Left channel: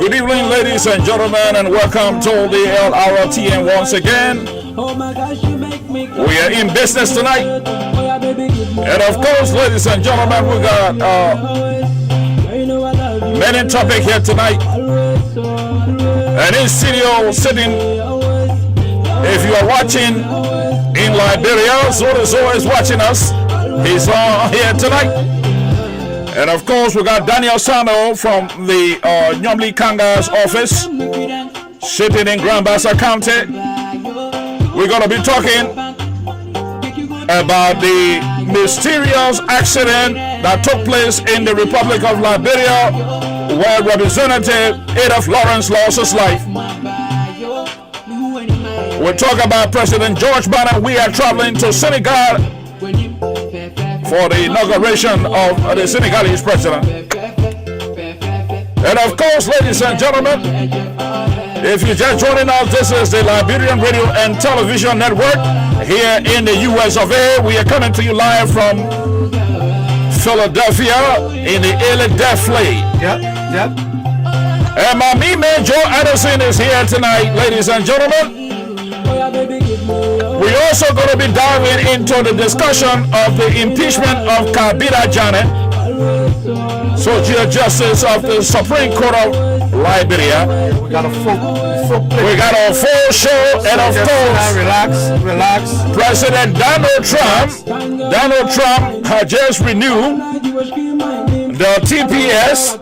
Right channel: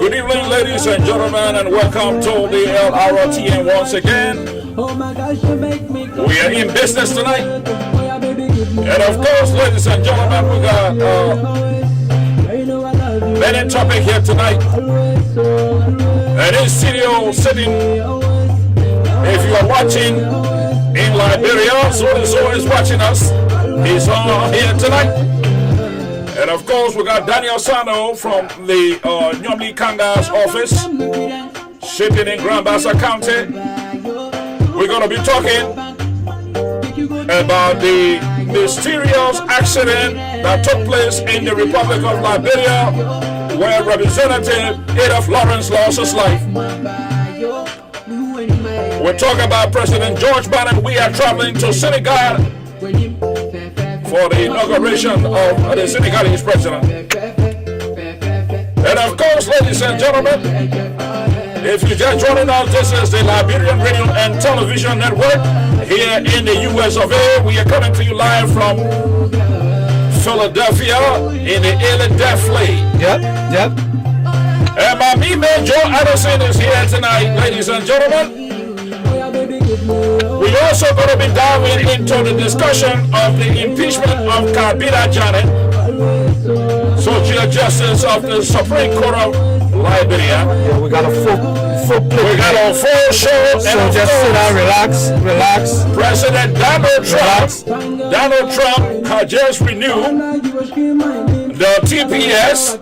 Good evening, ladies and gentlemen, and welcome to the Lrtn once again. We are in business tonight. And of course, ladies and gentlemen, we got many topic here tonight. And in studio sitting, if you are watching in Liberia, so is always watching us. He's here tonight. And of course, we got Daniel Sano from the Nyomli Kanga's office, sitting in Grand Bassa County. We're going to be talking about the mysterious accident that took place in the Republic of Liberia, where Representative Adolph Lawrence lost his life. We'll talk about President George Biden. We are traveling to Senegal for the inauguration of the Senegalese president. And of course, ladies and gentlemen, if you're just joining us, this is the Liberian Radio and Television Network here in the US of A. We are coming to you live from Philadelphia in the Philadelphia. Yep. And my man Joe Addison is here tonight, ladies and gentlemen. We're also going to be diving into the discussion of the impeachment of Kabila Janet, Social Justice of the Supreme Court of Liberia. Yeah, we got a full play. We got a full show, so and of just course, relax. President Donald Trump has just renewed the TPS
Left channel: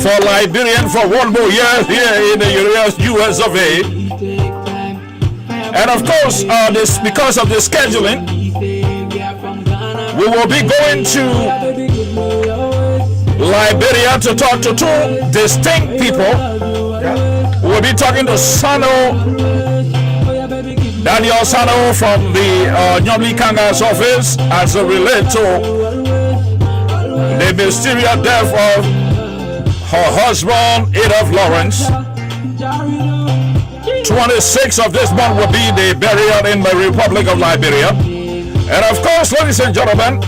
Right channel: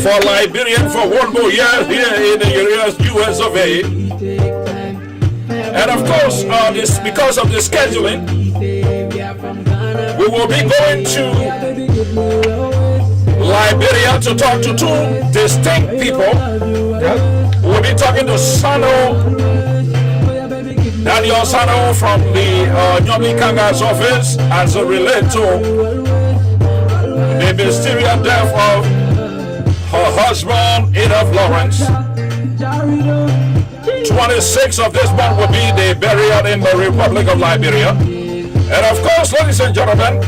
for Liberian for one more year here in the US of A. And of course, this because of the scheduling, we will be going to Liberia to talk to two distinct people. We'll be talking to Daniel Sano from the Nyomli Kanga's office as it relates to the mysterious death of her husband, Adolph Lawrence. 26th of this month will be the burial in the Republic of Liberia. And of course, ladies and gentlemen,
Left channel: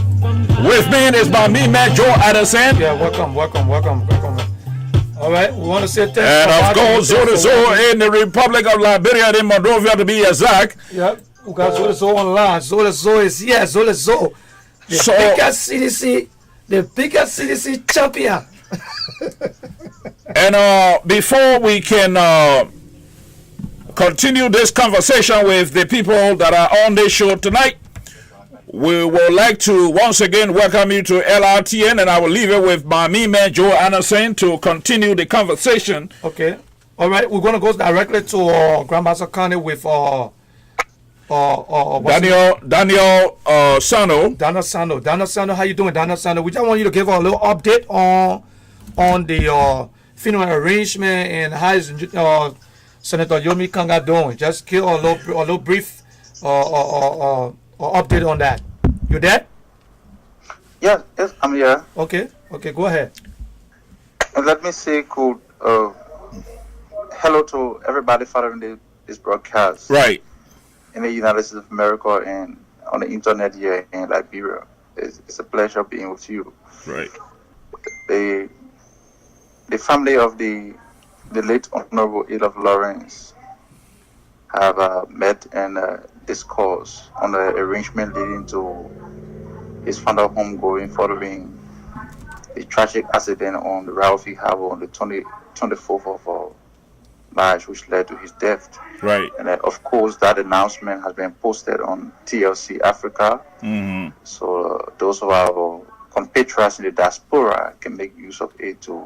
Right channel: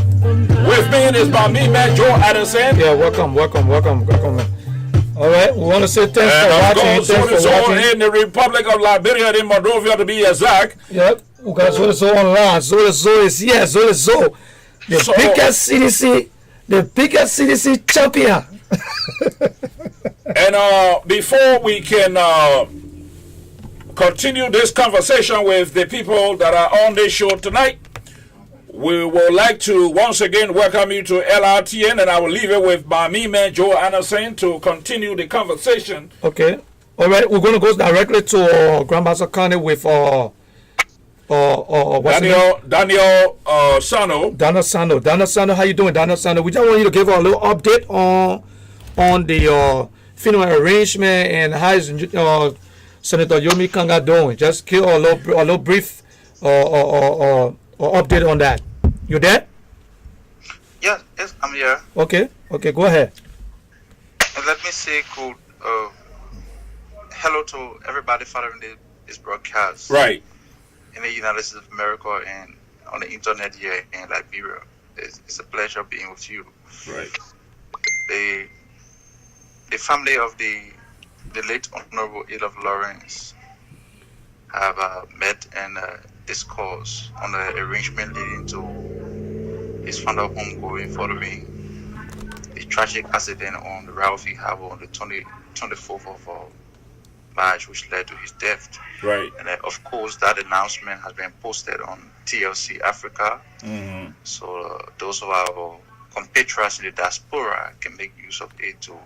with me is my man Joe Addison. Yeah, welcome. All right, we want to say thanks and for watching. And of course, so in the Republic of Liberia, in Monrovia to be exact. Yep, we got Zolezo online. Zolezo is here. Zolezo, the biggest CDC champion. And before we can continue this conversation with the people that are on this show tonight, we would like to once again welcome you to Lrtn, and I will leave it with my man Joe Anderson to continue the conversation. Okay. All right, we're going to go directly to Grand Bassa County with Daniel Sano. Daniel Sano, how you doing, Daniel Sano? We just want you to give us a little update on on the funeral arrangement and how is Senator Yomi Kanga doing? Just give a little brief update on that. You there? Yes, I'm here. Okay, go ahead. And let me say good hello to everybody following this broadcast. Right. In the United States of America and on the internet here in Liberia. It's a pleasure being with you. Right. The family of the late Honorable Adolph Lawrence have met and discussed on the arrangement leading to his final homegoing following the tragic accident on the Ralphie Harbor on the 24th of March, which led to his death. Right. And of course, that announcement has been posted on TLC Africa. Mm-hmm. So those of our compatriots in the diaspora can make use of it to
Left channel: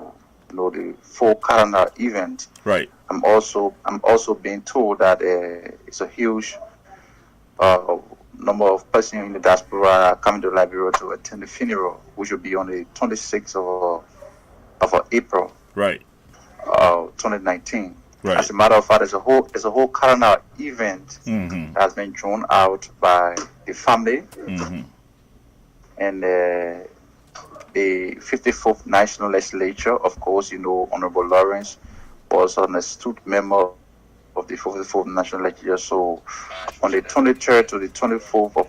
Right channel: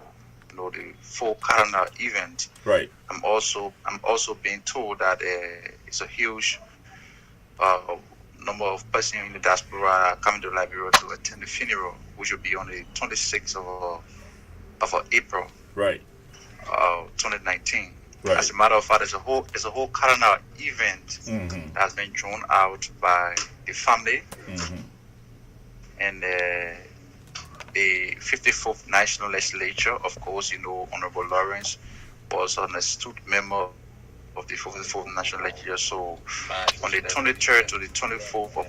know the full calendar event. Right. I'm also being told that it's a huge number of persons in the diaspora coming to Liberia to attend the funeral, which will be on the 26th of April. Right. 2019. Right. As a matter of fact, there's a whole calendar event Mm-hmm. that has been drawn out by the family Mm-hmm. and the 54th National Legislature. Of course, Honorable Lawrence was an astute member of the 54th National Legislature. So on the 23rd to the 24th of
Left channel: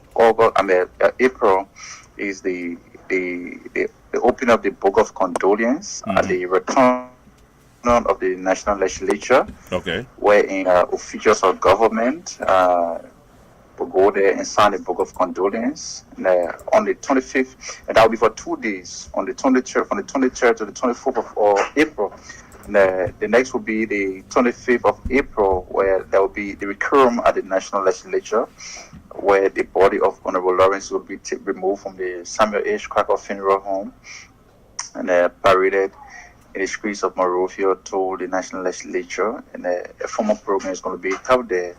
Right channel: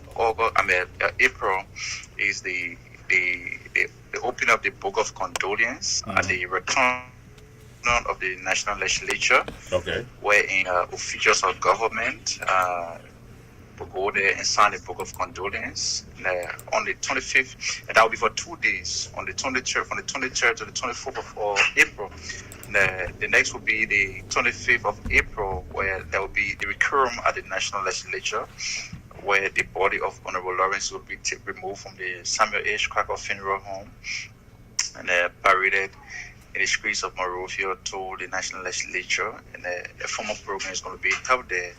April is the opening of the Book of Condolence at the return of the National Legislature. Okay. Wherein officials of government will go there and sign the Book of Condolence on the 25th, and that will be for 2 days, on the 23rd, from the 23rd to the 24th of April. The next will be the 25th of April, where there will be the requiem at the National Legislature, where the body of Honorable Lawrence will be removed from the Samuel H. Cracker Funeral Home and paraded in the streets of Monrovia to the National Legislature, and a formal program is going to be held there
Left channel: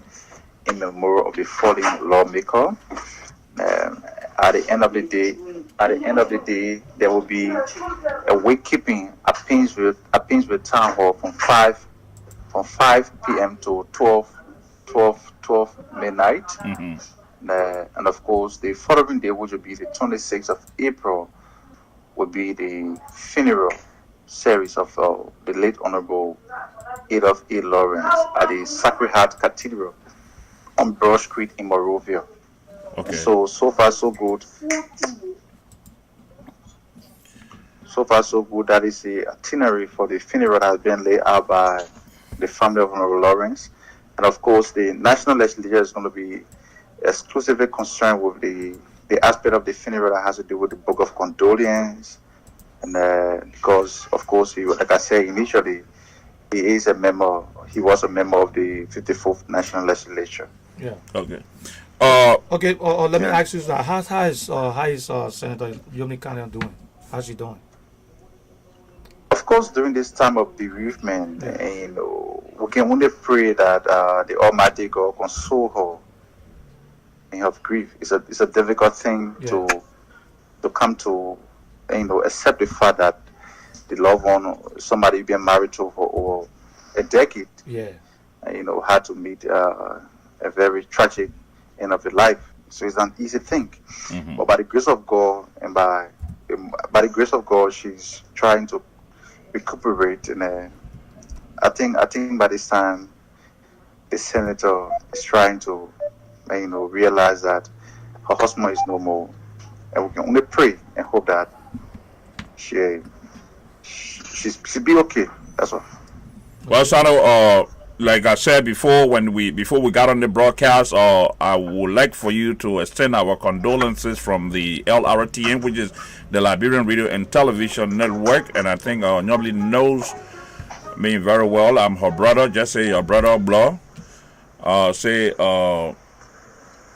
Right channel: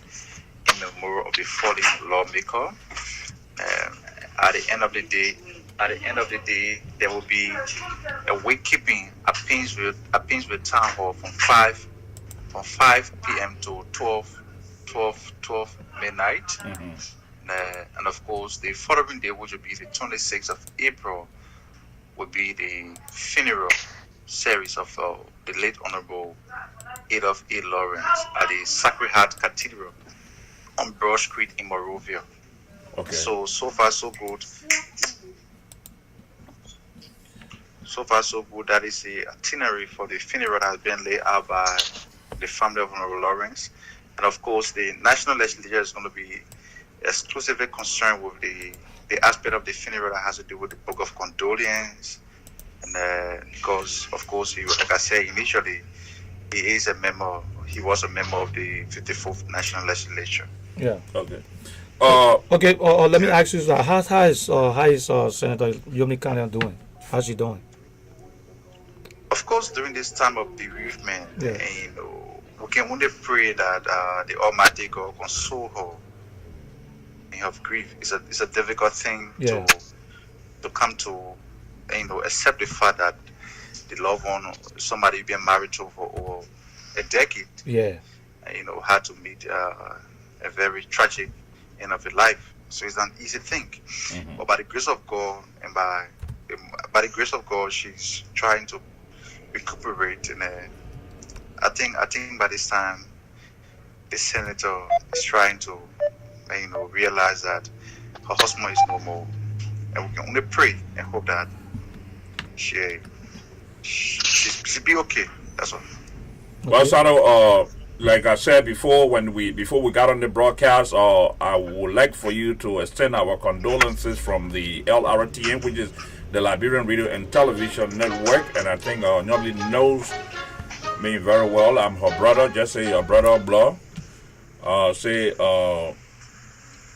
in memory of the fallen lawmaker. At the end of the day, there will be a wakekeeping at Painesville Town Hall from 5 p.m. to 12 midnight. Mm-hmm. And of course, the following day, which will be the 26th of April, will be the funeral series of the late Honorable Adolph A. Lawrence at the Sacred Heart Cathedral on Broad Street in Monrovia. Okay. So far so good. So far so good. That is the itinerary for the funeral that has been laid out by the family of Honorable Lawrence. And of course, the National Legislature is going to be exclusively concerned with the aspect of the funeral that has to do with the Book of Condolence. And because, of course, like I said initially, he was a member of the 54th National Legislature. Yeah. Okay. Okay. Let me ask you, how is Senator Yomi Kanga doing? How's she doing? Of course, during this time of bereavement, we can only pray that the Almighty God console her in her grief. It's a difficult thing to come to, accept the fact that the loved one, somebody you've been married to for over a decade, had to meet a very tragic end of the life. So it's an easy thing. Mm-hmm. But by the grace of God and by the grace of God, she's trying to recuperate. And I think by this time, the senator is trying to, realize that her husband is no more, and we can only pray and hope that she be okay. That's all. Well, Sano, like I said before, before we got on the broadcast, I would like for you to extend our condolences from the Lrtn, which is the Liberian Radio and Television Network, and I think nobody knows me very well. I'm her brother. Just say your brother, blah. Say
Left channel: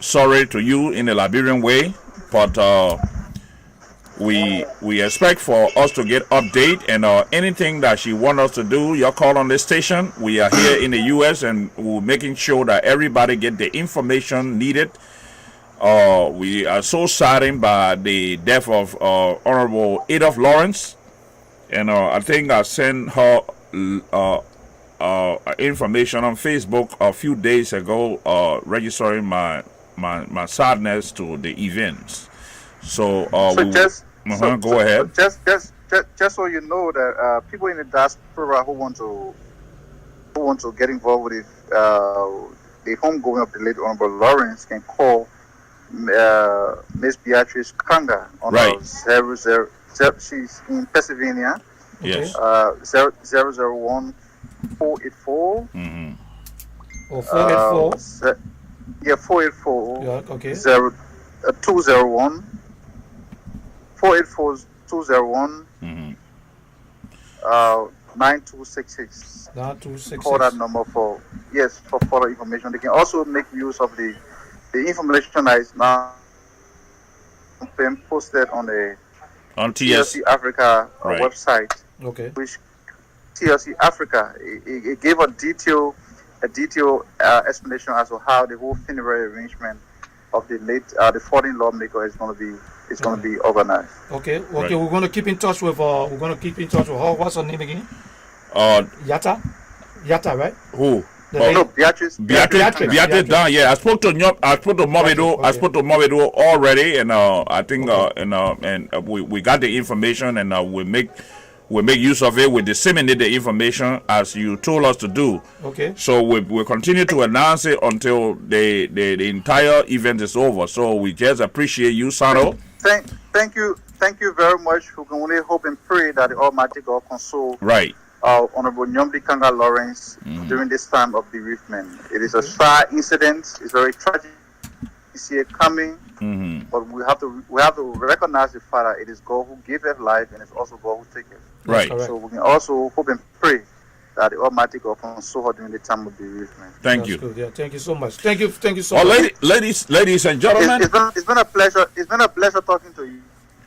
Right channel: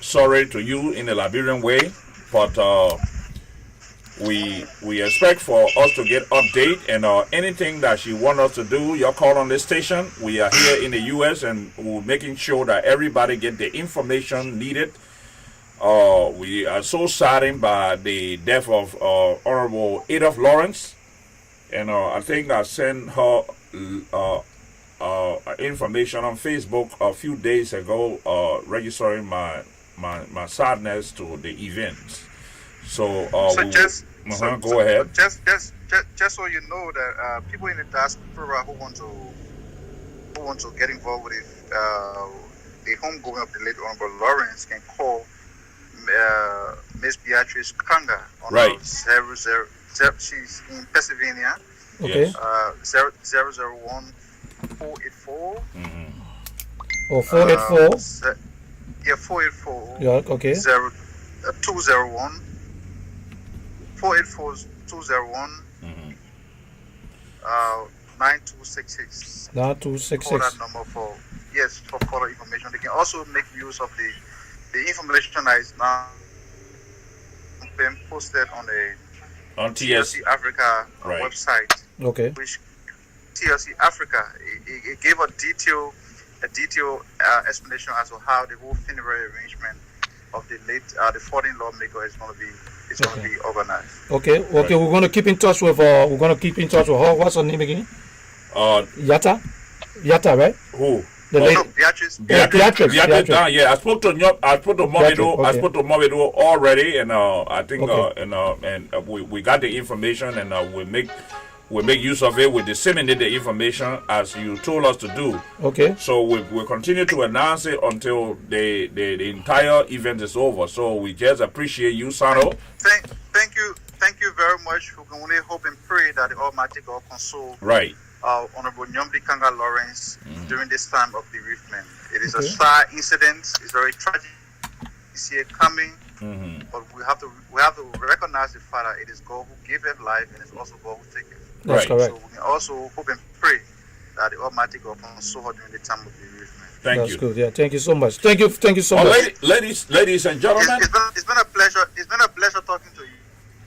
sorry to you in the Liberian way, but we expect for us to get update, and anything that she want us to do, your call on this station. We are here in the U.S. and we're making sure that everybody get the information needed. We are so saddened by the death of Honorable Adolph Lawrence, And I think I sent her information on Facebook a few days ago, registering my sadness to the events. So, So just so, go ahead. just so you know that people in the diaspora who want to get involved with the homegoing of the late Honorable Lawrence can call Miss Beatrice Kanga on Right. 00. She's in Pennsylvania. Okay. Yes. 001 484. Or 484. 484. Yeah. Okay. 201 484 201 9266. Now 266. Call that number for further information. They can also make use of the information that is now being posted on the On TS. TLC Africa Right. website, Okay. which TLC Africa it gave a detailed explanation as to how the whole funeral arrangement of the fallen lawmaker is going to be organized. Okay. Right. We're gonna keep in touch with her. What's her name again? Yata, right? Who? The lady. No, Beatrice. Beatrice. Down. Yeah, I spoke to Momedo. Okay. I spoke to Momedo already, and I think Okay. we got the information, and we make use of it. We disseminate the information as you told us to do. Okay. So we continue to announce it until the entire event is over. So we just appreciate you, Sano. Thank you very much. We can only hope and pray that the Almighty God console Right. Honorable Nyomdi Kanga Lawrence during this time of bereavement. It is a sad incident. It's very tragic to see it coming, but we have to recognize the fact that it is God who gave us life, and it's also God who takes it. That's Right. correct. So we can also hope and pray that the Almighty God console her during the time of bereavement. Thank That's you. good. Yeah. Thank you so much. Thank you so Oh, much. ladies and gentlemen, It's been a pleasure. It's been a pleasure talking to you.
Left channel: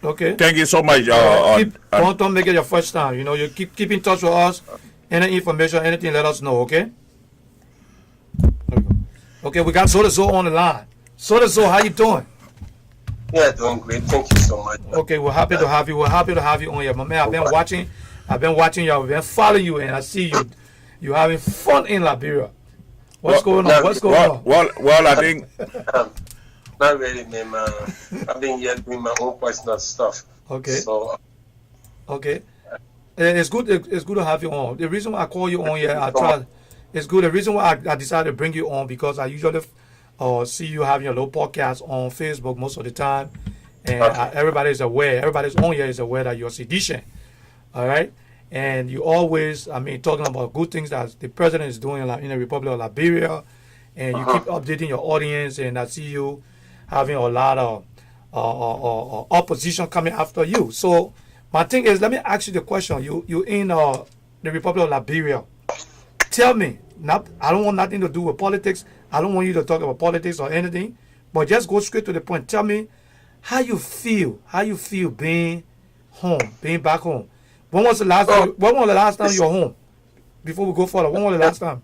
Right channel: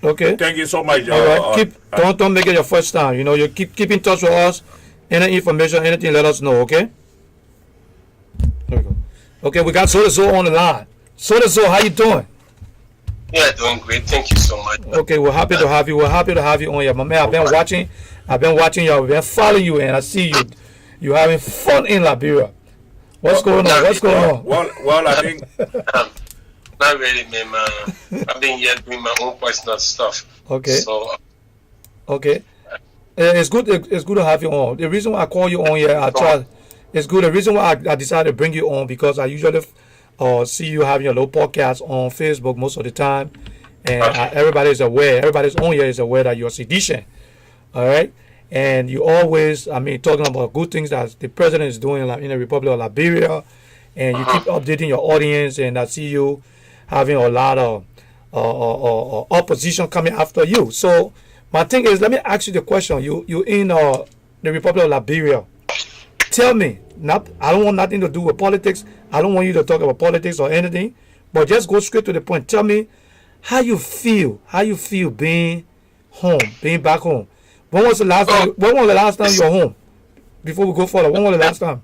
Okay. thank you so much. All right. Don't make it your first time. You know, you keep in touch with us. Any information, anything, let us know. Okay. There we go. Okay, we got Soda on the line. Soda, how you doing? Yeah, doing great. Thank you so much. Okay, we're happy to have you. We're happy to have you on here, my man. I've been watching you. I've been following you, and I see you having fun in Liberia. What's going on? Well, I think Not really, man. I've been here doing my own personal stuff. Okay. So, Okay. It's good. It's good to have you on. The reason why I call you on here, it's good. The reason why I decided to bring you on because I usually see you having your little podcast on Facebook most of the time, and everybody's on here is aware that you're a seditious. All right. And you always, talking about good things that the president is doing in the Republic of Liberia, and you keep updating your audience. And I see you having a lot of opposition coming after you. So my thing is, let me ask you the question. You in the Republic of Liberia. Tell me, I don't want nothing to do with politics. I don't want you to talk about politics or anything, but just go straight to the point. Tell me how you feel being back home. When was the last time you were home? Before we go further, when was the last time?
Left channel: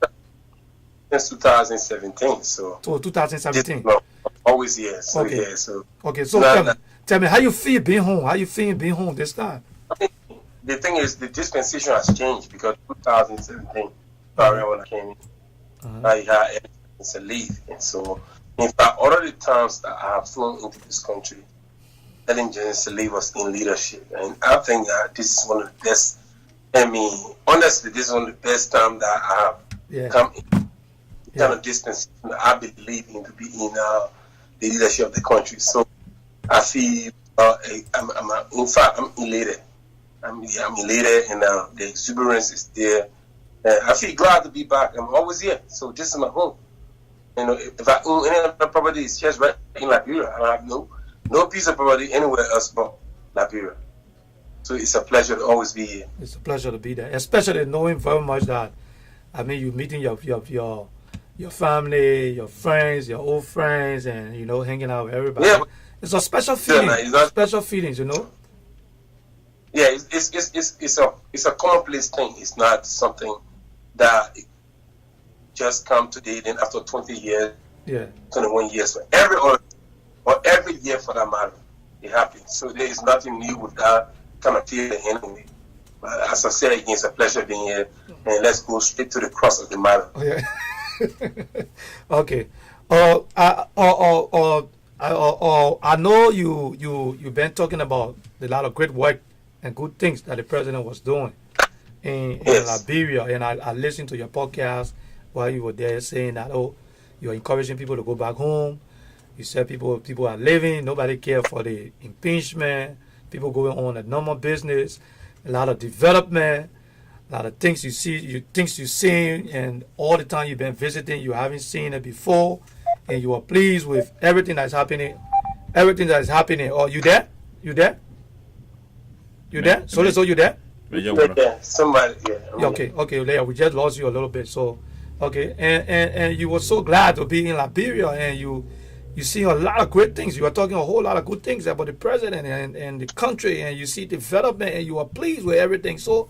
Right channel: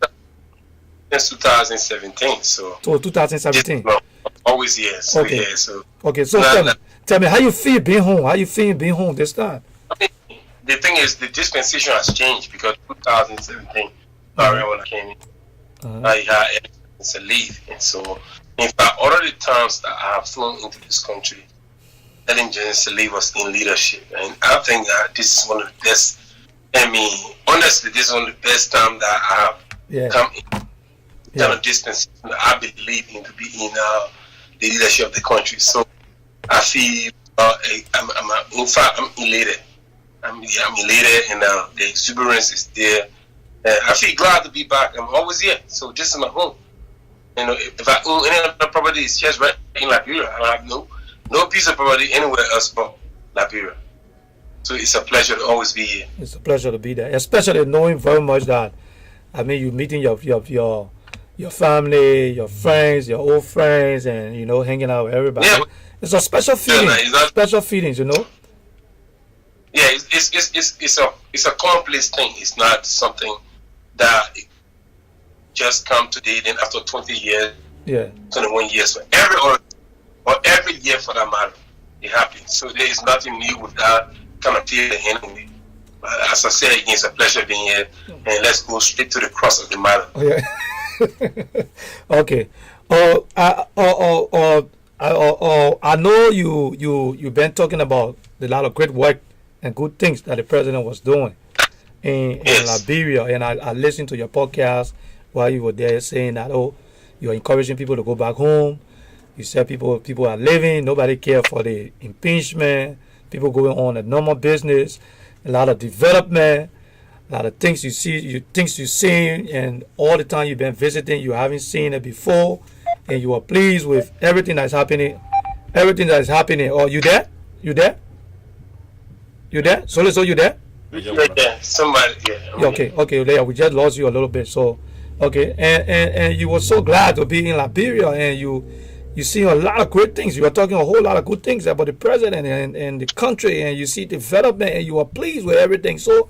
It's 2017, so 2017. always here. So, Okay. yeah, so Okay, so tell me how you feel being home. How you feel being home this time? I mean, the thing is, the dispensation has changed because 2017, when I came in, I had to leave, and so in fact, all of the times that I have flown into this country, Ellen Johnson Lee was in leadership, and I think that this is one of the best. Honestly, this is one of the best times that I have come in. Kind of distance that I believe in to be in the leadership of the country. So I feel I'm elated. I'm elated, and the exuberance is there. I feel glad to be back. I'm always here, so this is my home. You know, if I own any other property, it's just right in Liberia. I have no piece of property anywhere else but Liberia. So it's a pleasure to always be here. It's a pleasure to be there, especially knowing very much that you're meeting your family, your friends, your old friends, and hanging out with everybody. Yeah. It's a special feeling. Special feelings, Yeah, it's a complex thing. It's not something that just come today. Then after 20 years, 21 years, every year for that matter, it happens. So there is nothing new with that kind of feeling anyway. As I said, it's a pleasure being here, and let's go straight to the crux of the matter. Oh, yeah. Okay. I know you've been talking about a lot of great work and good things that the president was doing in Liberia, and I listened to your podcast while you were there saying that you're encouraging people to go back home. You said people are living, nobody care for the impeachment, people going on a normal business, a lot of development, a lot of things you see, things you've seen, and all the time you've been visiting, you haven't seen it before, and you are pleased with everything that's happening. Everything that is happening. Oh, you there? You there? You there? So you there? Yeah, somebody. Yeah, okay, Leah, we just lost you a little bit. So, okay, and you were so glad to be in Liberia, and you see a lot of great things. You are talking a whole lot of good things about the president and the country, and you see development, and you are pleased with everything. So,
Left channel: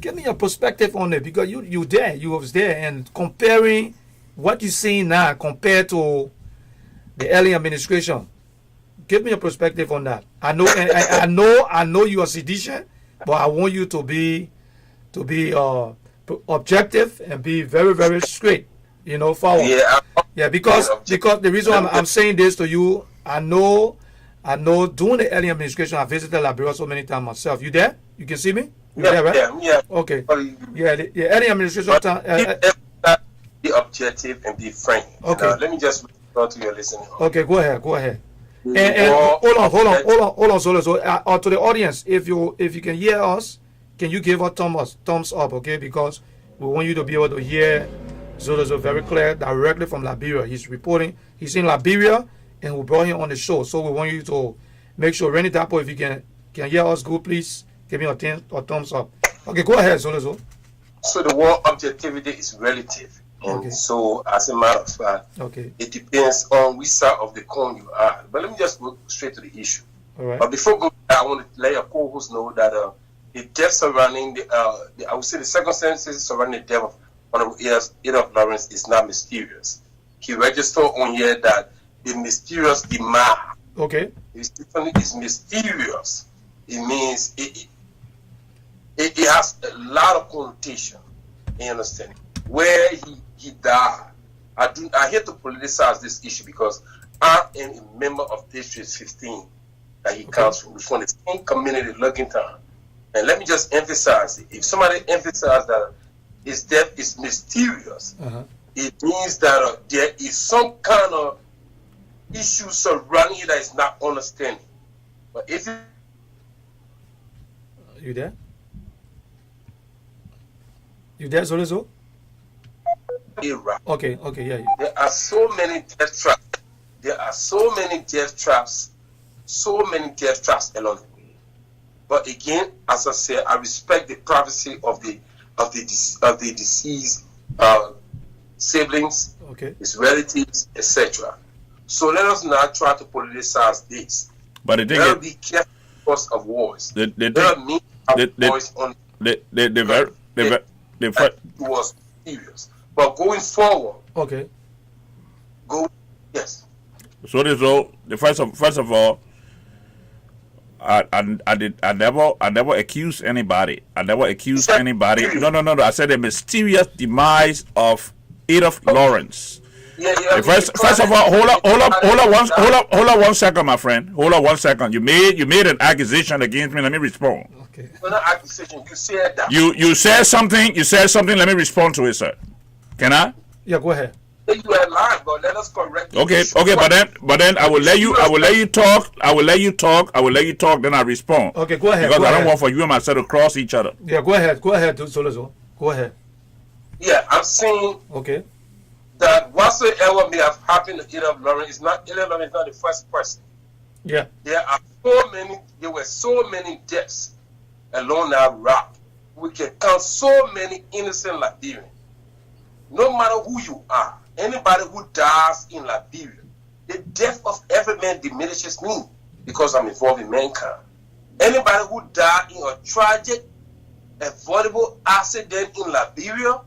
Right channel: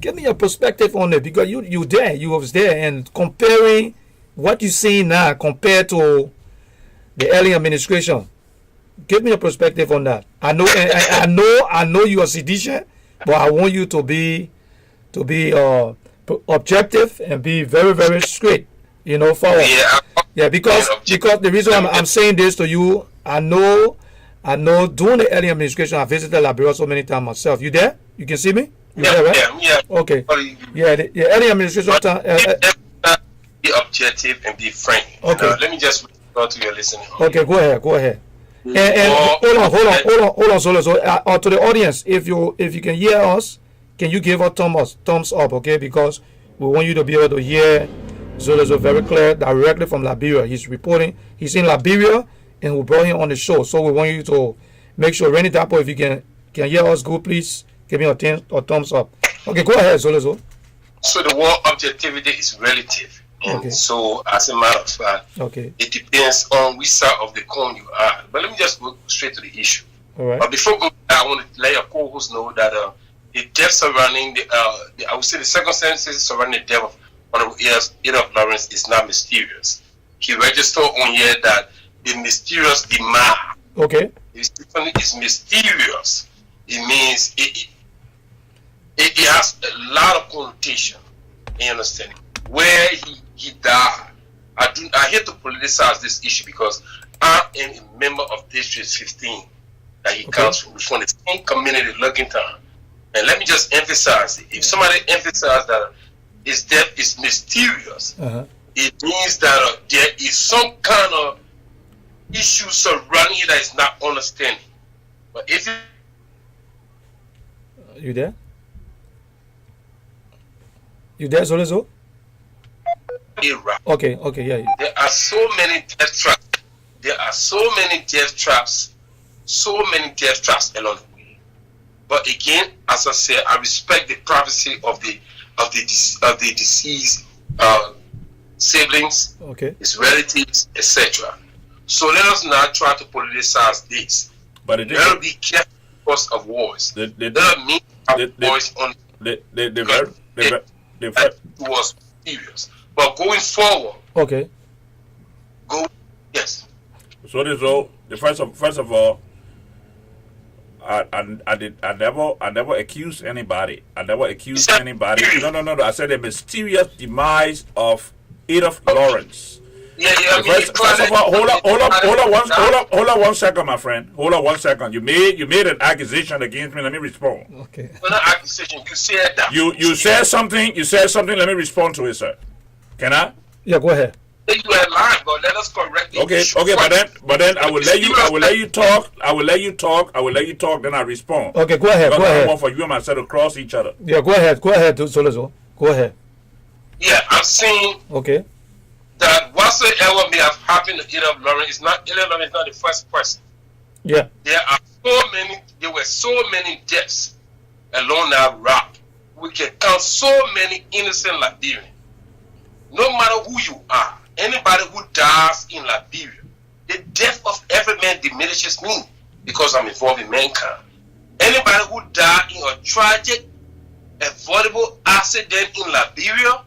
give me your perspective on it, because you was there, and comparing what you see now compared to the early administration. Give me your perspective on that. I know, and I know you are seditious, but I want you to be objective and be very, very straight. Forward. Yeah, because the reason I'm saying this to you, I know during the early administration I visited Liberia so many times myself. You there? You can see me? You there, right? Yeah. Okay. Yeah, the early administration time. Be objective and be frank. Okay. Let me just go to your listening. Okay, go ahead. And hold on, Solo. So, to the audience, if you can hear us, can you give a thumbs up, okay? Because we want you to be able to hear Zolo very clear, directly from Liberia. He's reporting. He's in Liberia, and we brought him on the show. So we want you to make sure, Rennie Dapo, if you can hear us, good, please give me a thumbs up. Okay, go ahead, Zolo. So the word objectivity is relative. Okay. So as a matter of fact, it depends on which side of the coin you are. But let me just go straight to the issue. All right. But before going, I want to let your co-host know that the death surrounding I would say the circumstances surrounding the death of Honorable Adolph Lawrence is not mysterious. He registered on here that the mysterious demise. Okay. Is mysterious. It means it has a lot of connotation. You understand? Where he died. I hate to politicize this issue because I am a member of District 15 that he comes from the same community, Lrtn. And let me just emphasize it. If somebody emphasizes that his death is mysterious, it means that there is some kind of issue surrounding it that is not understanding. But if you there? You there, Zolizo? Okay, yeah. There are so many death traps. So many death traps along the way. But again, as I said, I respect the privacy of the deceased siblings, his relatives, etc. So let us not try to politicize this. But the thing is, be careful because of wars. The was serious. But going forward, yes. So this all the first of all, I never accused anybody. No. I said the mysterious demise of Adolph Lawrence. First of all, hold on 1 second, my friend. Hold on 1 second. You made an accusation against me. Let me respond. Okay. Not accusation. You said that. You said something. Let me respond to it, sir. Can I? Yeah, go ahead. You are lying, but let us correct. Okay, but then I will let you talk. Then I respond. Okay, go ahead. Because I don't want for you and myself to cross each other. Yeah, go ahead, Solozo. Go ahead. Yeah, I'm saying. Okay. That whatsoever may have happened to Adolph Lawrence is not the first person. Yeah. There were so many deaths along that route. We can count so many innocent Liberians. No matter who you are, anybody who dies in Liberia, the death of every man diminishes me because I'm involved in mankind. Anybody who died in a tragic, avoidable accident in Liberia,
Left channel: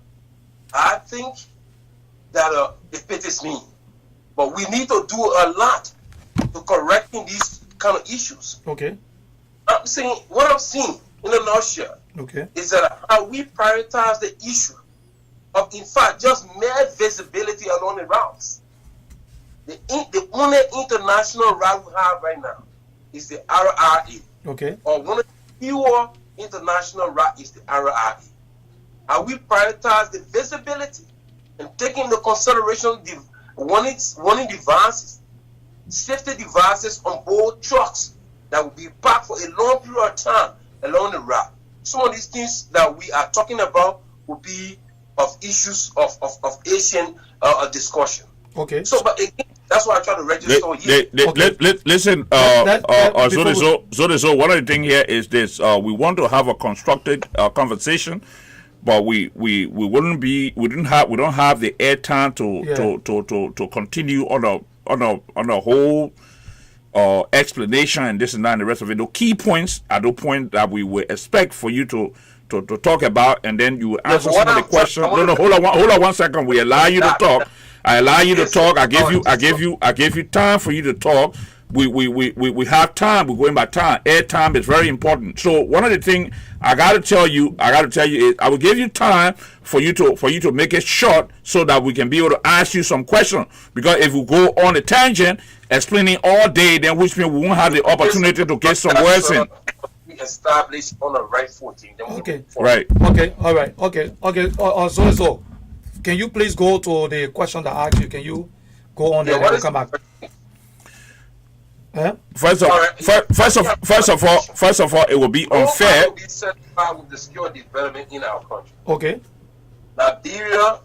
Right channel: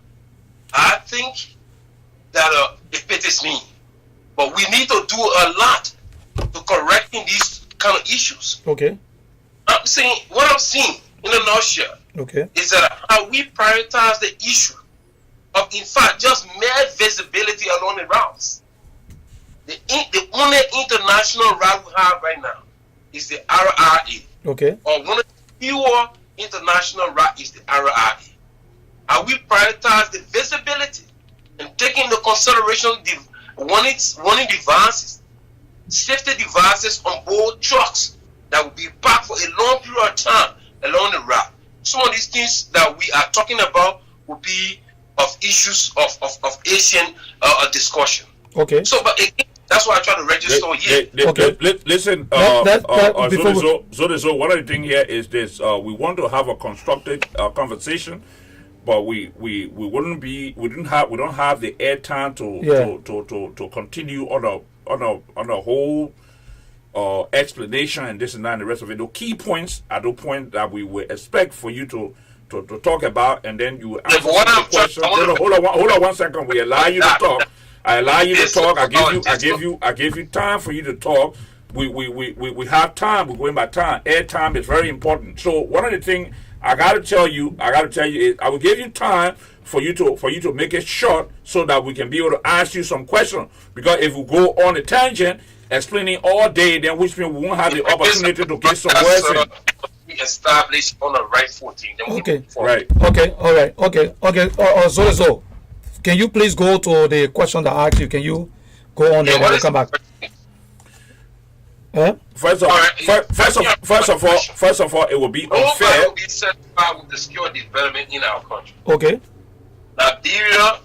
I think that it pities me. But we need to do a lot to correcting these kind of issues. Okay. What I'm seeing in a nutshell Okay. is that how we prioritize the issue of, in fact, just mere visibility along the routes. The only international route we have right now is the RRA. Okay. Or one of the fewer international routes is the RRA. And we prioritize the visibility and taking into consideration the warning devices, safety devices on board trucks that will be parked for a long period of time along the route. Some of these things that we are talking about will be of issues of Asian discussion. Okay. So, but again, that's why I try to register here. Listen, so one of the things here is this: we want to have a constructed conversation, but we don't have the airtime to continue on a whole explanation and this and that and the rest of it. The key points are the point that we would expect for you to talk about, and then you answer some of the questions. No, hold on 1 second. We allow you to talk. I allow you to talk. I give you time for you to talk. We have time. We're going by time. Air time is very important. So one of the things I gotta tell you is I will give you time for you to make it short so that we can be able to ask you some questions. Because if we go on a tangent explaining all day, then which means we won't have the opportunity to get some words in. Established on the right footing. Okay. Right. Okay. All right. Okay. So, can you please go to the question that I asked you? Can you go on there and we'll come back? First of all, it will be unfair. We set out with the skill development in our country. Okay. Liberia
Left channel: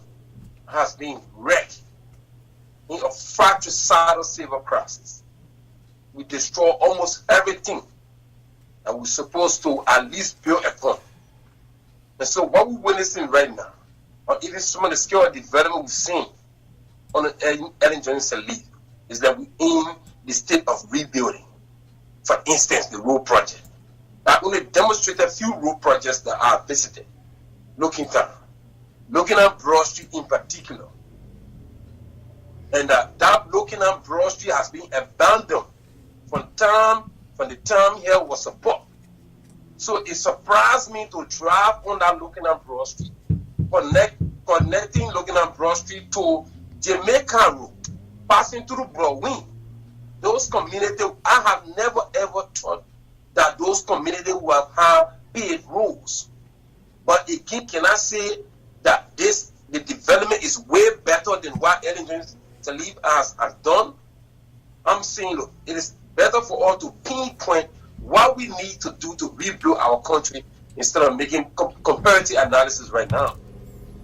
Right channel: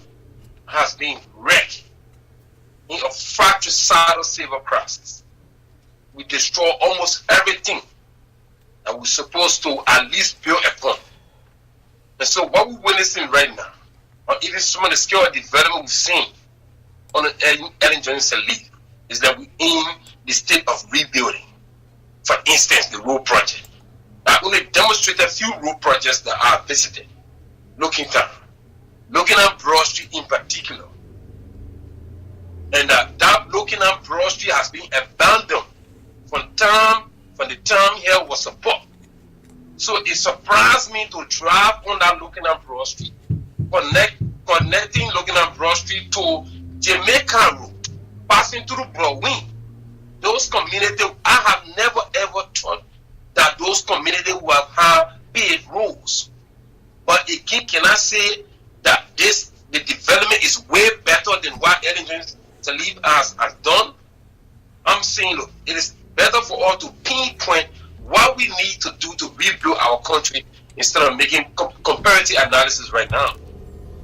has been wrecked in a fratricidal civil crisis. We destroy almost everything that we're supposed to at least build upon. And so what we're witnessing right now, or even some of the skill development we've seen on the Lrtn Johnson lead, is that we're in the state of rebuilding. For instance, the road project. I only demonstrated a few road projects that I visited. Looking at Broad Street in particular. And that looking at Broad Street has been abandoned from the time here was support. So it surprised me to drive on that looking at Broad Street, connecting looking at Broad Street to Jamaica Road, passing through Broadway. Those communities, I have never ever thought that those communities will have paved roads. But again, can I say that the development is way better than what Lrtn has done? I'm saying, look, it is better for us to pinpoint what we need to do to rebuild our country instead of making comparative analysis right now.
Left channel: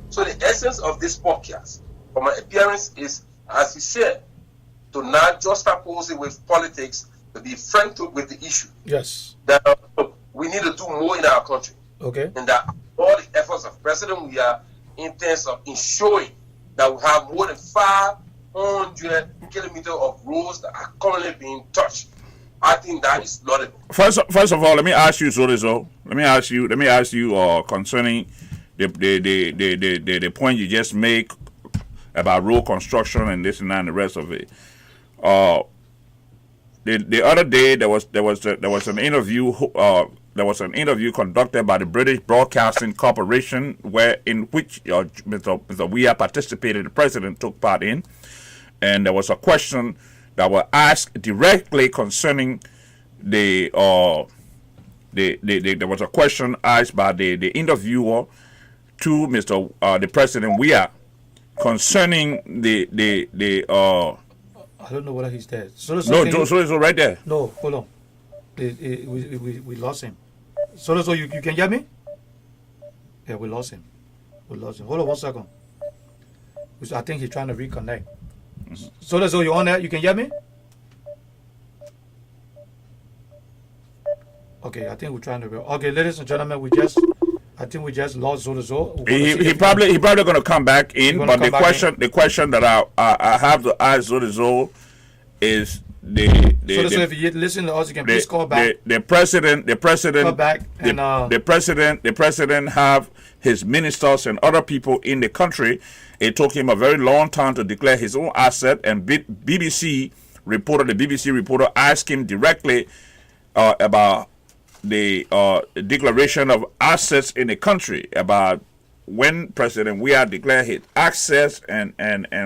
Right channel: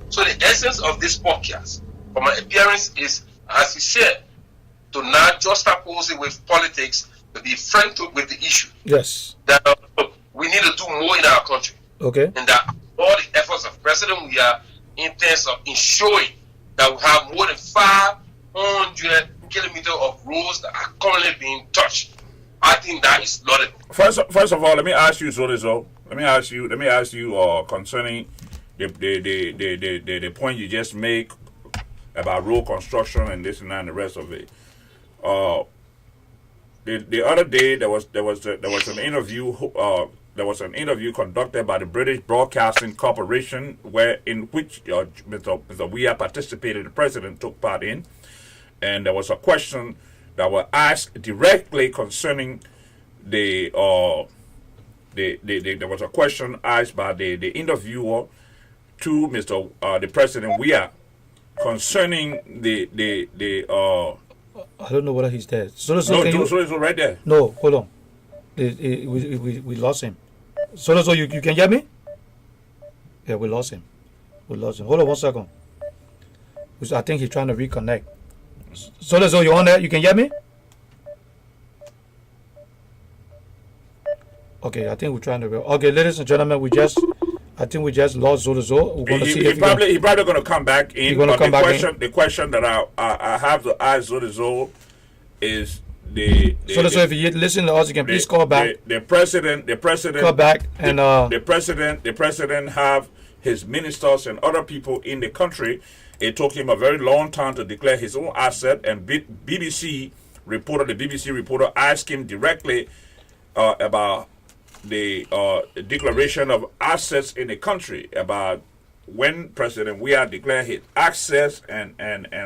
So the essence of this podcast, for my appearance, is, as you said, to not just oppose it with politics, to be frank with the issue. Yes. That we need to do more in our country. Okay. And that all the efforts of President we are in terms of ensuring that we have more than 500 kilometers of roads that are currently being touched. I think that is not it. First of all, let me ask you, Zolizo. Let me ask you concerning the point you just make about road construction and this and that and the rest of it. The other day there was an interview. There was an interview conducted by the British Broadcasting Corporation, in which Mr. Weah participated. The president took part in, and there was a question that was asked directly concerning there was a question asked by the interviewer to the President Weah concerning I don't know whether he's there. So right there. No, hold on. We lost him. So you can hear me? Yeah, we lost him. Hold on 1 second. I think he's trying to reconnect. So you on there? You can hear me? Okay, I think we're trying to. Okay, ladies and gentlemen, I think we just lost Zolizo. He probably gonna come back in. But the question that I have to ask Zolizo is so if you listen to us, you can please call back. The president call back and the president have his ministers and other people in the country. It took him a very long time to declare his own asset, and the BBC reporter asked him directly about the declaration of assets in the country, about when President Weah declared his access and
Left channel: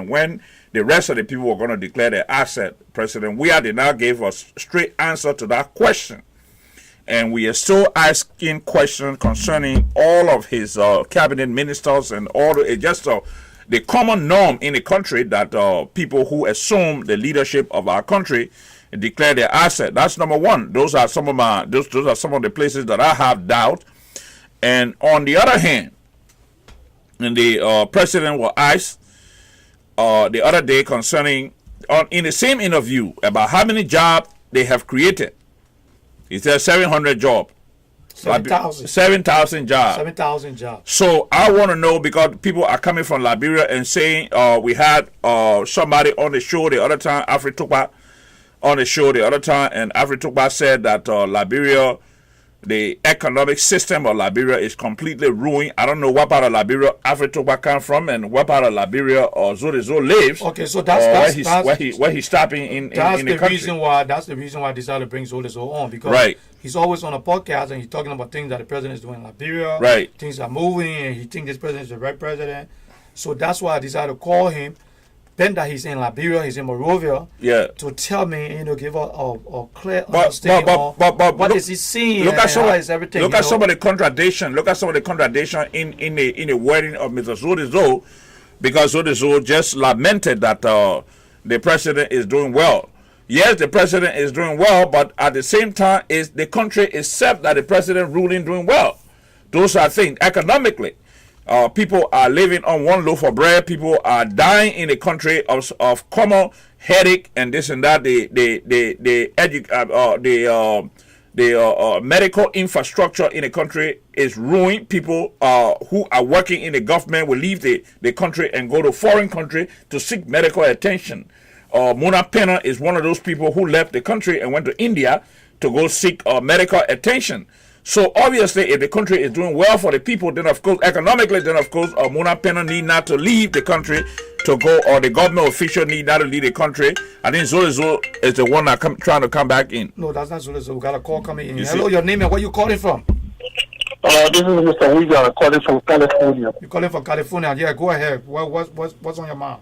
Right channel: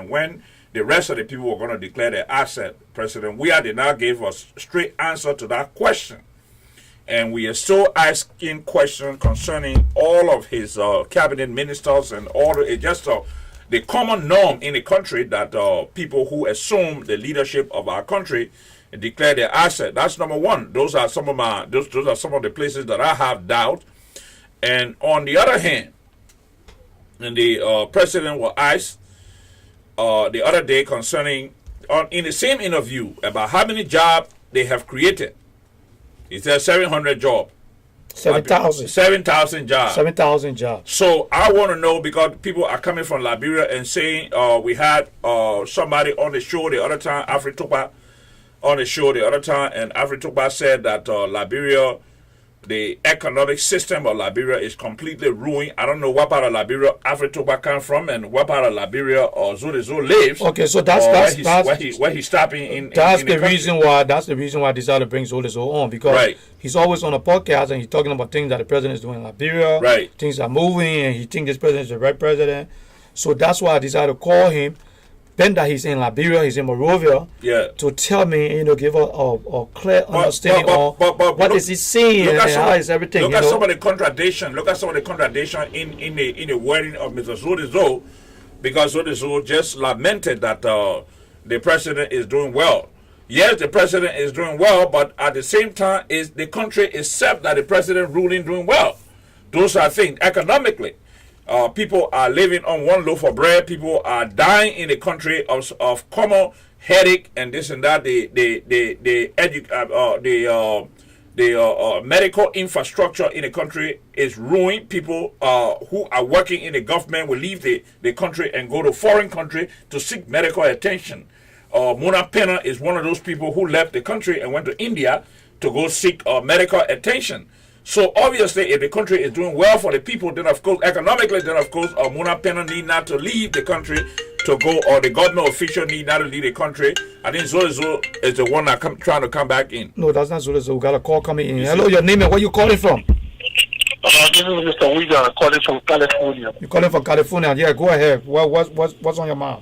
when the rest of the people were going to declare their asset. President Weah did not give us straight answer to that question. And we are still asking questions concerning all of his cabinet ministers and all the common norm in the country that people who assume the leadership of our country declare their asset. That's number one. Those are some of the places that I have doubt. And on the other hand, and the president was asked the other day concerning in the same interview about how many jobs they have created. He said 700 jobs. 7,000. 7,000 jobs. 7,000 jobs. So I want to know, because people are coming from Liberia and saying we had somebody on the show the other time, Afri-Tukpa, on the show the other time, and Afri-Tukpa said that Liberia, the economic system of Liberia is completely ruined. I don't know what part of Liberia Afri-Tukpa come from and what part of Liberia or Zodezo lives. Okay, so that's where he's stopping in. That's in the reason why. That's the reason why I decided to bring Zodezo on, because he's always on a podcast and he's talking about things that the president is doing in Liberia. Right. Things are moving and he thinks this president is the right president. So that's why I decided to call him. Then that he's in Liberia, he's in Monrovia, to tell me, give a clear understanding on what is he seeing and how is everything. Look at some of the contradiction. Look at some of the contradiction in the wording of Mr. Zodezo, because Zodezo just lamented that the president is doing well. Yes, the president is doing well, but at the same time, is the country itself that the president ruling doing well. Those are things economically. People are living on one loaf of bread. People are dying in the country of common headache and this and that. The medical infrastructure in the country is ruined. People who are working in the government will leave the country and go to foreign country to seek medical attention. Mona Pena is one of those people who left the country and went to India to go seek medical attention. So obviously, if the country is doing well for the people, then of course, economically, then of course, Mona Pena need not to leave the country to go, or the government official need not to leave the country. I think Zodezo is the one that trying to come back in. No, that's not Zodezo. We got a call coming in. Hello, your name and where you calling from? This is Mr. Wiga calling from California. You're calling from California? Yeah, go ahead. What's on your mind?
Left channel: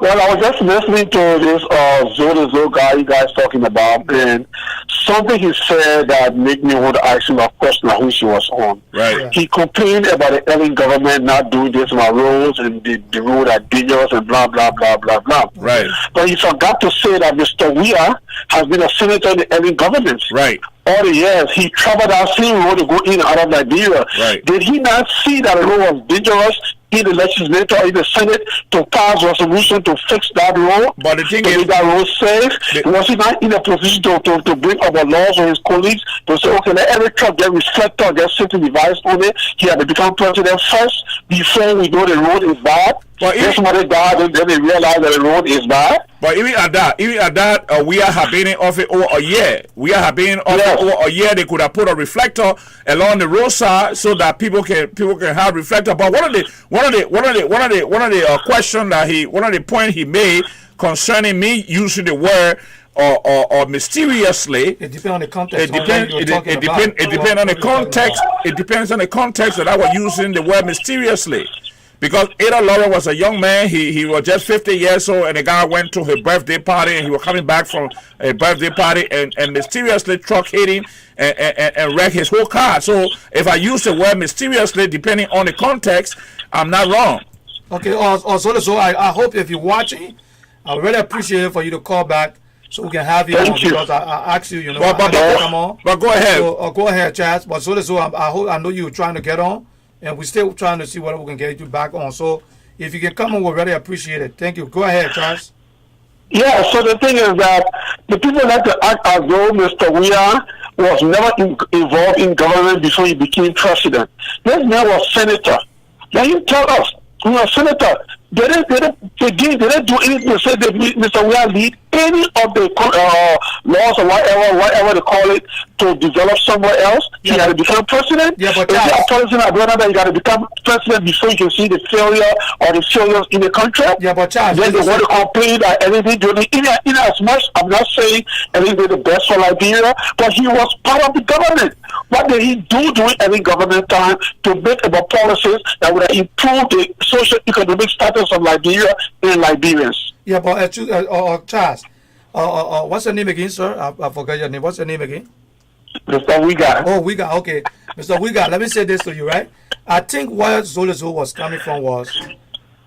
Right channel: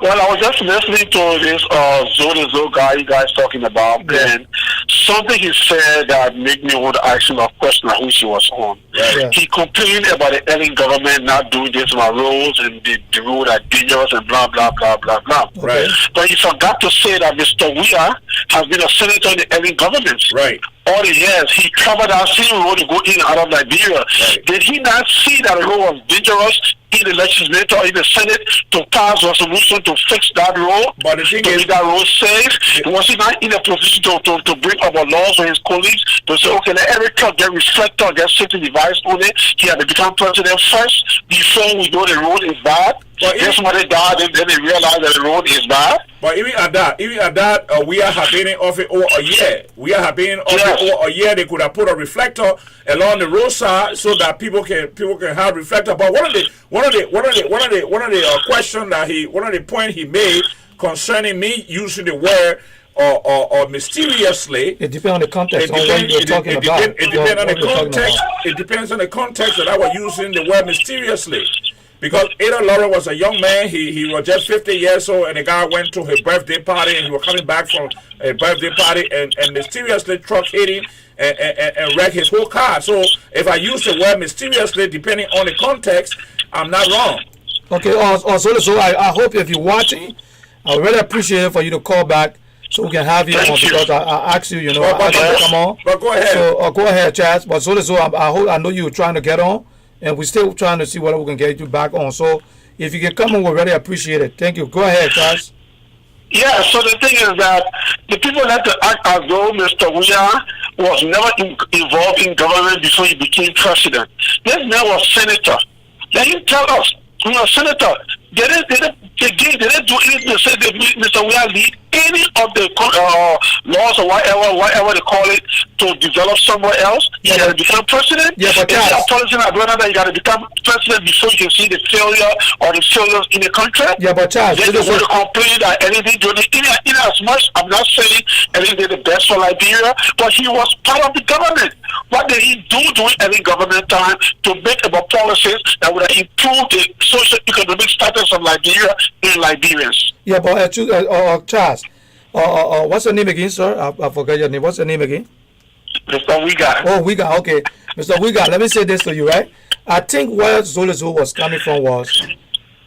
Well, I was just listening to this Zodezo guy you guys talking about, and something he said that made me want to ask him a question on which he was on. Right. Yeah. He complained about the Lrtn government not doing this on our roads, and the roads are dangerous and blah, blah, blah, blah, blah. Right. But he forgot to say that Mr. Weah has been a senator in the Lrtn government. Right. All the years he covered our same road to go in and out of Liberia. Right. Did he not see that the road was dangerous in the legislature or in the Senate to pass resolution to fix that road? But the thing is, that road safe. Was he not in a position to bring up a law for his colleagues to say, okay, let every truck get reflector, get safety device on it. He had to become president first before we know the road is bad. But if somebody died, then they realize that the road is bad. But even at that, we have been in office over a year. We have been in office over a year. They could have put a reflector along the roadside so that people can have reflector. But one of the question that one of the point he made concerning me using the word or mysteriously. It depends on the context. It depends on the context. It depends on the context that I was using the word mysteriously. Because Ada Lrtn was a young man, he was just 50 years old, and the guy went to his birthday party, and he was coming back from a birthday party, and mysteriously truck hit him and wrecked his whole car. So if I use the word mysteriously, depending on the context, I'm not wrong. Okay, so I hope if you're watching, I really appreciate it for you to call back so we can have you on, because I asked you, come on. But go ahead. So go ahead, Chaz. But so I know you were trying to get on. And we're still trying to see whether we can get you back on. So if you can come on, we'll really appreciate it. Thank you. Go ahead, Charles. Yeah, so the thing is that the people like to act as though Mr. Weah was never involved in government before he became president. This man was senator. Let him tell us, he was senator. They didn't do anything to say that Mr. Weah lead any of the laws or whatever they call it to develop somewhere else. He got to become president. Yeah, but you got to become president before you can see the failure or the failures in the country. Yeah, but Charles, they want to complain that anything doing in as much. I'm not saying anything did the best for Liberia, but he was part of the government. What did he do during any government time to make about policies that would improve the socio-economic status of Liberia and Liberians? Yeah, but Charles, what's your name again, sir? I forgot your name. What's your name again? Mr. Wiga. Oh, Wiga. Okay, Mr. Wiga. Let me say this to you, right? I think where Zolozo was coming from was,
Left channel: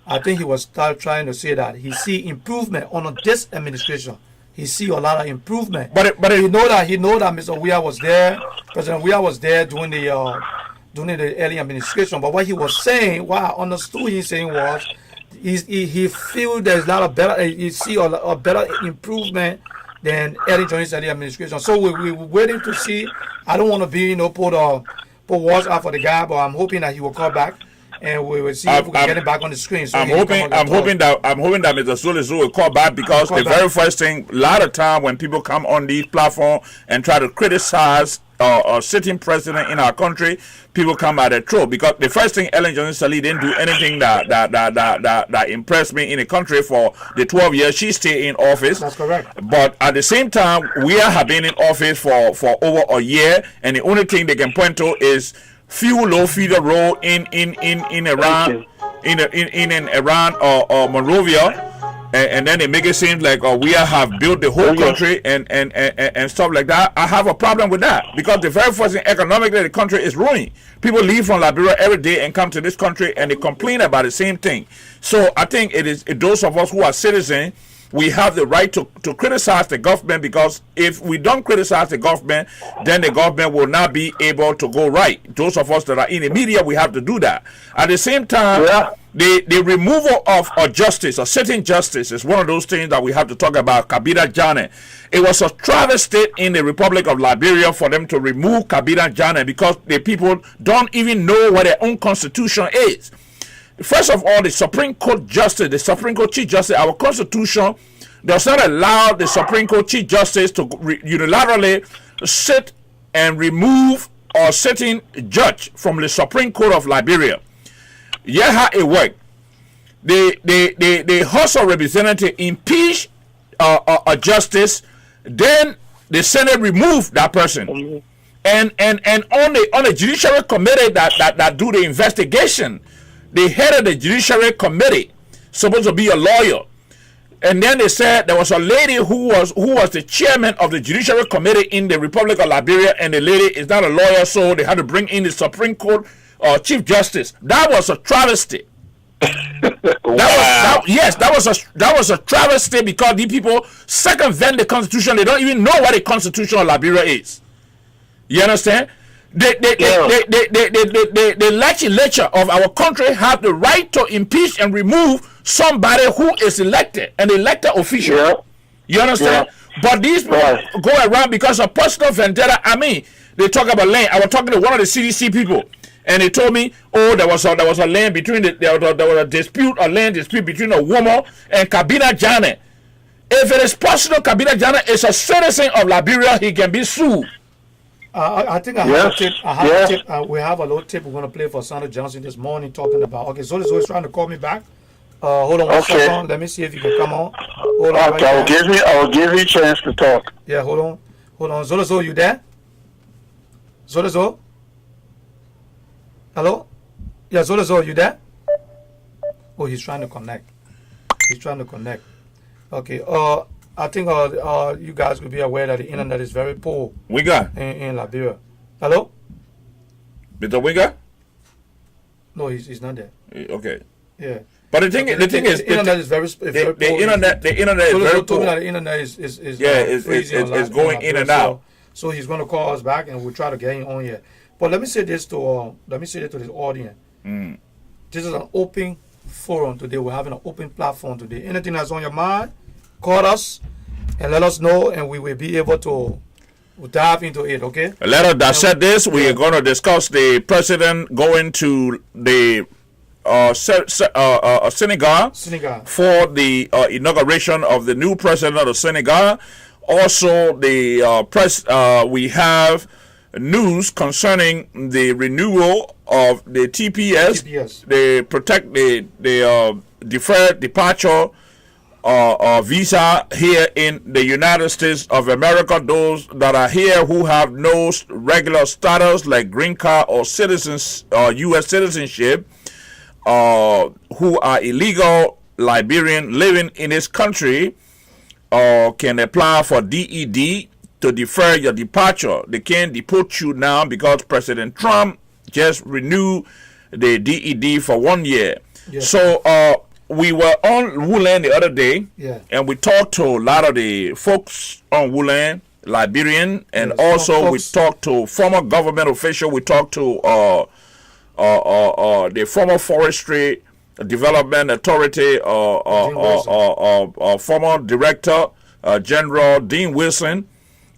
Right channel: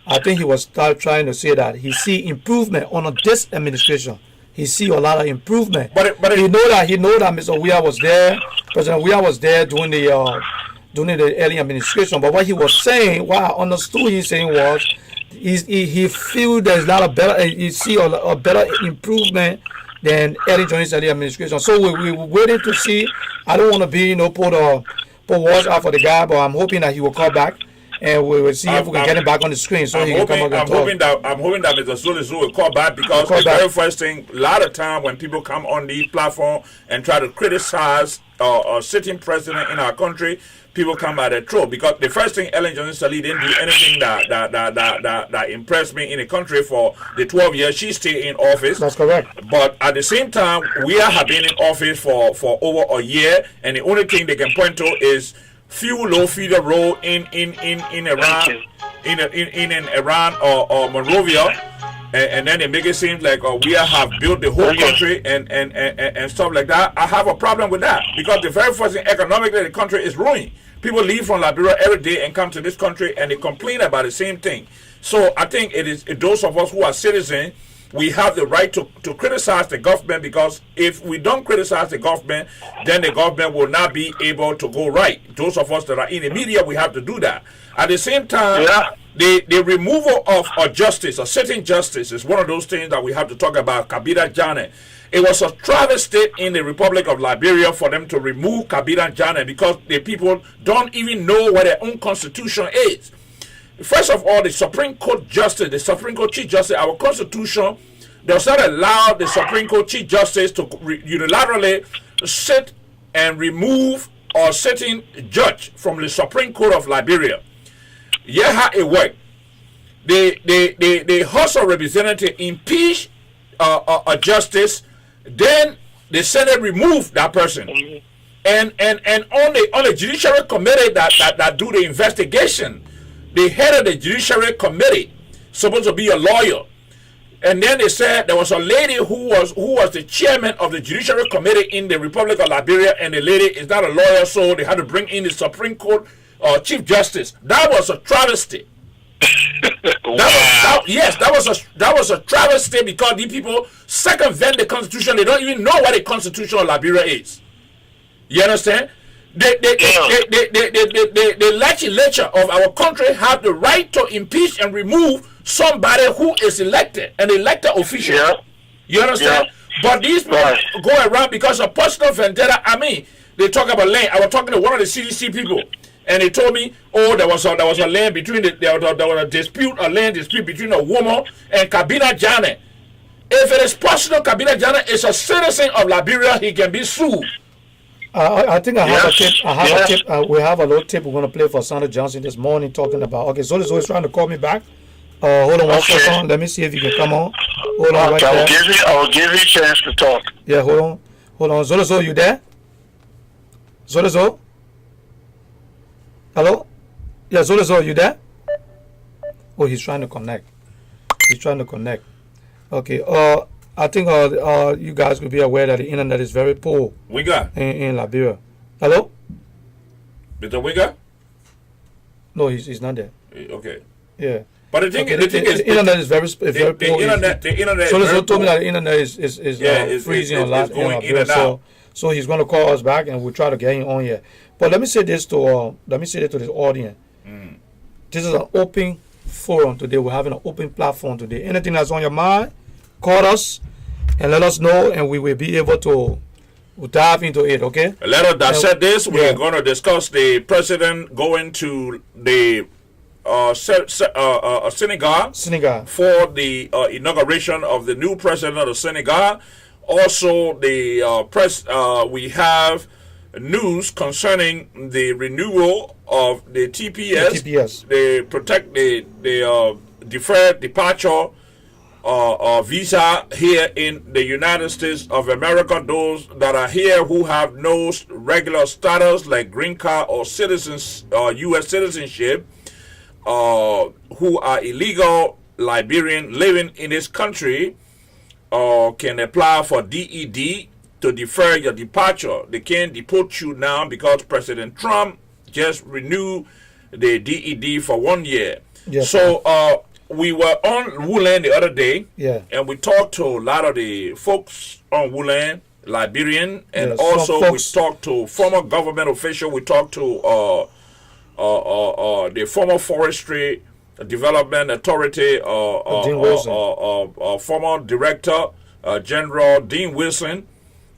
I think he was trying to say that he see improvement on this administration. He see a lot of improvement. But he know that Mr. Weah was there. President Weah was there during the early administration. But what he was saying, what I understood he saying was, he feel there's a lot of better. He see a better improvement than Ellen Johnny's early administration. So we're waiting to see. I don't want to be put words out for the guy, but I'm hoping that he will call back. And we will see if we can get him back on the screen. So I'm hoping that Mr. Zolozo will call back, because the very first thing, a lot of time when people come on these platforms and try to criticize a sitting president in our country, people come at their throat. Because the first thing, Ellen Johnson Sirleaf didn't do anything that impressed me in the country for the 12 years she stayed in office. That's correct. But at the same time, we have been in office for over a year, and the only thing they can point to is few low-feeder road in Iran, in Iran or Monrovia, and then they make it seem like we have built the whole country and stuff like that. I have a problem with that, because the very first thing, economically, the country is ruined. People leave from Liberia every day and come to this country, and they complain about the same thing. So I think it is those of us who are citizens, we have the right to criticize the government, because if we don't criticize the government, then the government will not be able to go right. Those of us that are in the media, we have to do that. At the same time, the removal of a justice, a sitting justice, is one of those things that we have to talk about. Kabila Janneh. It was a travesty in the Republic of Liberia for them to remove Kabila Janneh, because the people don't even know what their own constitution is. First of all, the Supreme Court Justice, the Supreme Court Chief Justice, our Constitution does not allow the Supreme Court Chief Justice to unilaterally sit and remove a sitting judge from the Supreme Court of Liberia. Yeah, how it worked. The House of Representatives impeach a justice, then the Senate remove that person. And on the Judiciary Committee that do the investigation, the head of the Judiciary Committee supposed to be a lawyer, and then they said there was a lady who was the chairman of the Judiciary Committee in the Republic of Liberia, and the lady is not a lawyer, so they had to bring in the Supreme Court Chief Justice. That was a travesty. That was a travesty, because these people circumvent the Constitution. They don't even know what the Constitution of Liberia is. You understand? The legislature of our country have the right to impeach and remove somebody who is elected, an elected official. Yeah. You understand? Yeah. But these people go around because of personal vendetta. I mean, they talk about land. I was talking to one of the CDC people, and they told me, oh, there was a land between there was a land dispute between a woman and Kabila Janneh. If it is personal, Kabila Janneh is a citizen of Liberia. He can be sued. I think I have a tip. A tip. We have a little tip we're going to play for Sandra Johnson this morning, talking about. Okay, Zolozo is trying to call me back. Hold on one second. Let me see if you can come on. Hold on right there. I'll give you a chance to talk. Yeah, hold on. Zolozo, you there? Zolozo? Hello? Yeah, Zolozo, you there? Oh, he's trying to connect. Okay. I think you guys could be aware that the internet is very poor. We got in Liberia. Hello? Mr. Wiga? No, he's not there. Okay. Yeah. But the thing is, the internet is very poor. The internet so is very told me that the internet is freezing it's going in and out. So he's going to call us back, and we'll try to get him on here. But let me say this to this audience. This is an open forum today. We're having an open platform today. Anything that's on your mind, call us and let us know, and we will be able to dive into it. Okay. Let us dissect this. We are going to discuss the president going to the Senegal for the inauguration of the new president of Senegal. Also, we have news concerning the renewal of the TPS. They protect the deferred departure visa here in the United States of America. Those that are here who have no regular status like green card or citizens U.S. citizenship, who are illegal Liberian living in this country, can apply for DED to defer your departure. They can't deport you now because President Trump just renewed the DED for 1 year. Yes. So we were on Woodland the other day, and we talked to a lot of the folks on Woodland, Liberian, and also we talked to former government official. We talked to the former Forestry Development Authority, former Director General Dean Wilson,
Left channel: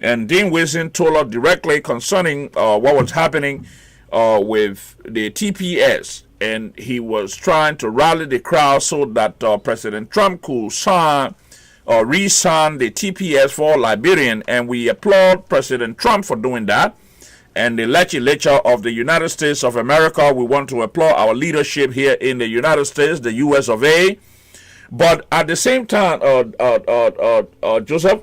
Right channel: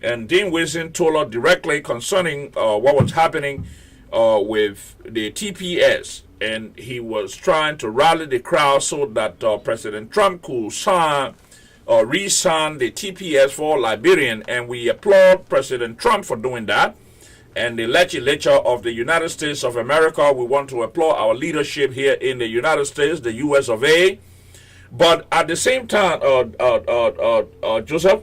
and Dean Wilson told us directly concerning what was happening with the TPS, and he was trying to rally the crowd so that President Trump could re-sign the TPS for Liberian, and we applaud President Trump for doing that. And the legislature of the United States of America, we want to applaud our leadership here in the United States, the U.S. of A. But at the same time, Joseph?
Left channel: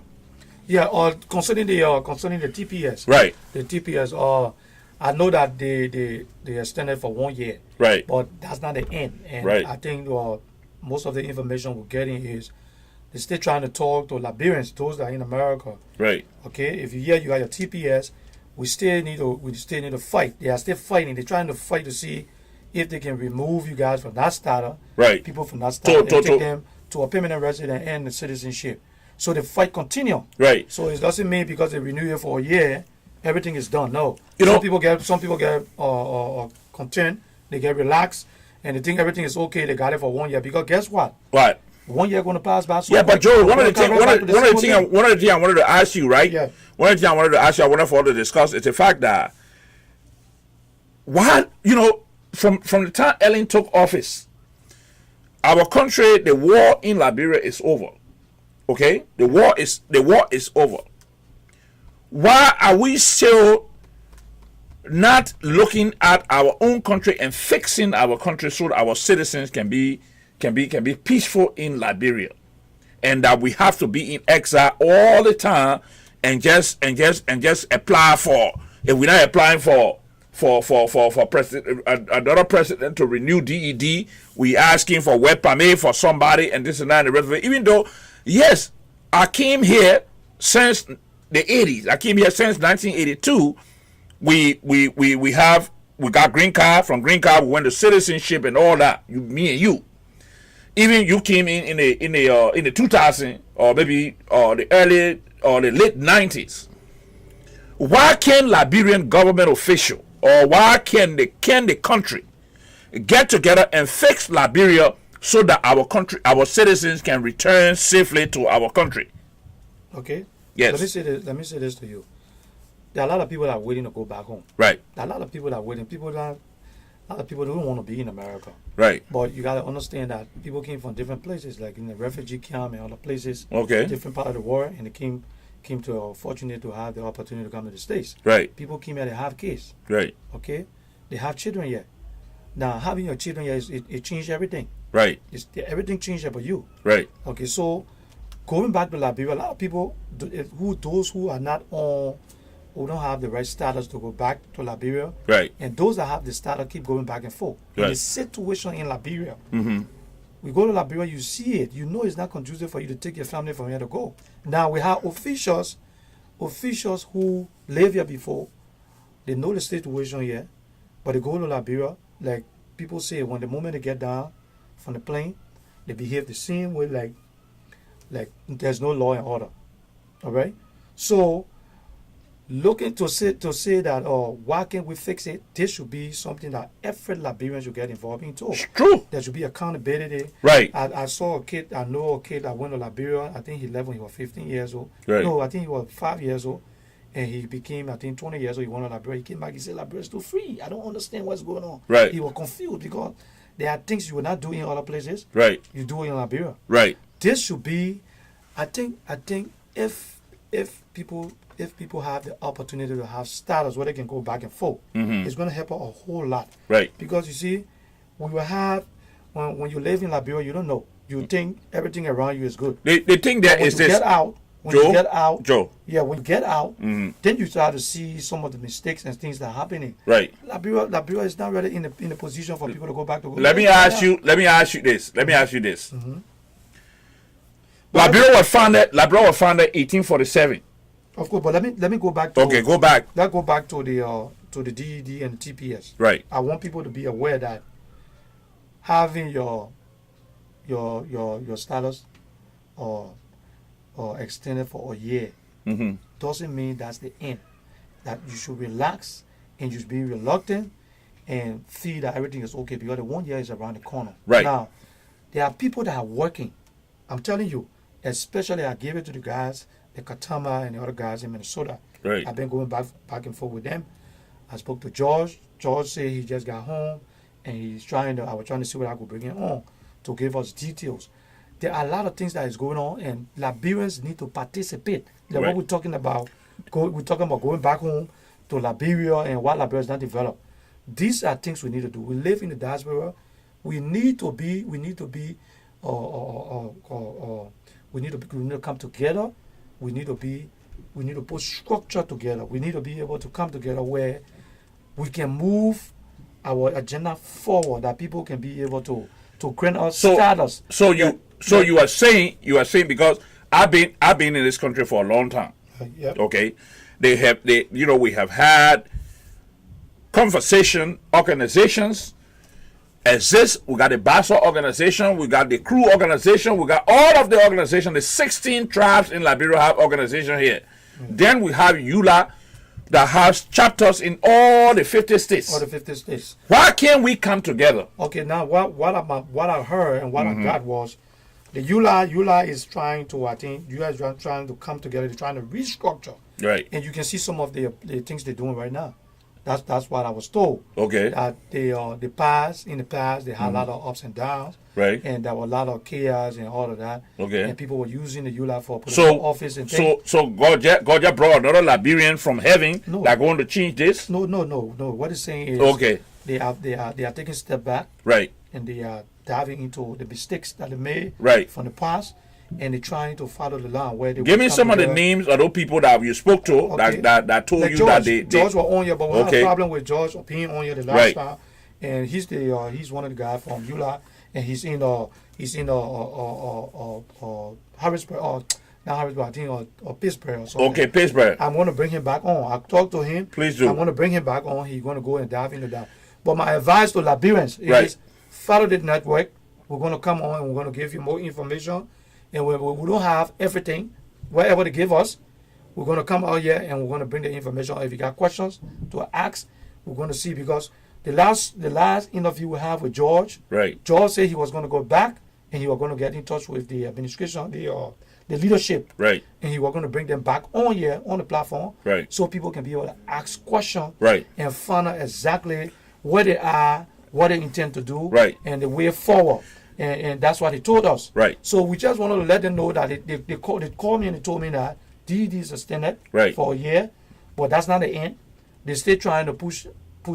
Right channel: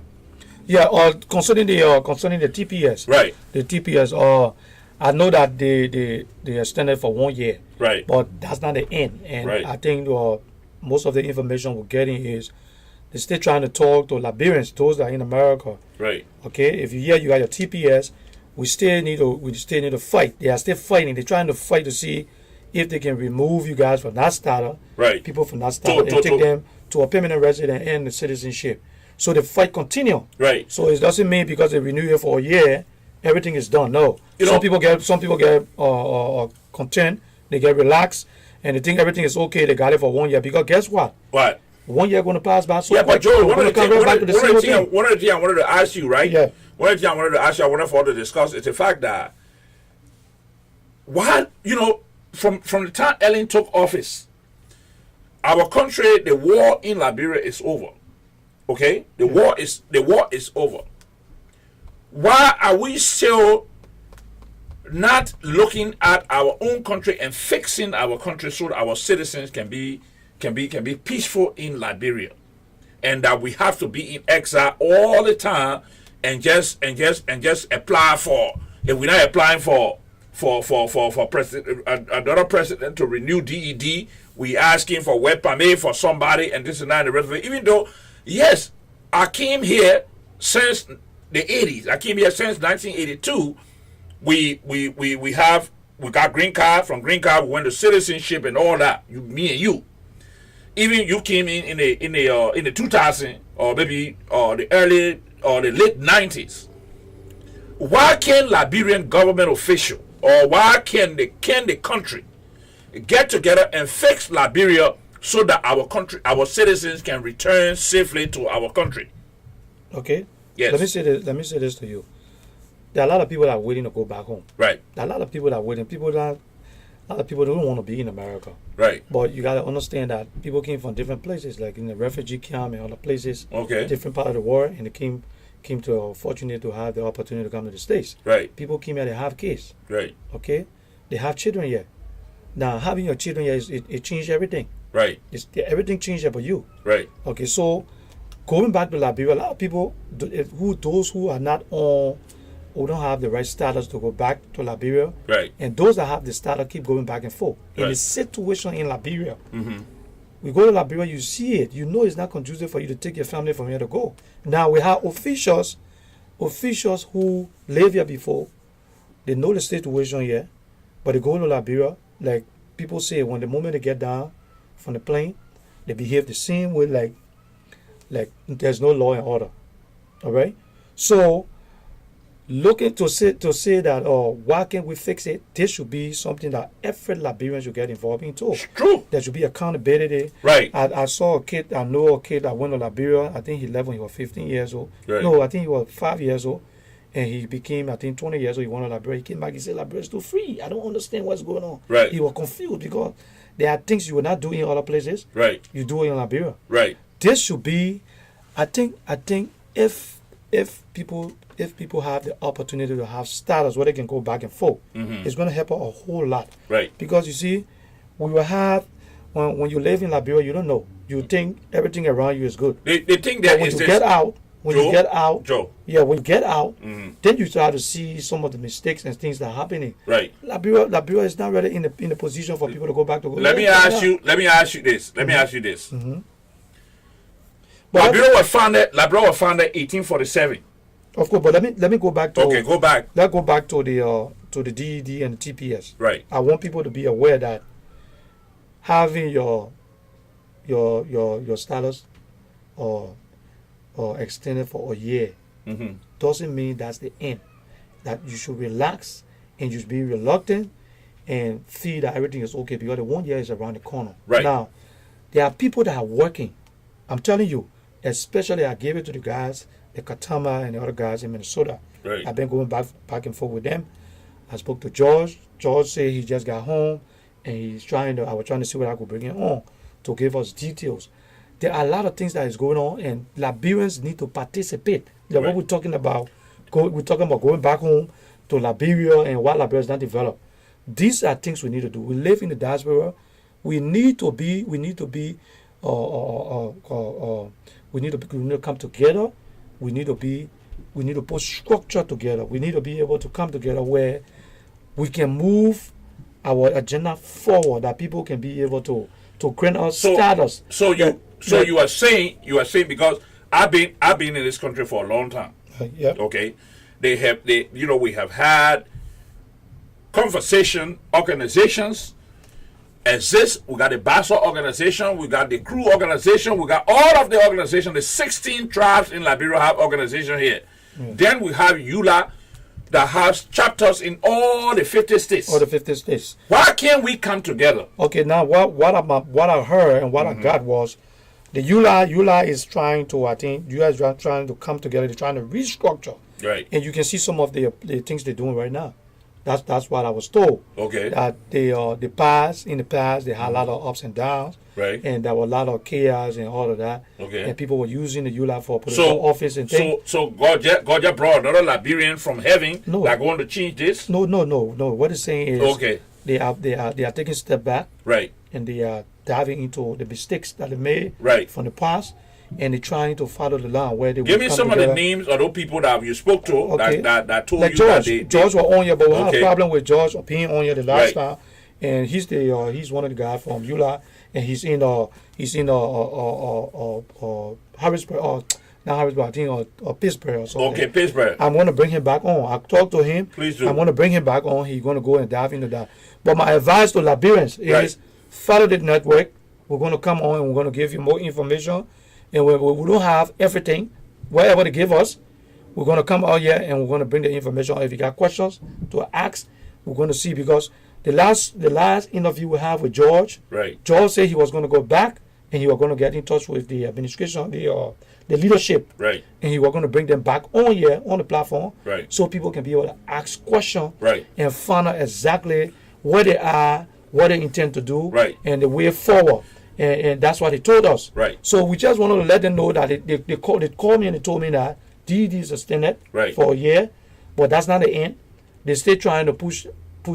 Yeah, concerning the TPS. Right. The TPS, I know that they extended for 1 year. Right. But that's not the end. And I think most of the information we're getting is they're still trying to talk to Liberians, those that are in America. Right. Okay, if you got your TPS, we still need to fight. They are still fighting. They're trying to fight to see if they can remove you guys from that status, people from that status, and take them to a permanent resident and the citizenship. So the fight continue. Right. So it doesn't mean because they renew it for a year, everything is done. No. Some people get content. They get relaxed, and they think everything is okay. They got it for 1 year because guess what? What? 1 year going to pass by. So but Joe, one of the things I wanted to ask you, right? Yeah. One of the things I wanted to ask you, I wanted for us to discuss is the fact that why, from the time Ellen took office, our country, the war in Liberia is over. Okay, the war is over. Why are we still not looking at our own country and fixing our country so that our citizens can be peaceful in Liberia, and that we have to be in exile all the time and just apply for, if we're not applying for president, another president to renew DED, we asking for work permit for somebody and this and that and the rest of it. Even though, yes, I came here since the 80s. I came here since 1982. We got green card. From green card we went to citizenship and all that. Me and you. Even you came in the 2000 or maybe the early or the late 90s. Why can't Liberian government official or why can the country get together and fix Liberia so that our citizens can return safely to our country? Okay. Yes. Let me say this to you. There are a lot of people that are waiting to go back home. Right. There are a lot of people that are waiting. A lot of people don't want to be in America. Right. But you got to understand that people came from different places, like in the refugee camp and other places. Okay. Different part of the world, and they came to fortunate to have the opportunity to come to the States. Right. People came here, they have kids. Right. Okay. They have children here. Now having your children here, it changed everything. Right. Everything changed about you. Right. Okay. So going back to Liberia, a lot of people those who are not on, who don't have the right status to go back to Liberia, right, and those that have the status keep going back and forth. Right. In the situation in Liberia, we go to Liberia, you see it, you know it's not conducive for you to take your family from here to go. Now we have officials who live here before, they know the situation here, but they go to Liberia, like people say, when the moment they get down from the plane, they behave the same way, like there's no law and order. All right, so looking to say that, why can't we fix it? This should be something that every Liberian should get involved in too. It's true. There should be accountability. Right. I know a kid that went to Liberia. I think he left when he was 15 years old. Right. No, I think he was 5 years old. And he became, I think, 20 years old. He went to Liberia. He came back. He said, Liberia is too free. I don't understand what's going on. Right. He was confused because There are things you will not do in other places. Right. You do it in Liberia. Right. This should be, I think if people have the opportunity to have status where they can go back and forth, it's going to help out a whole lot. Right. Because you see, we will have when you live in Liberia, you don't know. You think everything around you is good. They think that when is you this. get out, when Joe? you get out, Joe. yeah, when you get out, then you start to see some of the mistakes and things that are happening. Right. Liberia is not really in a position for people to go back to. Let me ask you this. But Liberia was founded 1847. Of course, but let me go back to. Okay, go back. Let's go back to the DED and the TPS. Right. I want people to be aware that having your status or extended for a year doesn't mean that's the end. That you should relax and you should be reluctant and see that everything is okay because the 1 year is around the corner. Right. Now, there are people that are working. I'm telling you, especially I gave it to the guys, the Katama and the other guys in Minnesota. Right. I've been going back and forth with them. I spoke to George. George said he just got home and I was trying to see what I could bring him on to give us details. There are a lot of things that is going on and Liberians need to participate. Like Right. what we're talking about, we're talking about going back home to Liberia and what Liberia is not developed. These are things we need to do. We live in the diaspora. We need to come together. We need to put structure together. We need to be able to come together where we can move our agenda forward, that people can be able to grant us status. You are saying because I've been in this country for a long time. Yep. Okay, we have had conversation organizations exist. We got the BASA organization, we got the crew organization, we got all of the organizations. The 16 tribes in Liberia have organization here. Then we have EULA that has chapters in all the 50 states. All the 50 states. Why can't we come together? Okay, now what I heard and what I got was the EULA is trying to, I think, you guys are trying to come together. They're trying to restructure. Right. And you can see some of the things they're doing right now. That's what I was told. Okay. That in the past they had a lot of ups and downs. Right. And there were a lot of chaos and all of that. Okay. And people were using the EULA for political office and things. So God just brought another Liberian from heaven that going to change this? No. What it's saying is okay. They are taking a step back. Right. And they are diving into the mistakes that they made from the past, and they're trying to follow the line where they give me some together. Of the names of those people that you spoke to that told like you George, that George was on here, but we had a problem with George being on here the last time, and he's one of the guys from EULA, and he's in Harrisburg, not Harrisburg, I think or Pittsburgh or something. Okay, Pittsburgh. I'm going to bring him back on. I talked to him. Please do. I'm going to bring him back on. He's going to go and dive into that. But my advice to Liberians is follow the network. We're going to come on and we're going to give you more information. And we don't have everything, whatever they give us, we're going to come out here and we're going to bring the information. If you got questions to ask, we're going to see, because the last interview we have with George, George said he was going to go back and he was going to get in touch with the administration, the leadership, and he was going to bring them back on here on the platform, so people can be able to ask questions, and find out exactly where they are, what they intend to do, and the way forward. And that's what he told us. So we just wanted to let them know that they called me and they told me that DD is extended for a year, but that's not the end. They're still trying to push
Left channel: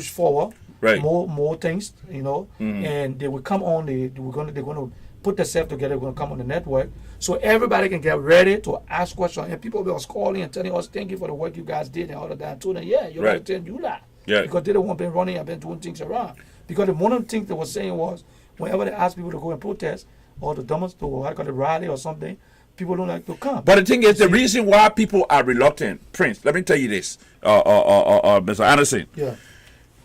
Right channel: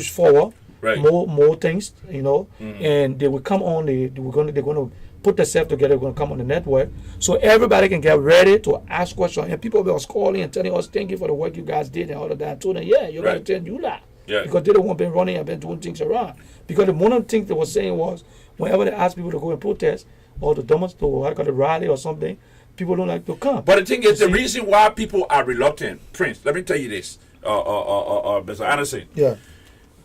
forward more things, and they will come on. They're going to put themselves together. They're going to come on the network, so everybody can get ready to ask questions. And people will calling and telling us, "Thank you for the work you guys did," and all of that. I told them, "Yeah, you're going to tell you that." Because they don't want to be running and been doing things around. Because the one of the things they were saying was, whenever they ask people to go and protest or to demonstrate or the rally or something, people don't like to come. But the thing is, the reason why people are reluctant, Prince, let me tell you this, Mr. Anderson. Yeah.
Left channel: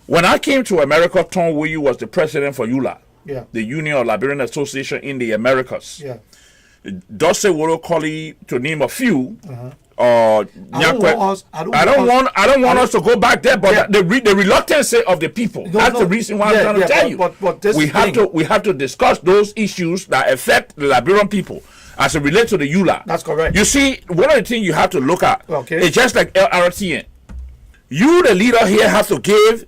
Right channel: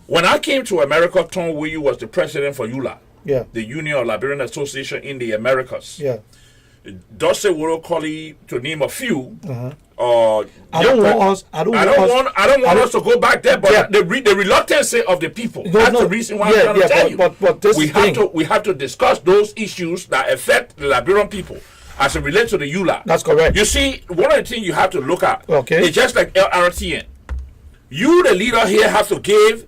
When I came to America, Tom Wuyu was the president for EULA, the Union of Liberian Association in the Americas. Yeah. Dose Woro Koli, to name a few. I don't want us to go back there, but the reluctance of the people. That's the reason why I'm trying to tell you. But this we have to discuss those issues that affect the Liberian people as it relates to the EULA. That's correct. You see, one of the things you have to look at, it's just like Lrtn. You, the leader here, have to give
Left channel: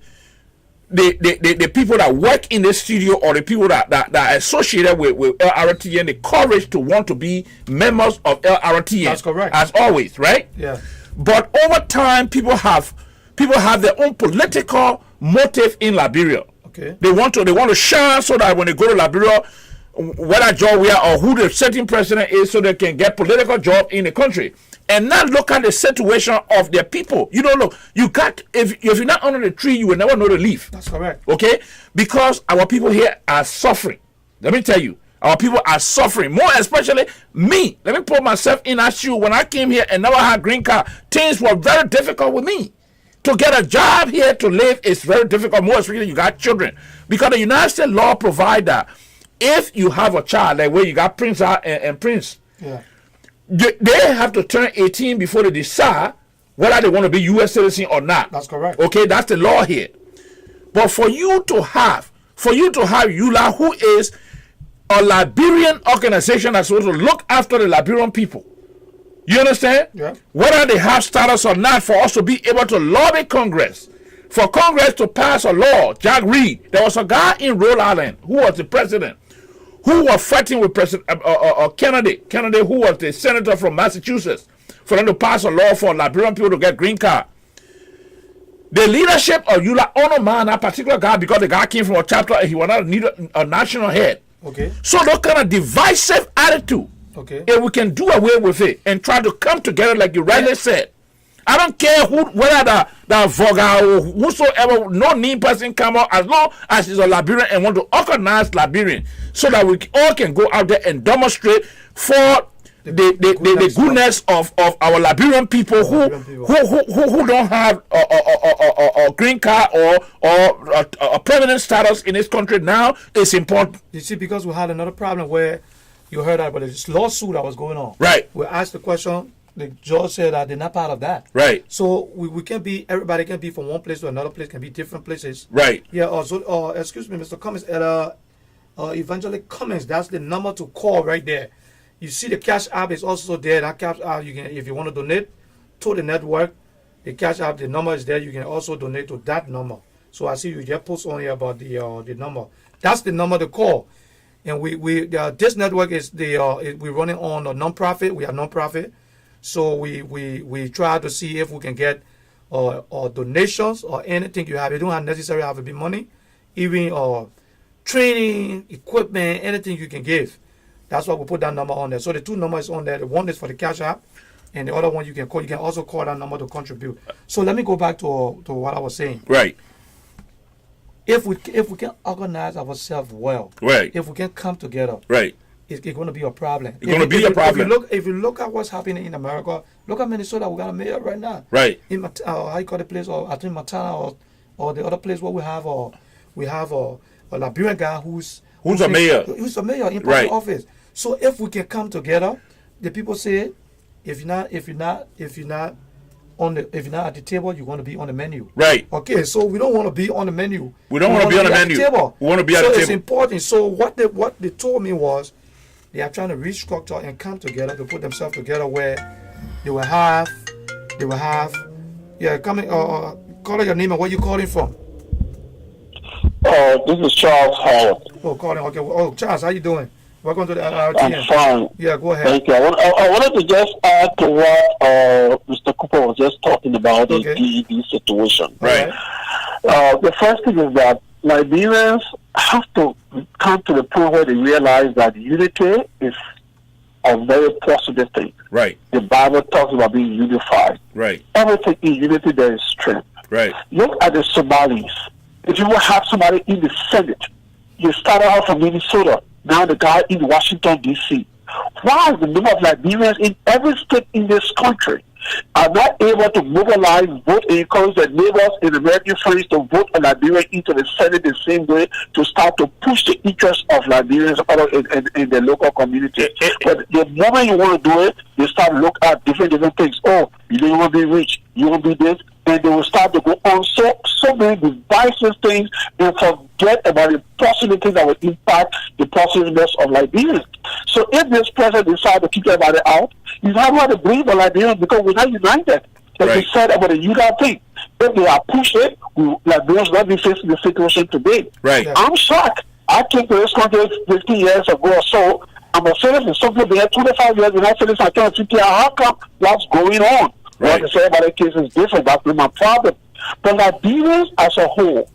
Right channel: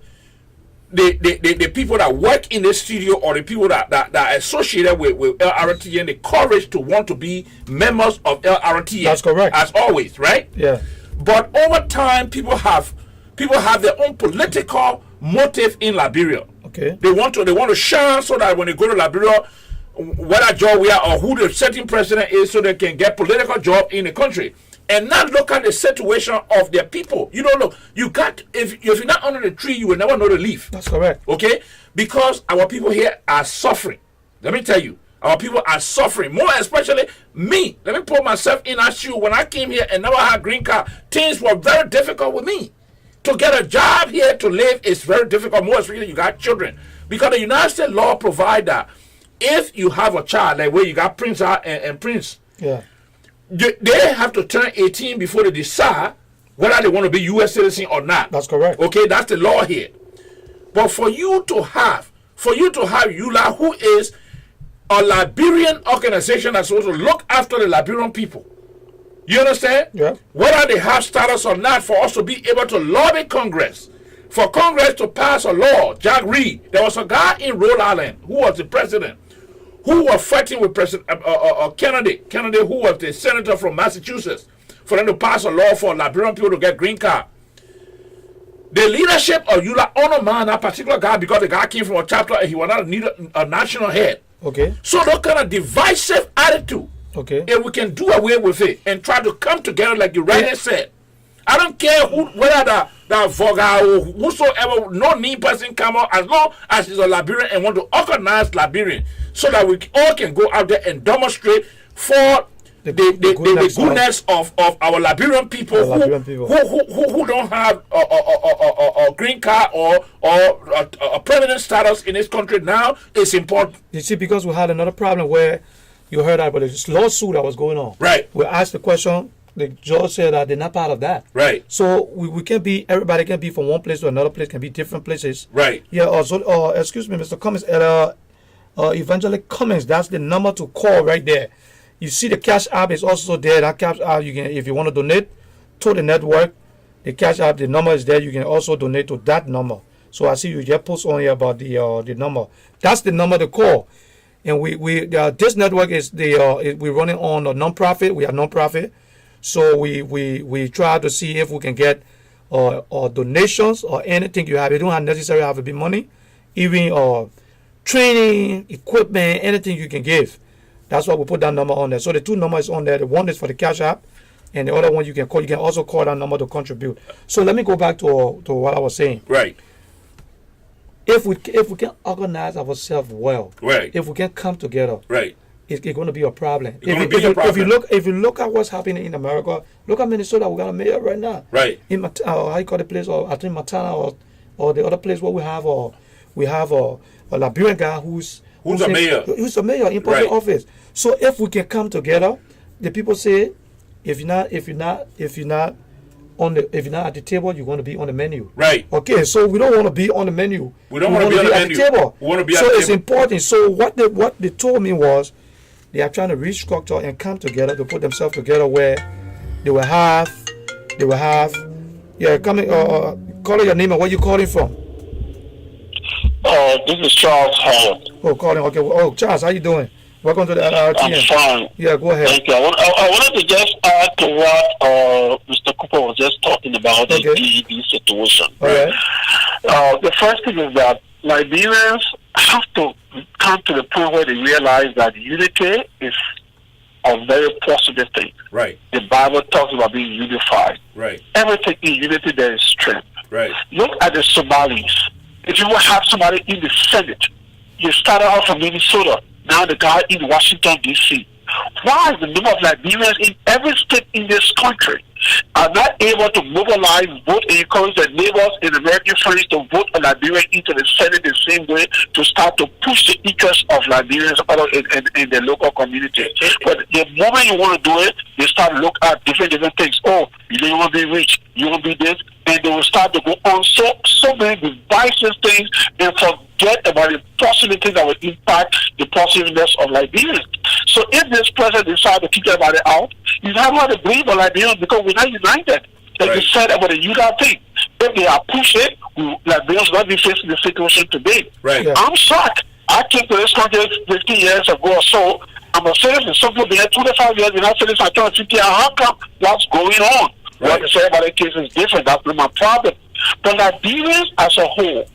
the people that work in the studio or the people that are associated with Lrtn the courage to want to be members of Lrtn. That's correct. As always, right? Yeah. But over time, people have their own political motive in Liberia. Okay. They want to shine so that when they go to Liberia, whether job we are or who the certain president is, so they can get political job in the country. And not look at the situation of their people. You don't know. You got if you're not under the tree, you will never know the leaf. That's correct. Okay? Because our people here are suffering. Let me tell you, our people are suffering. More especially me. Let me put myself in that shoe. When I came here and never had green card, things were very difficult with me. To get a job here to live is very difficult. More especially you got children. Because the United States law provides that if you have a child, like where you got Prince and Prince. Yeah. They have to turn 18 before they decide whether they want to be U.S. citizen or not. That's correct. Okay, that's the law here. But for you to have ULA, who is a Liberian organization that's supposed to look after the Liberian people, you understand? Yeah. Whether they have status or not, for us to be able to lobby Congress, for Congress to pass a law. Jack Reed, there was a guy in Rhode Island who was the president, who was fighting with President Kennedy, who was the senator from Massachusetts, for them to pass a law for Liberian people to get green card. The leadership of ULA honor man, that particular guy, because the guy came from a chapter and he was not a national head. Okay. So that kind of divisive attitude, Okay. if we can do away with it and try to come together like you rightly said. I don't care whether the Voga or whosoever, no new person come out, as long as he's a Liberian and want to organize Liberian, so that we all can go out there and demonstrate for the goodness of our Liberian people, who don't have a green card or a permanent status in this country now. It's important. You see, because we had another problem where you heard about this lawsuit that was going on. Right. We asked the question. The judge said that they're not part of that. Right. So we can't be, everybody can be from one place to another place, can be different places. Right. Yeah, excuse me, Mr. Cummings, Evangelist Cummings, that's the number to call right there. You see the Cash App is also there. That Cash App, you can, if you want to donate to the network, the Cash App, the number is there. You can also donate to that number. So I see you just post on here about the number. That's the number to call. And we this network is we're running on a non-profit. We are non-profit. So we try to see if we can get or donations or anything you have. You don't have necessarily have to be money, even training, equipment, anything you can give. That's why we put that number on there. So the two numbers on there. The one is for the Cash App, and the other one you can call. You can also call that number to contribute. So let me go back to what I was saying. Right. If we can organize ourselves well, right. If we can come together, right. It's going to be a problem. It's going to be a problem. If you look at what's happening in America, look at Minnesota. We got a mayor right now. Right. In how you call the place, or I think Montana, or the other place where we have a Liberian guy who's a mayor. Who's a mayor in public office. So if we can come together, the people say, if you're not at the table, you're going to be on the menu. Right. Okay. So we don't want to be on the menu. We don't want to be on the menu. Table. We want to be at the table. So it's important. So what they told me was, they are trying to restructure and come together to put themselves together where they will have, call your name and where you calling from. This is Charles Howard. Oh, calling. Okay. Oh, Charles, how you doing? Welcome to the Lrtn. I'm fine. Yeah, go ahead. Thank you. I wanted to just add to what Mr. Cooper was just talking about, the DEP situation. Right. The first thing is that Liberians have to come to the point where they realize that unity is a very positive thing. Right. The Bible talks about being unified. Right. Everything in unity, there is strength. Right. Look at the Somalis. If you will have somebody in the Senate, you started out from Minnesota, now the guy in Washington, D.C. Why the number of Liberians in every state in this country are not able to mobilize, vote, and encourage their neighbors and American friends to vote a Liberian into the Senate the same way, to start to push the interests of Liberians in the local community. But the moment you want to do it, they start to look at different things. Oh, you want to be rich, you want to be this, and they will start to go on so many divisive things and forget about the positive things that will impact the positiveness of Liberians. So if this president decides to kick everybody out, he's not going to believe in Liberians because we're not united. They said about the Utah thing. If they are push it, Liberians not be facing the situation today. Right. Yeah. I'm shocked. I came to this country 50 years ago or so. I'm a citizen. Some people they had 25 years in that citizen. I trying to figure out how come what's going on. Right. What they say about the case is different. That's been my problem. But Liberians as a whole,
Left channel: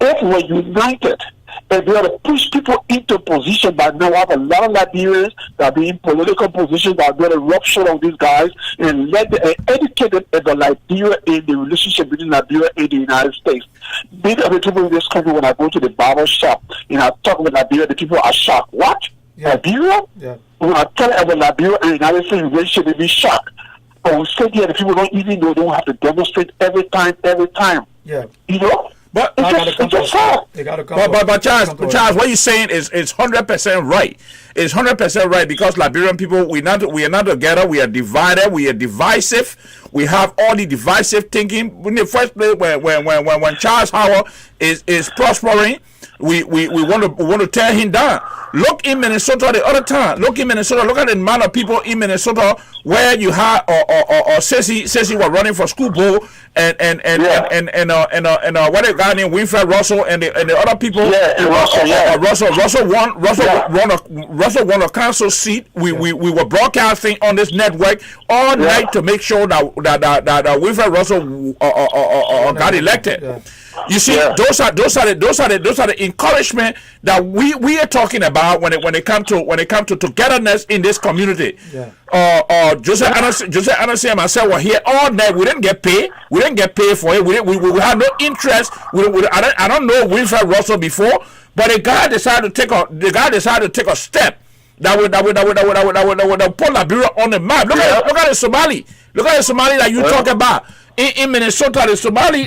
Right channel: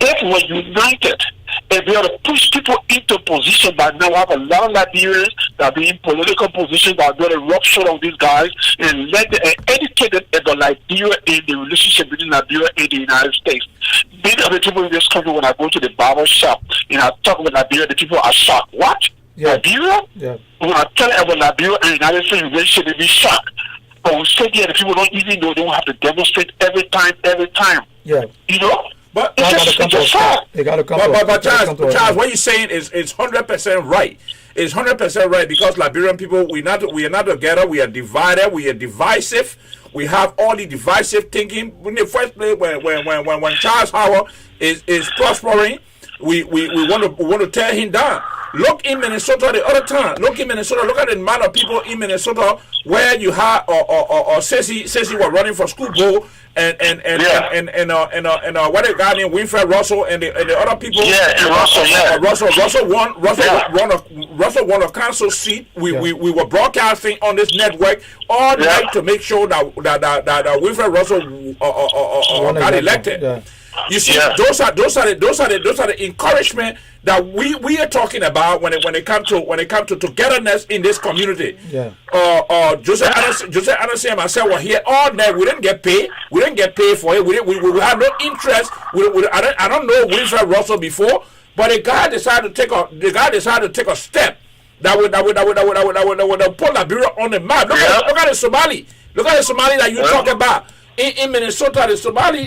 if we're united, and we ought to push people into position that now have a lot of Liberians that are in political positions that are going to rub shoulders on these guys and let them educate them about Liberia in the relationship between Liberia and the United States. These are the people in this country when I go to the barber shop and I talk about Liberia, the people are shocked. What? Yeah. Liberia? Yeah. When I tell them about Liberia and the United States relationship, they be shocked. But we say here the people don't even know, they don't have to demonstrate every time. Yeah. You know? But They got to come to a stop. They got to come. But Charles, what you're saying is 100% right. It's 100% right because Liberian people we are not together. We are divided. We are divisive. We have all the divisive thinking. In the first place, when Charles Howard is prospering, we want to tear him down. Look in Minnesota the other time. Look at the amount of people in Minnesota where you had or Ceci were running for school board and what a guy named Winfred Russell and the other people. Russell won a council seat. We were broadcasting on this network all night to make sure that Winfred Russell got elected. Yeah. You see, those are the encouragement that we are talking about when it comes to togetherness in this community. Yeah. Joseph Anderson and myself were here all night. We didn't get paid. We didn't get paid for it. We had no interest. I don't know Winfred Russell before, but the guy decided to take a step that would put Liberia on the map. Look at the Somali. Look at the Somali that you talk about. In Minnesota, the Somali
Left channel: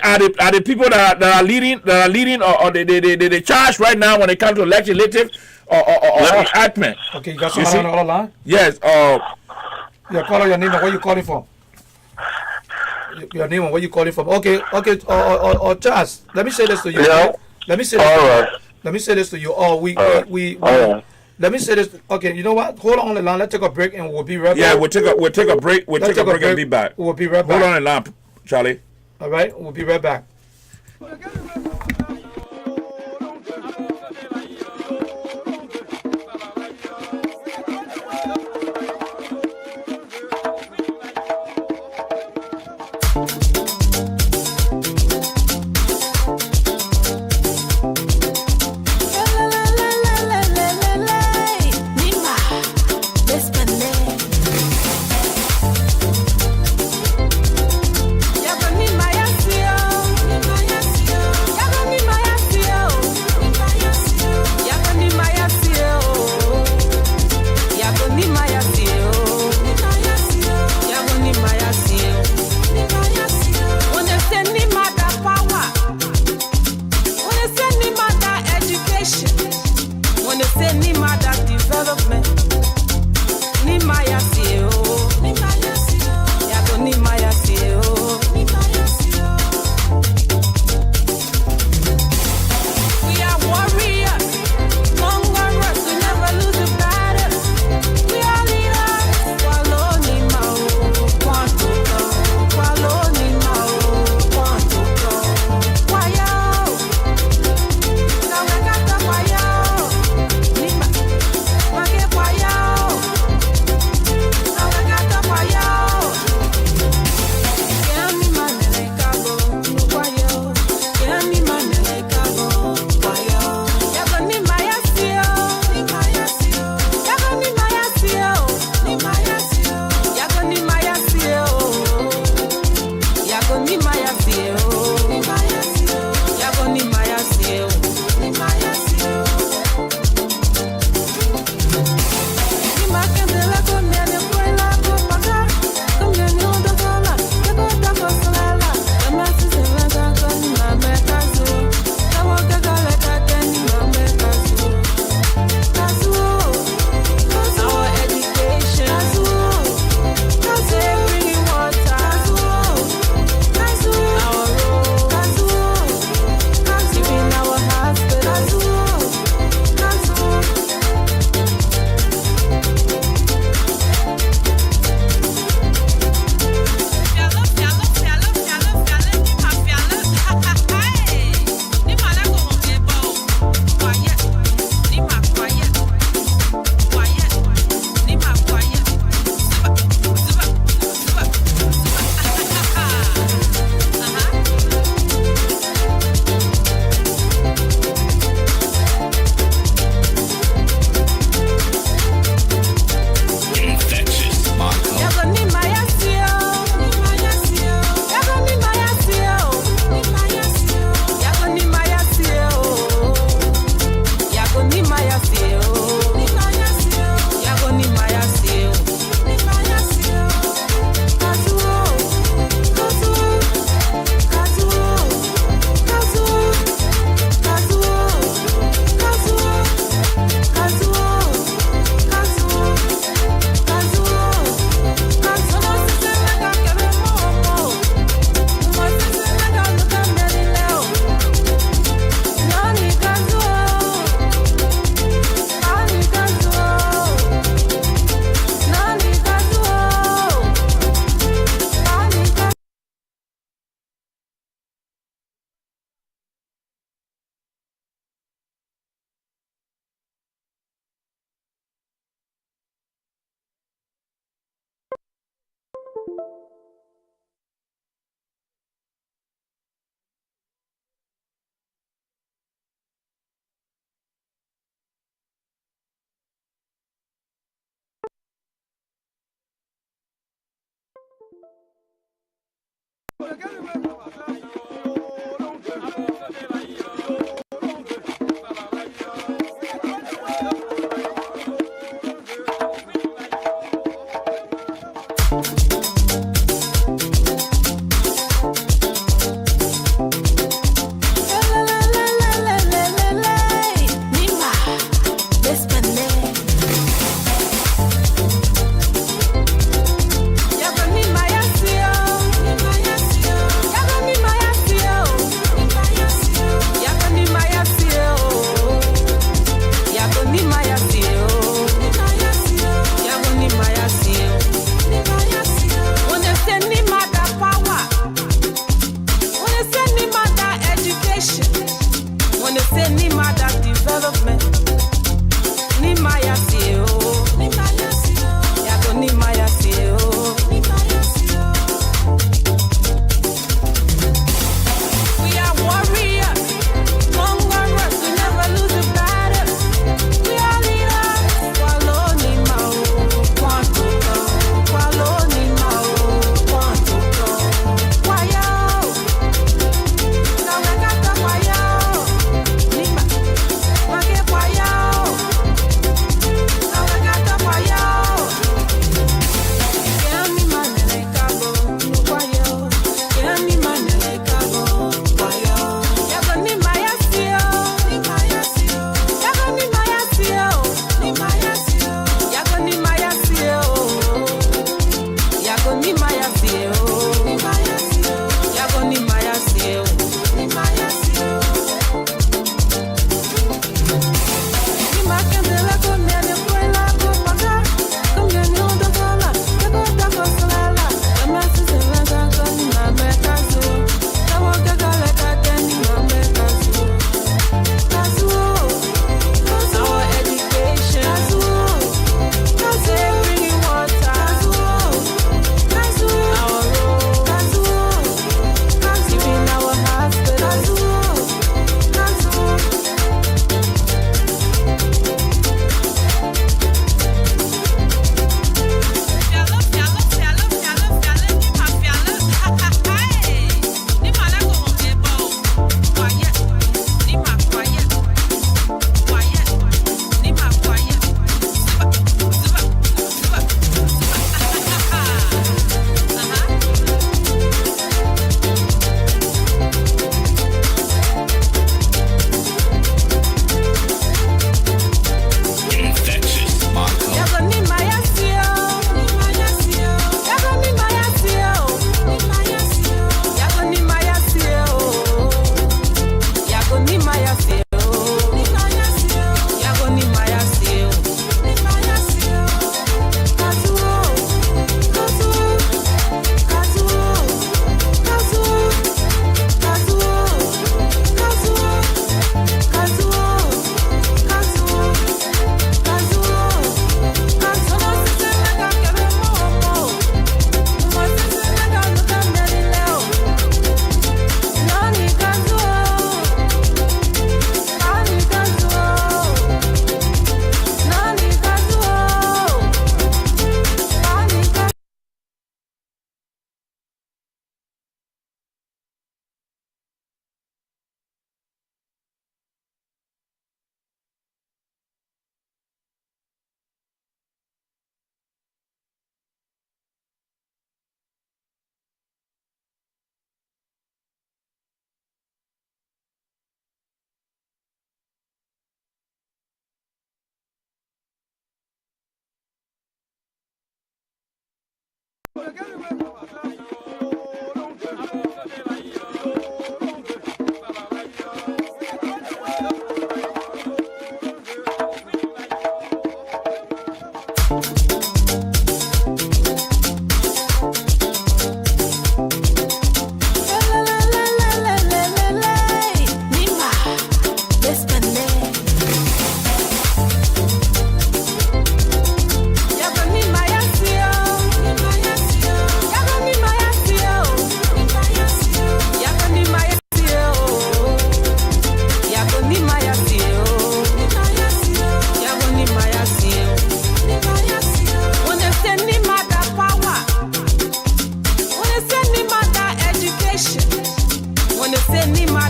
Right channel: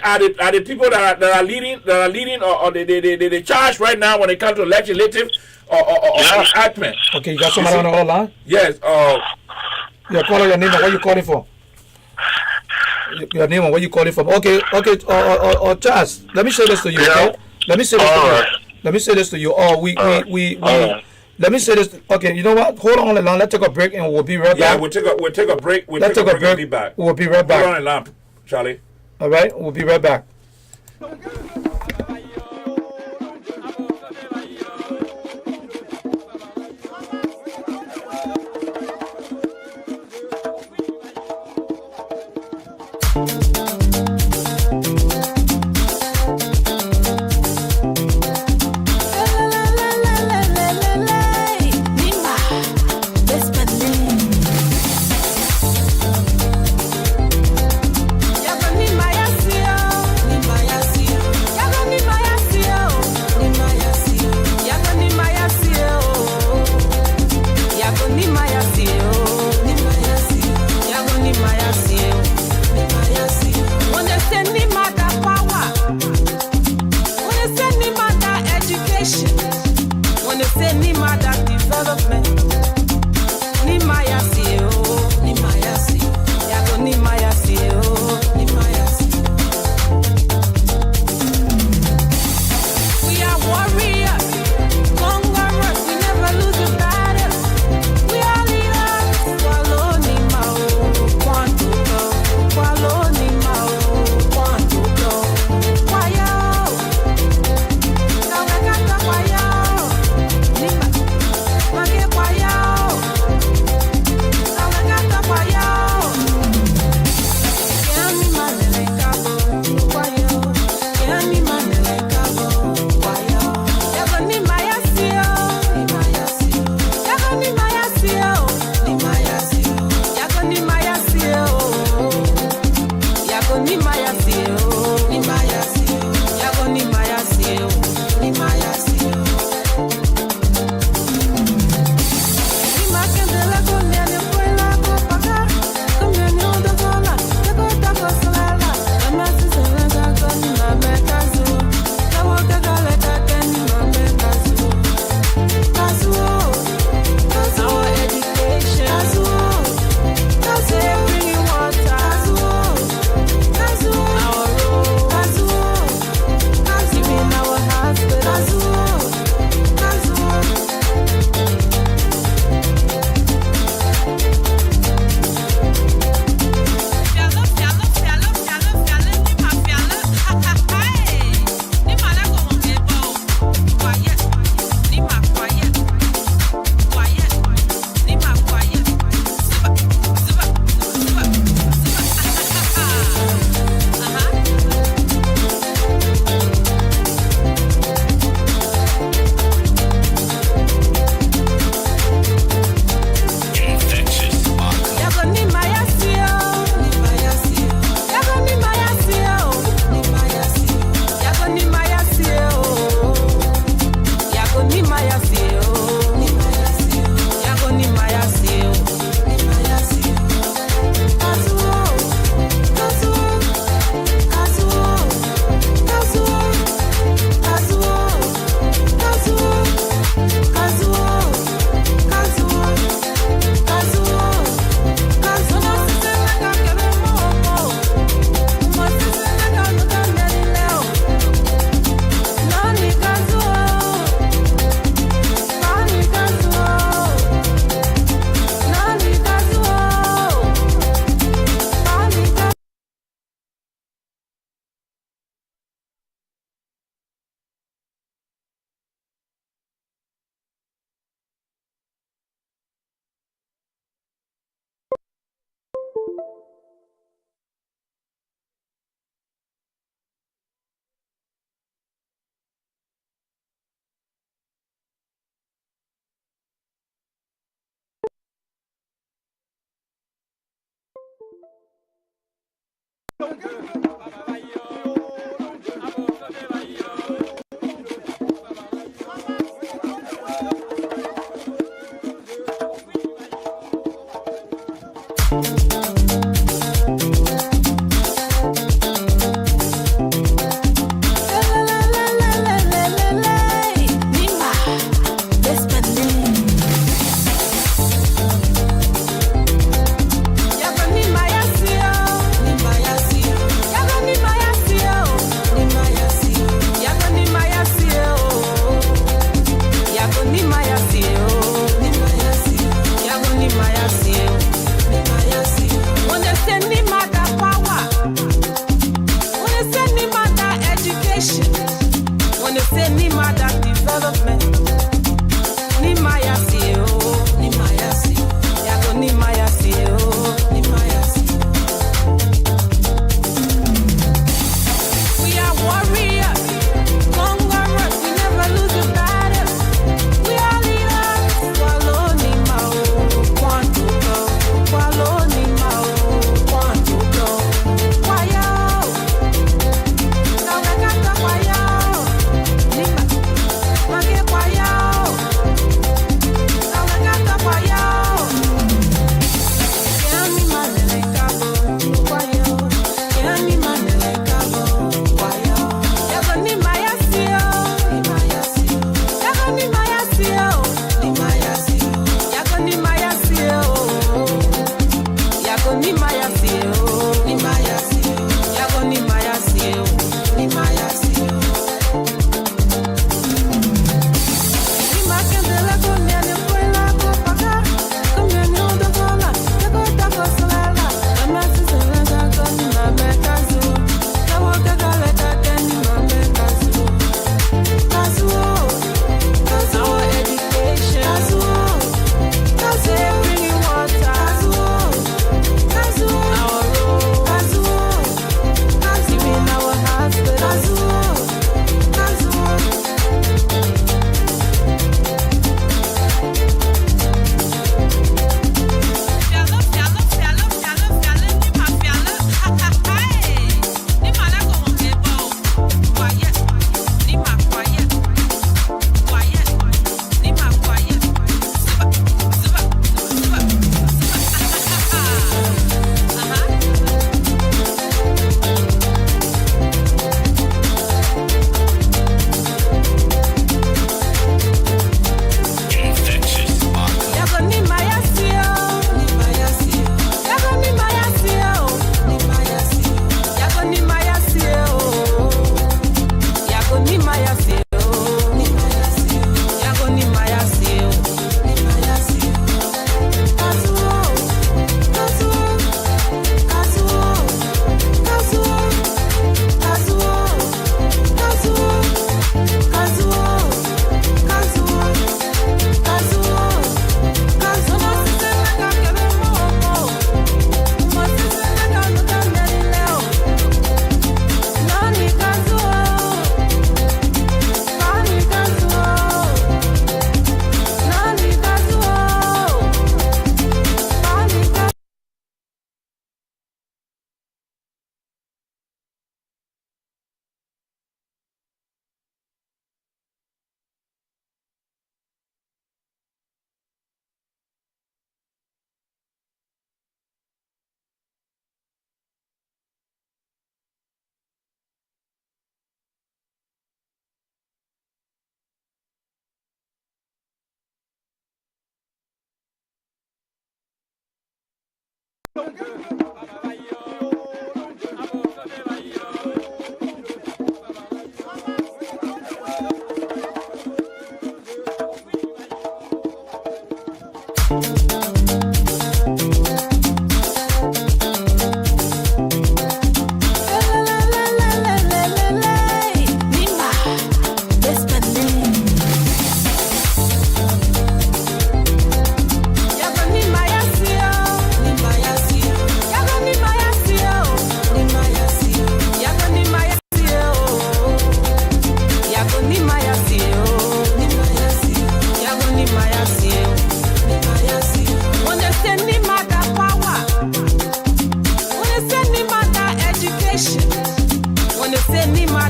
are the people that are leading or the charge right now when it comes to legislative or enactment. Okay, you got somebody on the other line? Yes. Your caller, your name and where you calling from? Your name and where you calling from? Okay. Charles, let me say this to you. Okay. Let me say this to you. Let me say this. Okay, you know what? Hold on the line. Let's take a break and we'll be right back. Yeah, we'll take a break. We'll take a break and be back. We'll be right back. Hold on the line, Charlie. All right, we'll be right back. Yago ni maya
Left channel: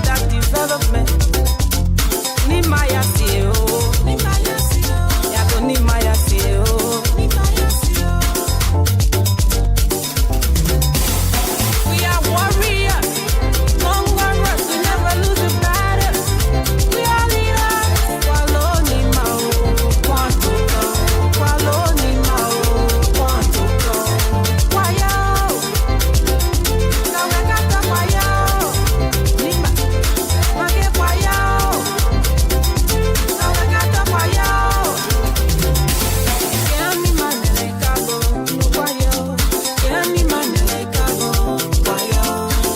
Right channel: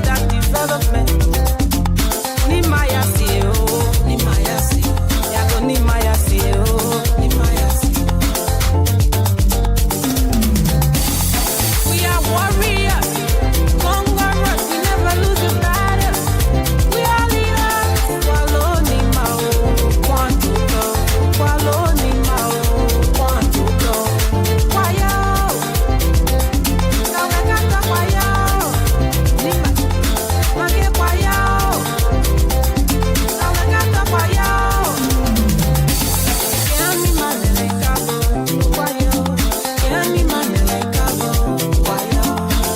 that development. Ni maya tio, yago ni maya tio. We are warriors, conquerors. We never lose a battle. We are leaders. Kwalo ni mao, kwanto to. Kwalo ni mao, kwanto to. Kwayo, kawekata kwayo. Nima, mage kwayo. Kawekata kwayo. Kiani manele kabo, kwayo. Kiani manele kabo, kwayo.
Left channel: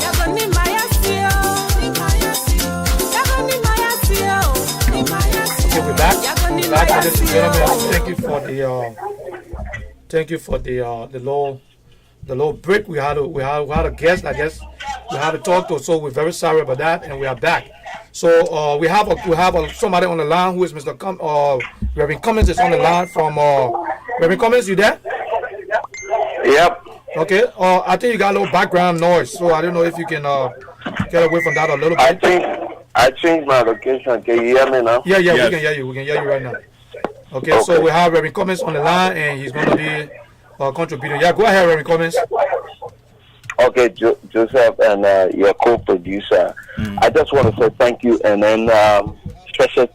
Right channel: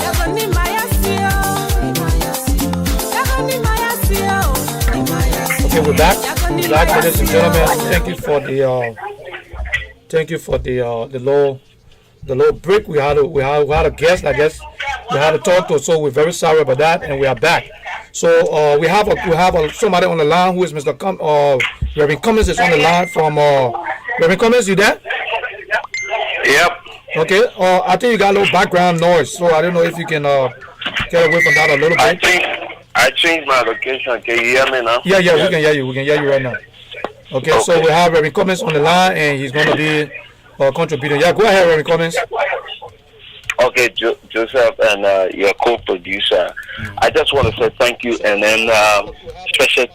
Yago ni maya sio. Yago ni maya sio. Okay, we're back. Ladies and gentlemen, thank you for the low break. We had a guest. I guess we had to talk to, so we're very sorry about that, and we are back. So we have somebody on the line who is Mr. Reverend Cummins is on the line from Reverend Cummins. You there? Yep. Okay. I think you got a little background noise, so I don't know if you can get away from that a little bit. I changed my location. Can you hear me now? Yeah, we can hear you. We can hear you right now. Okay. So we have Reverend Cummins on the line, and he's going to be contributing. Yeah, go ahead, Reverend Cummins. Okay, Joseph and your co-producer. I just want to say thank you, and then special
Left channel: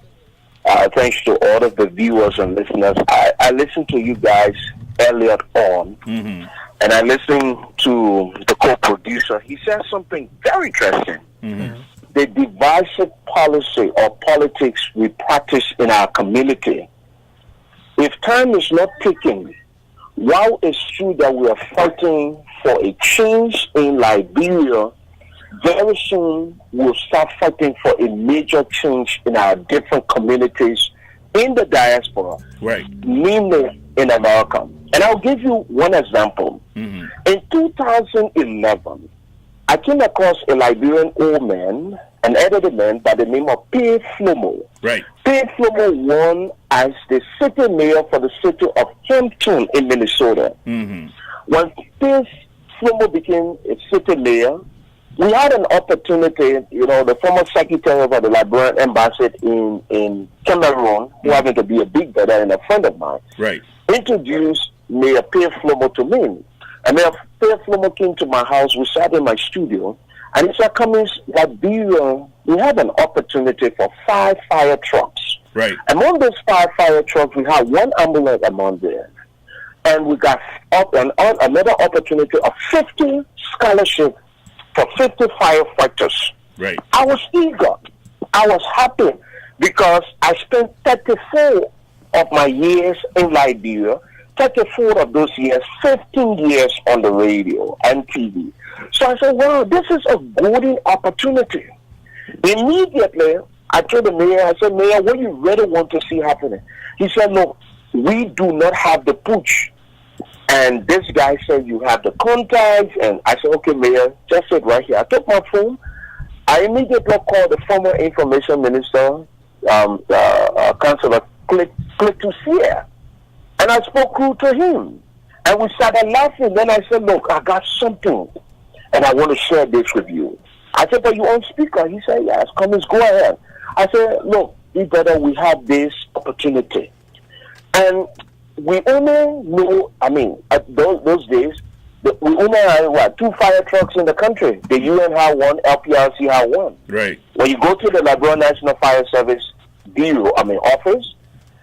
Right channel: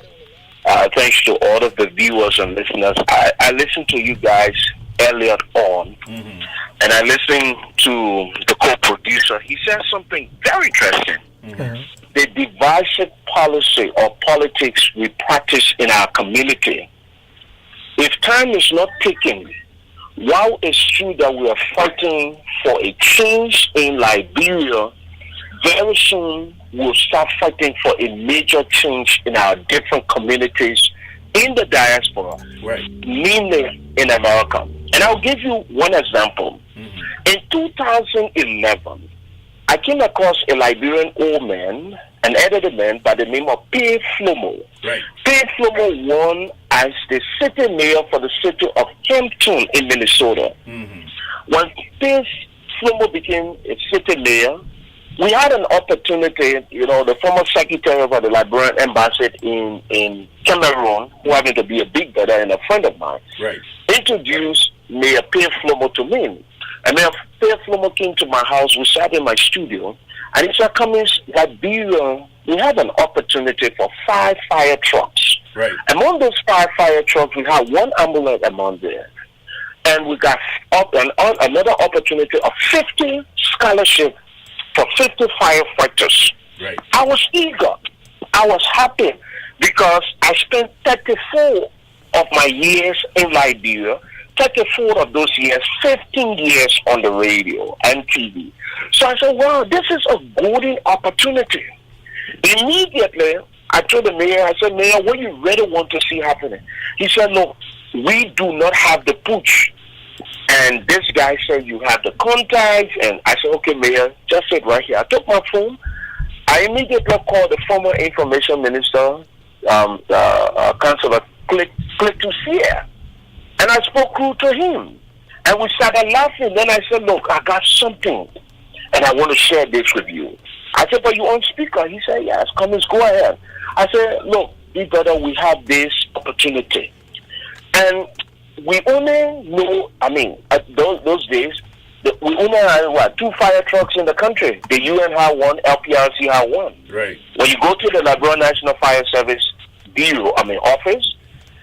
thanks to all of the viewers and listeners. I listened to you guys earlier on, and I listened to the co-producer. He said something very interesting. The divisive policy or politics we practice in our community. If time is not taken, while it's true that we are fighting for a change in Liberia, very soon we'll start fighting for a major change in our different communities in the diaspora, Right. mainly in America. And I'll give you one example. In 2011, I came across a Liberian old man, an elderly man by the name of P. Flomo. Right. P. Flomo won as the city mayor for the city of Hampton in Minnesota. When P. Flomo became a city mayor, we had an opportunity, the former secretary of the Liberian embassy in Cameroon, who happened to be a big brother and a friend of mine, Right. introduced Mayor P. Flomo to me. And Mayor P. Flomo came to my house, we sat in my studio, and he said, Cummins, Liberia, we have an opportunity for 5 fire trucks. Right. Among those 5 fire trucks, we have 1 ambulance among there. And we got another opportunity of 50 scholarships for 50 firefighters. Right. I was eager. I was happy because I spent 34 of my years in Liberia, 34 of those years, 15 years on the radio and TV. So I said, wow, this is a golden opportunity. Immediately, I told the mayor, I said, Mayor, what do you really want to see happening? He said, look, we do not have the pooch. And this guy said, you have the contacts. And I said, okay, Mayor, just sit right here. I took my phone. I immediately called the former information minister, Councillor Click to Sierra. And I spoke through to him. And we started laughing. Then I said, look, I got something. And I want to share this with you. I said, but you on speaker? He said, yes, Cummins, go ahead. I said, look, be better, we have this opportunity. And we only know, those days, we only had, 2 fire trucks in the country. The UN had 1, LPRC had 1. Right. When you go to the Liberia National Fire Service office,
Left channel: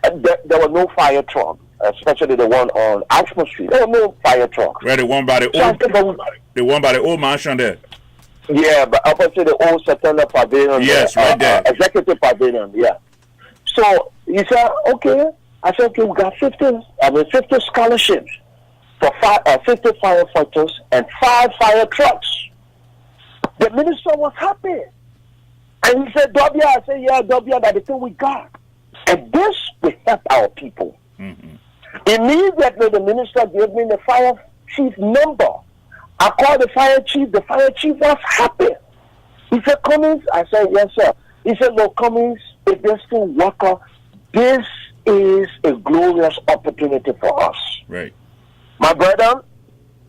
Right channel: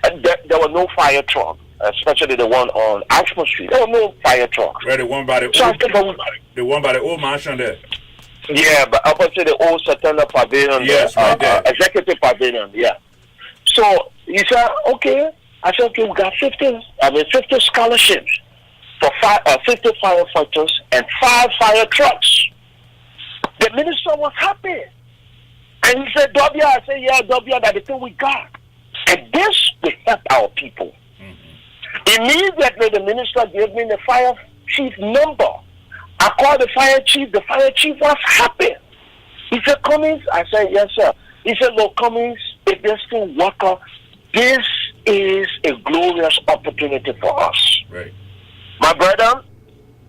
and there were no fire truck, especially the one on Ashford Street. There were no fire trucks. Right, the one by the old mansion there. Yeah, but opposite the old Satana Pavilion. Yes, right there. Executive Pavilion, yeah. So he said, okay. I said, okay, we got 50 scholarships for 50 firefighters and 5 fire trucks. The minister was happy. And he said, W, I said, yeah, W, that's the thing we got. And this will help our people. Immediately, the minister gave me the fire chief number. I called the fire chief. The fire chief was happy. He said, Cummins? I said, yes, sir. He said, look, Cummins, a destined worker, this is a glorious opportunity for us. Right. My brother,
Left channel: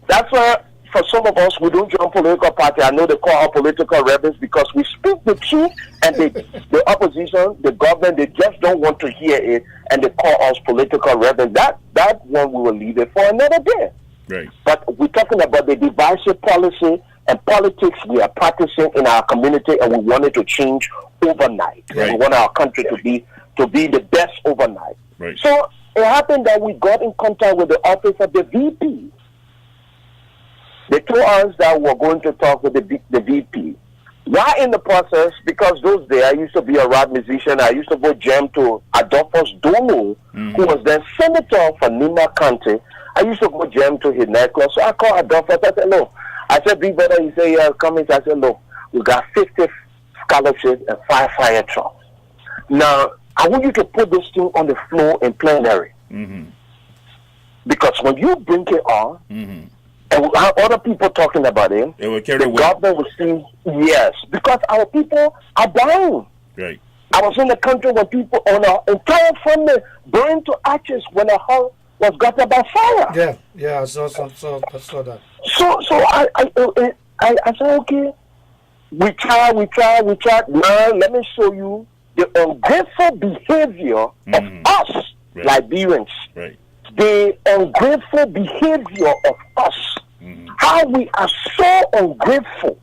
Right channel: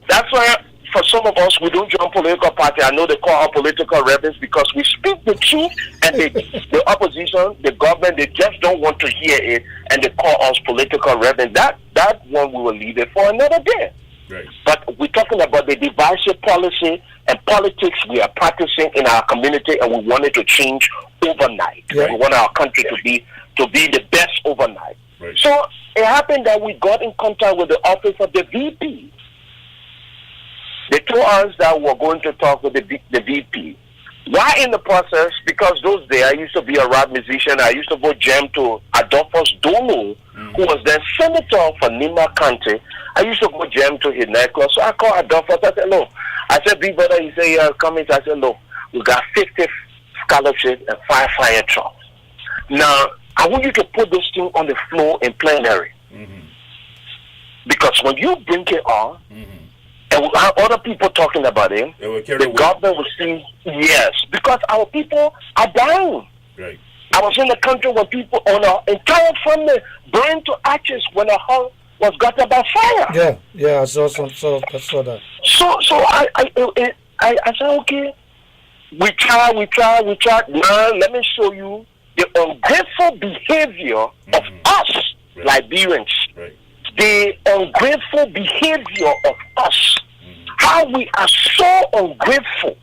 that's why for some of us, we don't join political party. I know they call our political rebels because we speak the truth, and the opposition, the government, they just don't want to hear it, and they call us political rebels. That one we will leave it for another day. Right. But we're talking about the divisive policy and politics we are practicing in our community, and we want it to change overnight. Right. We want our country to be the best overnight. Right. So it happened that we got in contact with the office of the VP. They told us that we're going to talk with the VP. Why in the process? Because those days I used to be a rap musician. I used to go jam to Adolphus Domo, who was then senator for Nima County. I used to go jam to his nightclub. So I called Adolphus. I said, no. I said, big brother, he said, yeah, come in. I said, no. We got 50 scholarships and 5 fire trucks. Now, I want you to put this thing on the floor in plenary. Because when you bring it on, and we have other people talking about it, It will carry the weight. government will see, yes, because our people are dying. Right. I was in the country where people on our entire family burned to ashes when a house was gutted by fire. Yeah, I saw that. So I said, okay, we try. Now let me show you the ungrateful behavior of us, Right. Liberians. Right. The ungrateful behavior of us. How we are so ungrateful.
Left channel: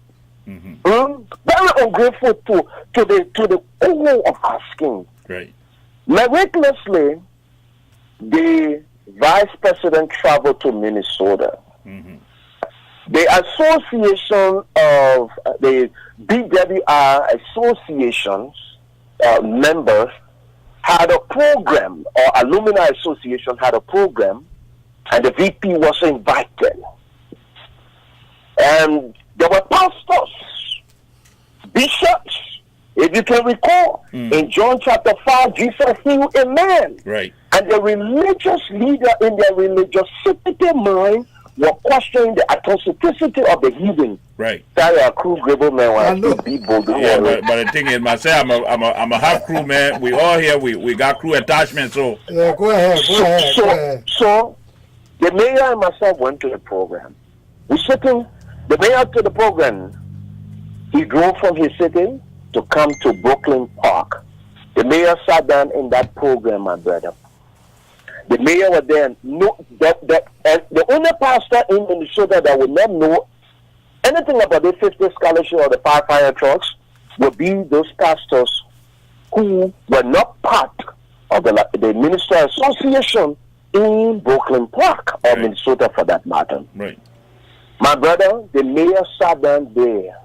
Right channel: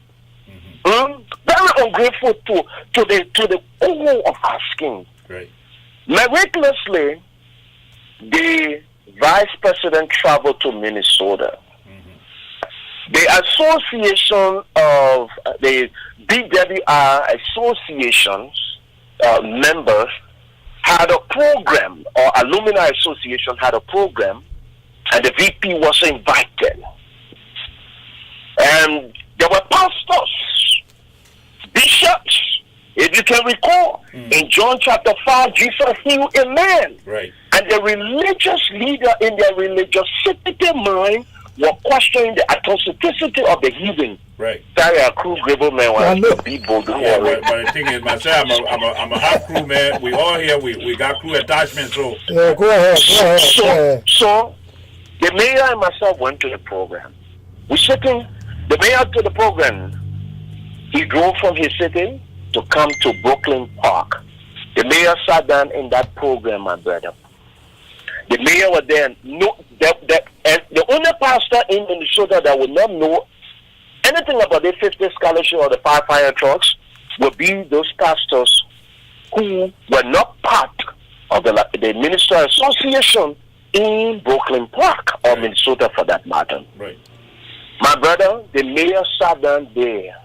Very ungrateful to the owner of our skin. Right. Miraculously, the vice president traveled to Minnesota. The association of the BWR associations members had a program, or alumni association had a program, and the VP was invited. And there were pastors, bishops. If you can recall, in John chapter 5, Jesus healed a man. Right. And the religious leader in their religiosity mind were questioning the authenticity of the healing. Right. Sorry, a crew grable man I know. was people. Yeah, but the thing is, myself, I'm a half crew man. We all here. We got crew attachment. So Yeah, go ahead. So the mayor and myself went to the program. We sitting, the mayor to the program. He drove from his city to come to Brooklyn Park. The mayor sat down in that program, my brother. The mayor was there. No, the only pastor in Minnesota that would not know anything about the 50 scholarship or the 5 fire trucks would be those pastors who were not part of the Minister Association in Brooklyn Park, or Right. Minnesota for that matter. right. My brother, the mayor sat down there.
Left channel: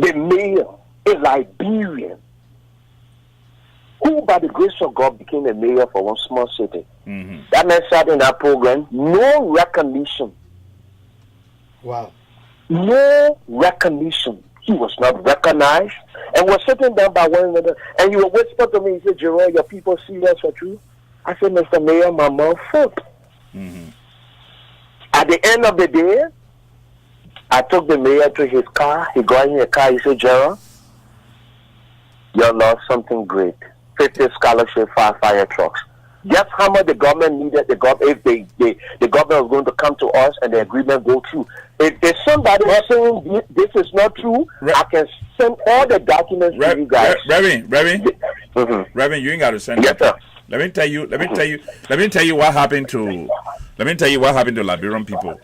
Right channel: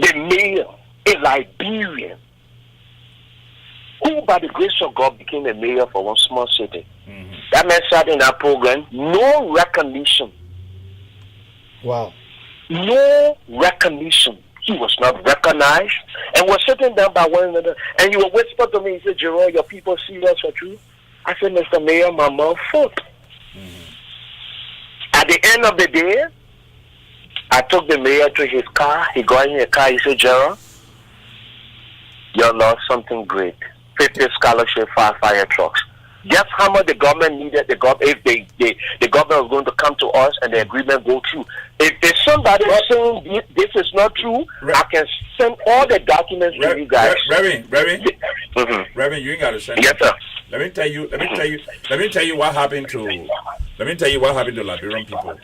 The mayor, a Liberian, who by the grace of God became a mayor for one small city. That man sat in that program, no recognition. Wow. No recognition. He was not recognized. And we're sitting down by one another. And you will whisper to me, he said, Jerome, your people see us for truth. I said, Mr. Mayor, my mouth full. At the end of the day, I took the mayor to his car. He got in the car. He said, Gerald, you lost something great. 50 scholarship, 5 fire trucks. Guess how much the government needed? If the government was going to come to us and the agreement go through. If there's somebody saying this is not true, I can send all the documents to you guys. Reverend, you ain't got to send Yes, it. sir. Let me tell you what happened to Liberian people.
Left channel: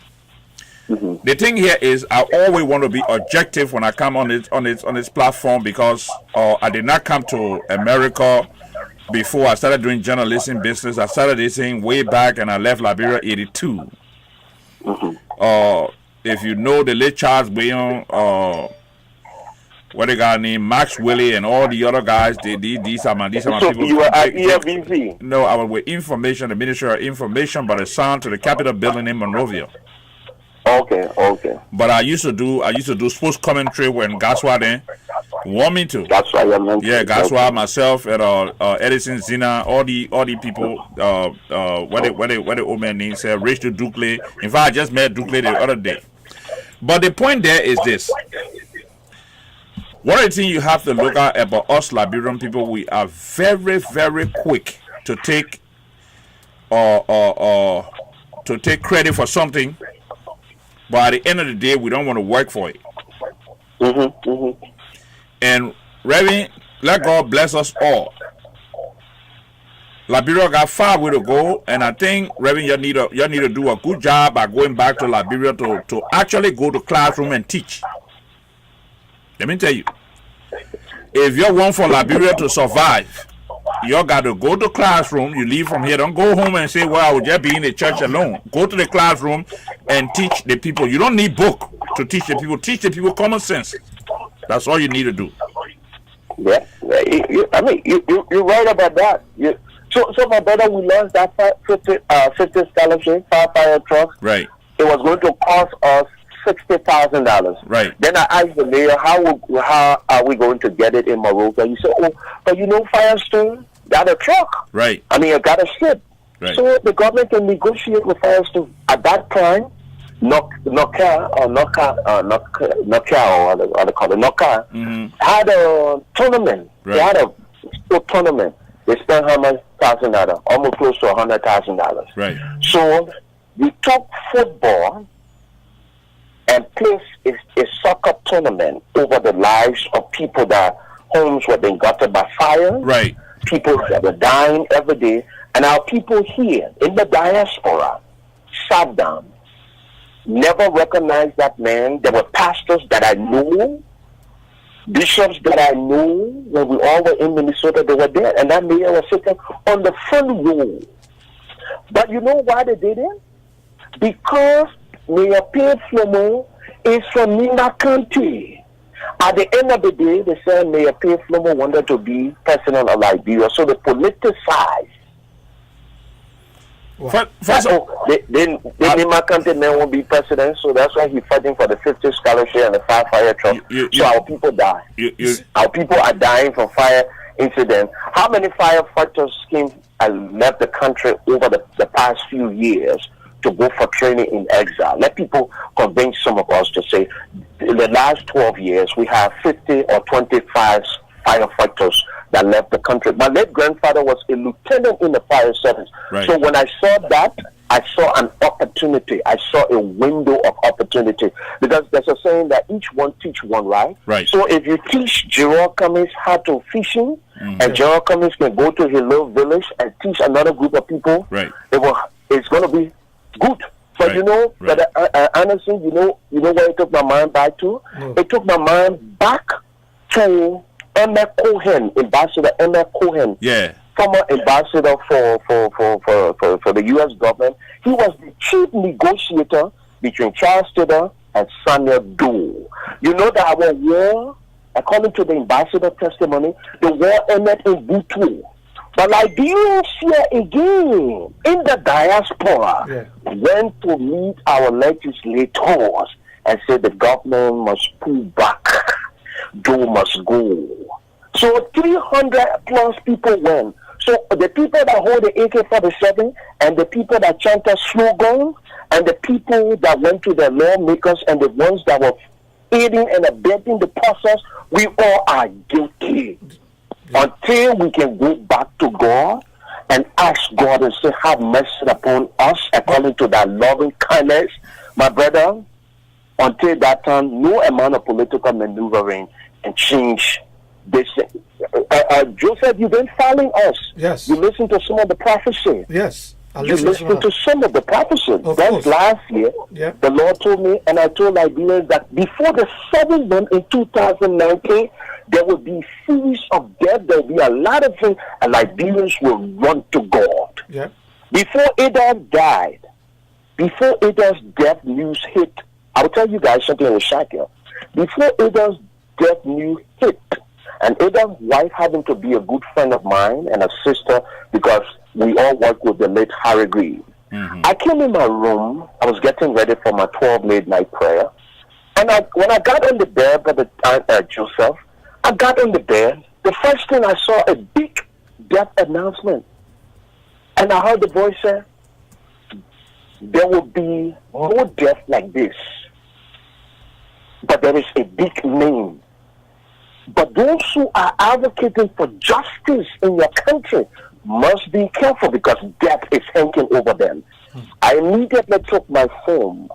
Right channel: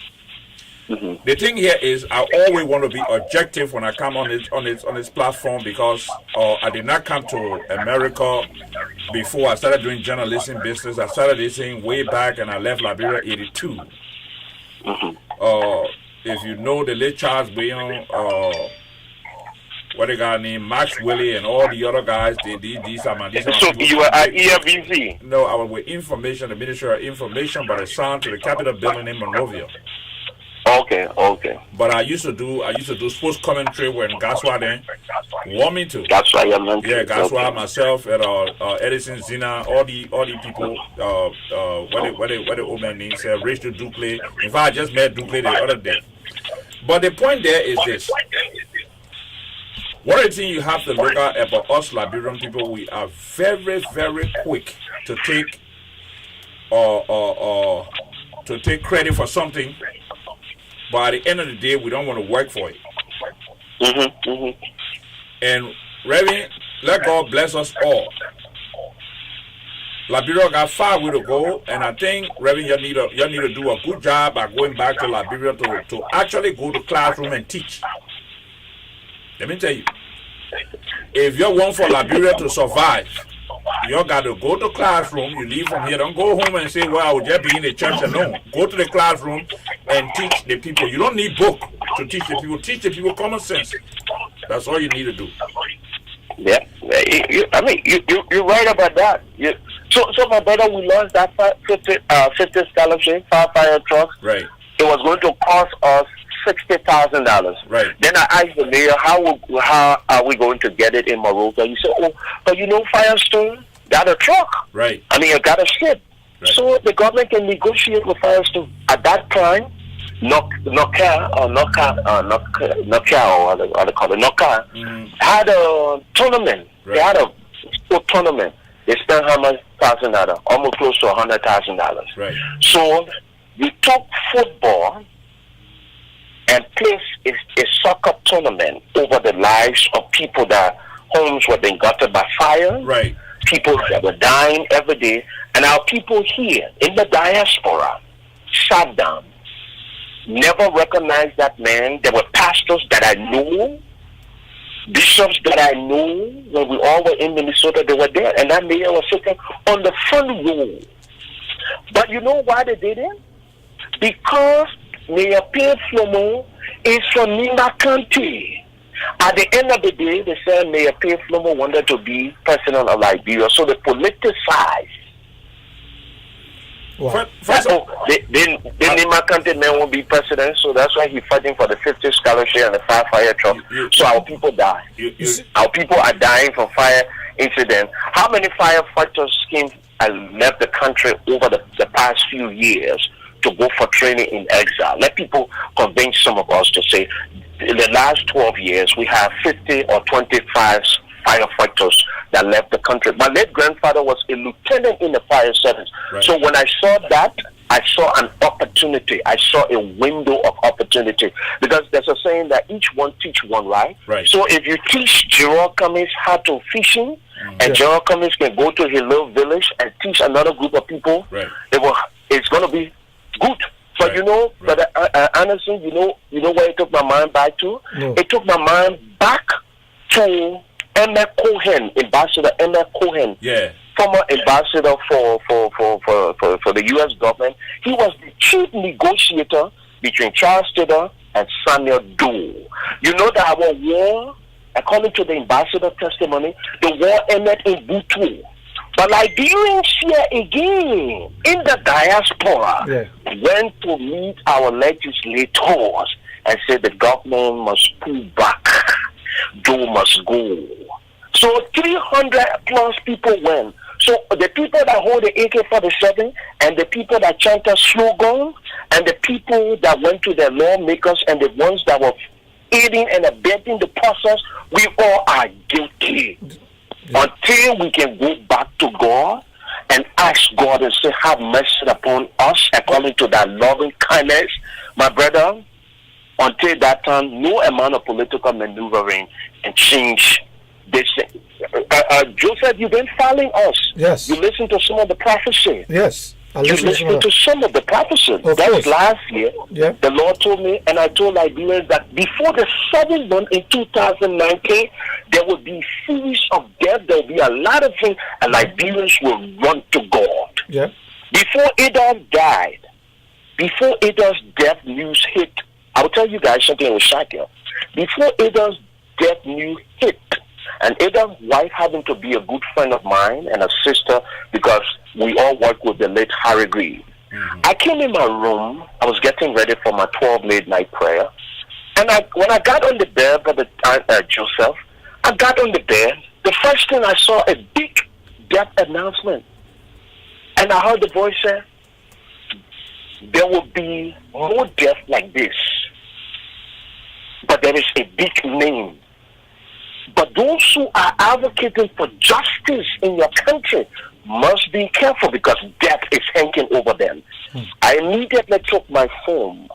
The thing here is, I always want to be objective when I come on this platform, because I did not come to America before I started doing journalism business. I started this thing way back, and I left Liberia '82. If you know the late Charles Bayon, what they got named Max Willie and all the other guys, these are my So people. you were at EFBC? No, I was with information, the Ministry of Information, but assigned to the Capitol building in Monrovia. Okay. But I used to do sports commentary when Gaswa then want me to. That's why I meant. Yeah, Gaswa, myself, and Edison Zina, all the people. What the old man named said, Rachel Dukley. In fact, I just met Dukley the other day. But the point there is this: one of the things you have to look at about us Liberian people, we are very, very quick to take credit for something but at the end of the day, we don't want to work for it. And Reverend, let God bless us all. Liberia got far way to go, and I think Reverend, you need to do a good job by going back to Liberia to actually go to classroom and teach. Let me tell you, if you want for Liberia to survive, you got to go to classroom. You leave from here. Don't go home and say, well, I will just be in the church alone. Go to the classroom and teach the people. You don't need book to teach the people. Teach the people common sense. That's all you need to do. Yeah. You're right about that. So my brother, we lost that 50 scholarship, 5 fire trucks. Right. It was going to cost us $60,000. Right. Then I asked the mayor, how are we going to get it in Morocco? He said, but Firestone got a truck. Right. I got a ship. Right. So the government can negotiate with Firestone. At that time, Nokia had a tournament. Right. They had a sport tournament. They spent $100,000, almost close to $100,000. Right. So we took football and placed a soccer tournament over the lives of people that homes were being gutted by fire. Right. People that were dying every day. And our people here in the diaspora sat down, never recognized that man. There were pastors that I knew, bishops that I knew when we all were in Minnesota, they were there. And that mayor was sitting on the front row. But you know why they did it? Because Mayor Pierre Flomo is from Nima County. At the end of the day, they said Mayor Pierre Flomo wanted to be president of Liberia, so they politicized. Wow. The Nima County man won't be president, so that's why he's fighting for the 50 scholarship and the 5 fire truck. So our people die. Our people are dying from fire incidents. How many firefighters came and left the country over the past few years to go for training in exile? Let people convince some of us to say, in the last 12 years, we have 50 or 25 firefighters that left the country. My late grandfather was a lieutenant in the fire service. Right. So when I saw that, I saw an opportunity. I saw a window of opportunity. Because there's a saying that each one teach one, right? Right. So if you teach Gerald Cummings how to fishing, and Gerald Cummings can go to his little village and teach another group of people, right, it's going to be good. But right. But honestly, you know where it took my mind back to? No. It took my mind back to Emma Cohen, Ambassador Emma Cohen. Yeah. Former ambassador for the U.S. government. He was the chief negotiator between Charles Taylor and Samuel Doe. You know that our war, according to the ambassador testimony, the war ended in Butu. But Liberians here again, in the diaspora, went to meet our legislators and said the government must pull back. Doe must go. So 300 plus people went. So the people that hold the AK-47 and the people that chant a slogan and the people that went to the lawmakers and the ones that were aiding and abetting the process, we all are guilty. Until we can go back to God and ask God and say, have mercy upon us according to that loving kindness, my brother, until that time, no amount of political maneuvering can change this thing. Joseph, you've been following us. Yes. You listen to some of the prophecy. Yes. I You listen listen to some of the prophecy. Of That was course. last year. Yeah. The Lord told me, and I told Liberians that before the 7th month in 2019, there will be series of death. There will be a lot of things, and Liberians will run to God. Yeah. Before Adolf died, before Adolf's death news hit, I will tell you guys something that will shock you. Before Adolf's death news hit, and Adolf's wife happened to be a good friend of mine and a sister because we all work with the late Harry Green. I came in my room. I was getting ready for my 12 late night prayer. And when I got on the bed, Brother Joseph, I got on the bed. The first thing I saw a big death announcement. And I heard the voice say, there will be no death like this. But there is a big name. But those who are advocating for justice in your country must be careful because death is hanging over them. I immediately took my phone.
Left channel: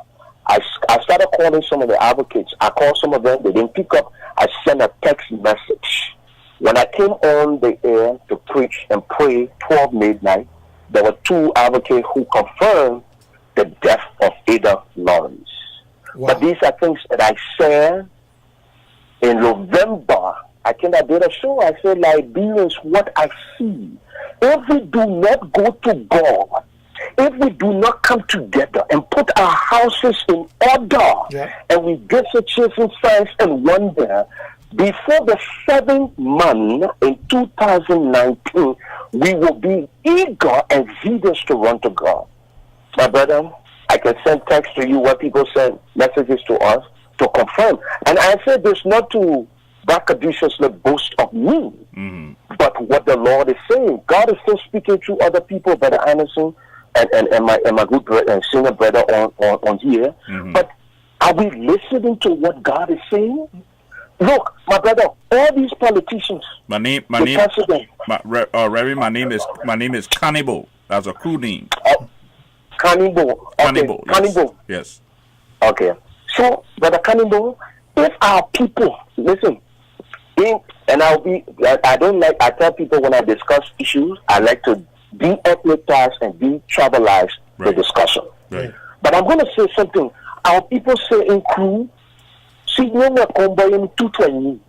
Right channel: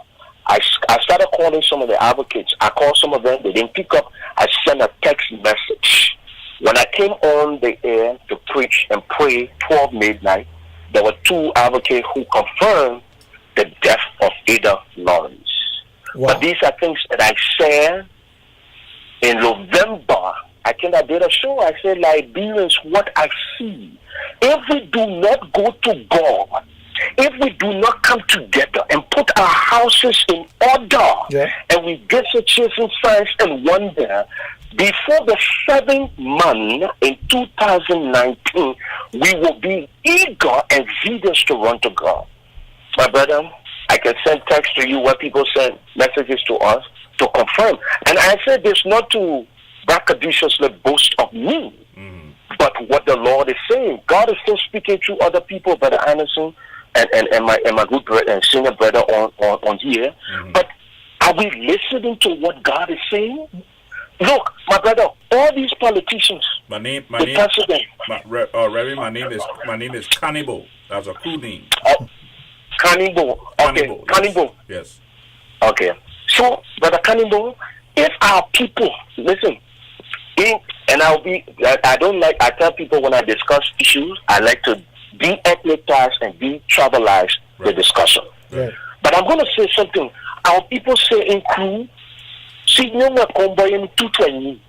I started calling some of the advocates. I called some of them. They didn't pick up. I sent a text message. When I came on the air to preach and pray 12 midnight, there were 2 advocates who confirmed the death of Ada Lawrence. Wow. But these are things that I said in November. I think I did a show. I said, Liberians, what I see. If we do not go to God, if we do not come together and put our houses in order, and we get to chasing signs and wonder, before the 7th month in 2019, we will be eager and zealous to run to God. My brother, I can send text to you where people send messages to us to confirm. And I said this not to braggadociously boast of me, but what the Lord is saying. God is still speaking to other people, Brother Anderson, and my good brother and senior brother on here. But are we listening to what God is saying? Look, my brother, all these politicians. My name is Cannibal. That's a crew name. Cannibal. Okay. Cannibal. Yes. Cannibal. Yes. Okay. So, Brother Cannibal, if our people listen, I don't like. I tell people when I discuss issues, I like to de-ethnize and de-tribalize the discussion. Right. But I'm going to say something. Our people say in crew, see, no one combining 220,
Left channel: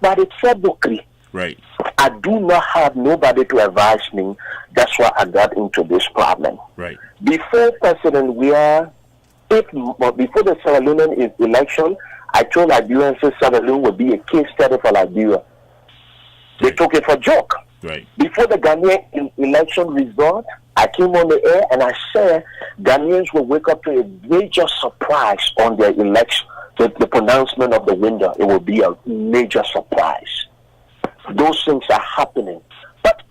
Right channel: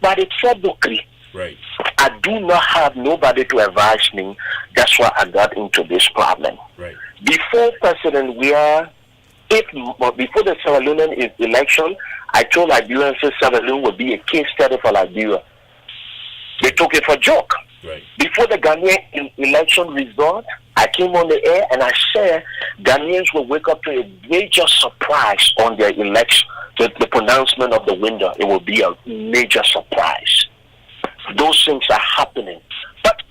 but it's February. Right. I do not have nobody to advise me. That's why I got into this problem. Right. Before President before the Sierra Leonean election, I told Liberians that Sierra Leone would be a case study for Liberia. They took it for a joke. Right. Before the Ghanaian election result, I came on the air and I said Ghanaians will wake up to a major surprise on their election. The pronouncement of the winner, it will be a major surprise. Those things are happening. But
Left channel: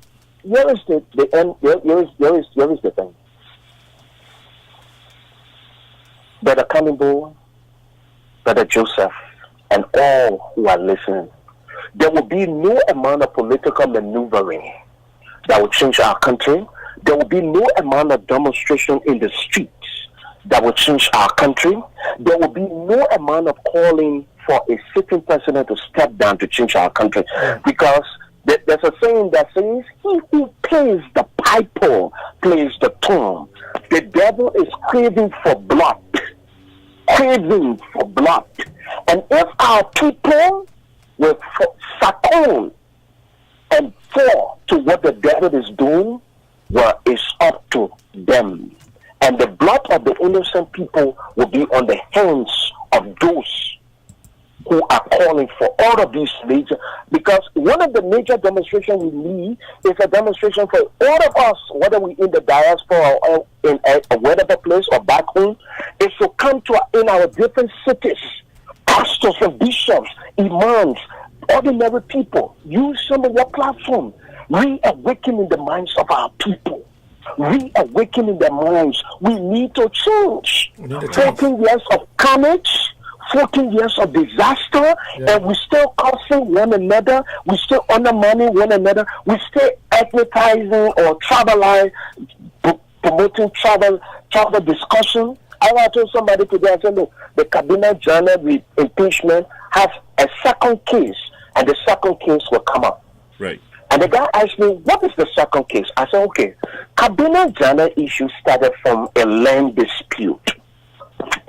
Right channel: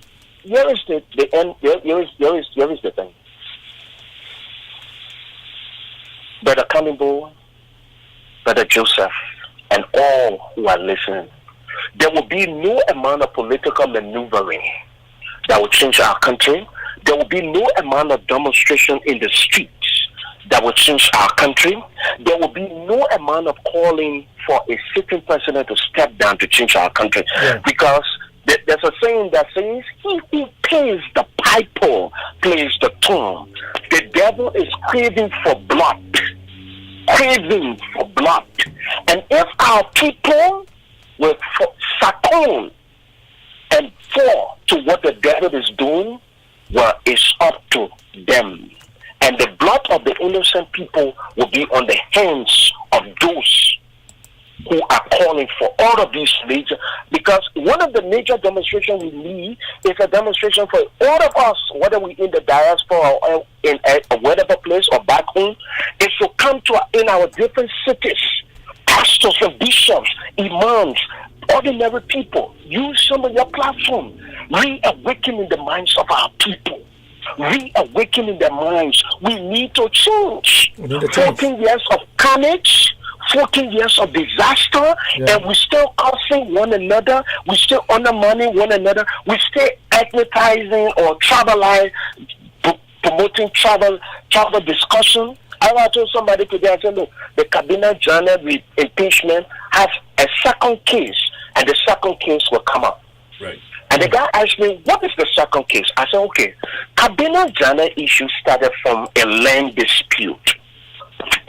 here is the end. Here is the thing. Brother Cannibal, Brother Joseph, and all who are listening, there will be no amount of political maneuvering that will change our country. There will be no amount of demonstration in the streets that will change our country. There will be no amount of calling for a sitting president to step down to change our country. Yeah. Because there's a saying that says, he who pays the piper plays the tune. The devil is craving for blood. Craving for blood. And if our people will succumb and fall to what the devil is doing, well, it's up to them. And the blood of the innocent people will be on the hands of those who are calling for all of these major, because one of the major demonstrations we need is a demonstration for all of us, whether we in the diaspora or in a whatever place or back home, is to come to in our different cities, pastors and bishops, imams, ordinary people, use some of your platform, reawakening the minds of our people. Reawakening their minds. We need to change. 14 years of carnage, 14 years of disaster, and we still cursing one another, we still undermining one another, we still advertising or promoting travel discussion. I told somebody today, I said, look, the cabinet journal with impeachment has a second case, and the second case will come up. Right. And the guy asked me, what is the second case? I said, okay, cabinet journal issue started from a land dispute.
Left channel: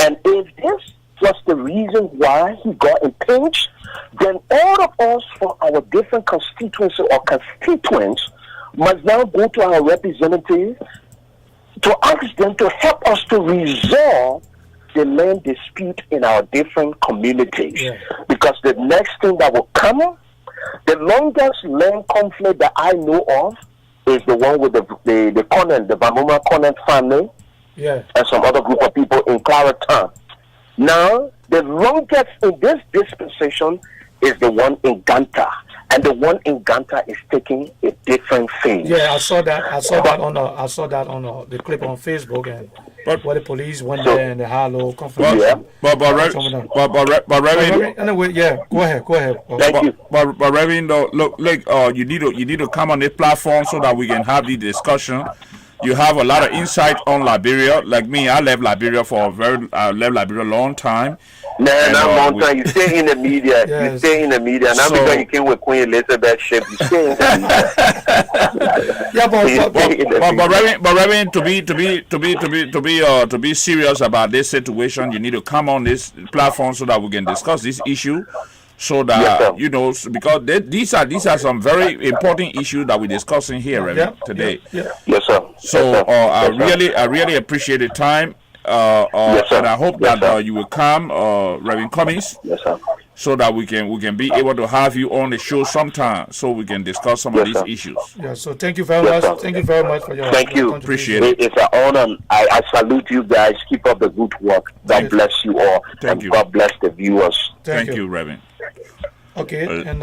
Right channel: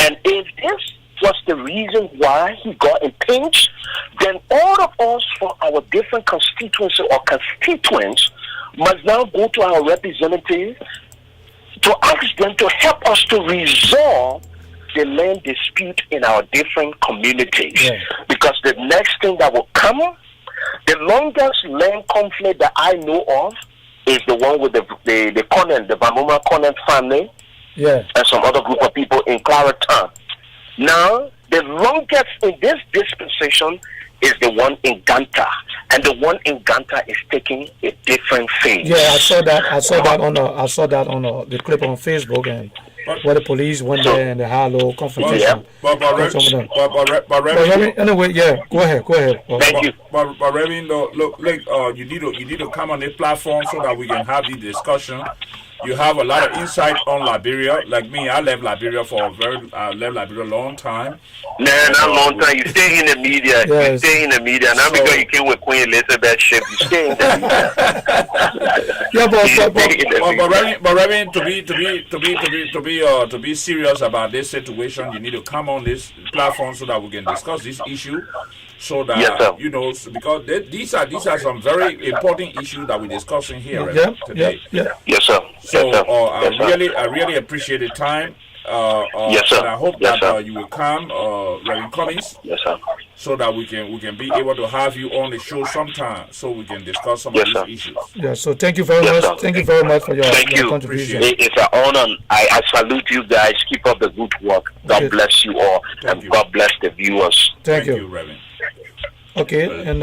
And if this was the reason why he got impeached, then all of us from our different constituencies or constituents must now go to our representatives to ask them to help us to resolve the land dispute in our different communities. Yeah. Because the next thing that will come, the longest land conflict that I know of is the one with the Conant, the Bamuma Conant family, and some other group of people in Lrtn. Now, the longest in this dispensation is the one in Ganta, and the one in Ganta is taking a different phase. Yeah, I saw that on the clip on Facebook, and where the police went there and they had a little confrontation. Anyway, go ahead. Thank you. But Reverend, look, like you need to come on this platform so that we can have the discussion. You have a lot of insight on Liberia. Like me, I left Liberia a long time. No, not a long time. You stay in the media. Yes. You stay in the media. Not So- because you came with Queen Elizabeth ship. You stay in the Yeah, But Reverend, to be serious about this situation, you need to come on this platform so that we can discuss this issue. So that Yes, sir. because these are some very important issues that we're discussing here, Reverend, today. Yeah. Yes, sir. So Yes, sir. I Yes, sir. really appreciate the time. Yes, sir. And I hope Yes, that sir. you will come, Reverend Cummings, Yes, sir. so that we can be able to have you on the show sometime, so we can discuss some of Yes, these sir. issues. Yeah. So thank you very Yes, much. sir. Thank you very much for your, Thank you. contribution. Appreciate it. It's an honor. I salute you guys. Keep up the good work. God Okay. bless you all. Thank and you. God bless the viewers. Thank you. you, Reverend. Okay, and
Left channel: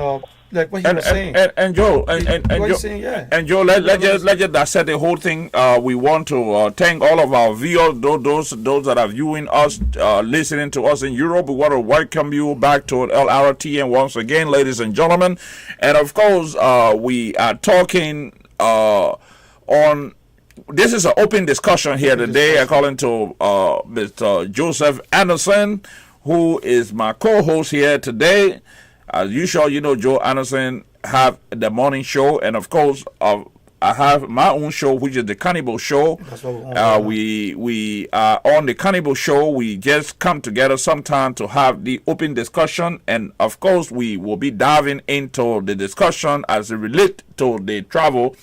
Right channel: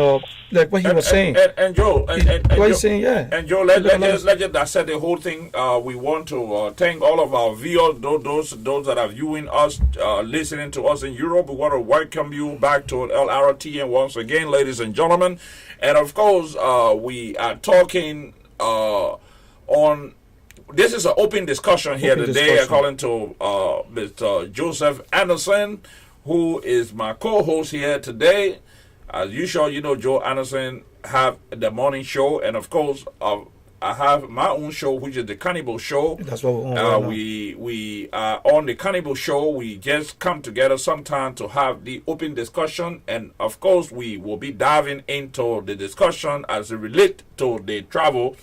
like what he was saying. And Joe, and What Joe, he's saying, yeah. And Joe, let's just dissect the whole thing. We want to thank all of our viewers, those that are viewing us, listening to us in Europe. We want to welcome you back to Lrtn once again, ladies and gentlemen. And of course, we are talking on. This is an open discussion here today, according to Mr. Joseph Anderson, who is my co-host here today. As usual, you know, Joe Anderson have the morning show, and of course, I have my own show, which is the Cannibal Show. That's what we're on right now. We are on the Cannibal Show. We just come together sometime to have the open discussion, and of course, we will be diving into the discussion as it relates to the travel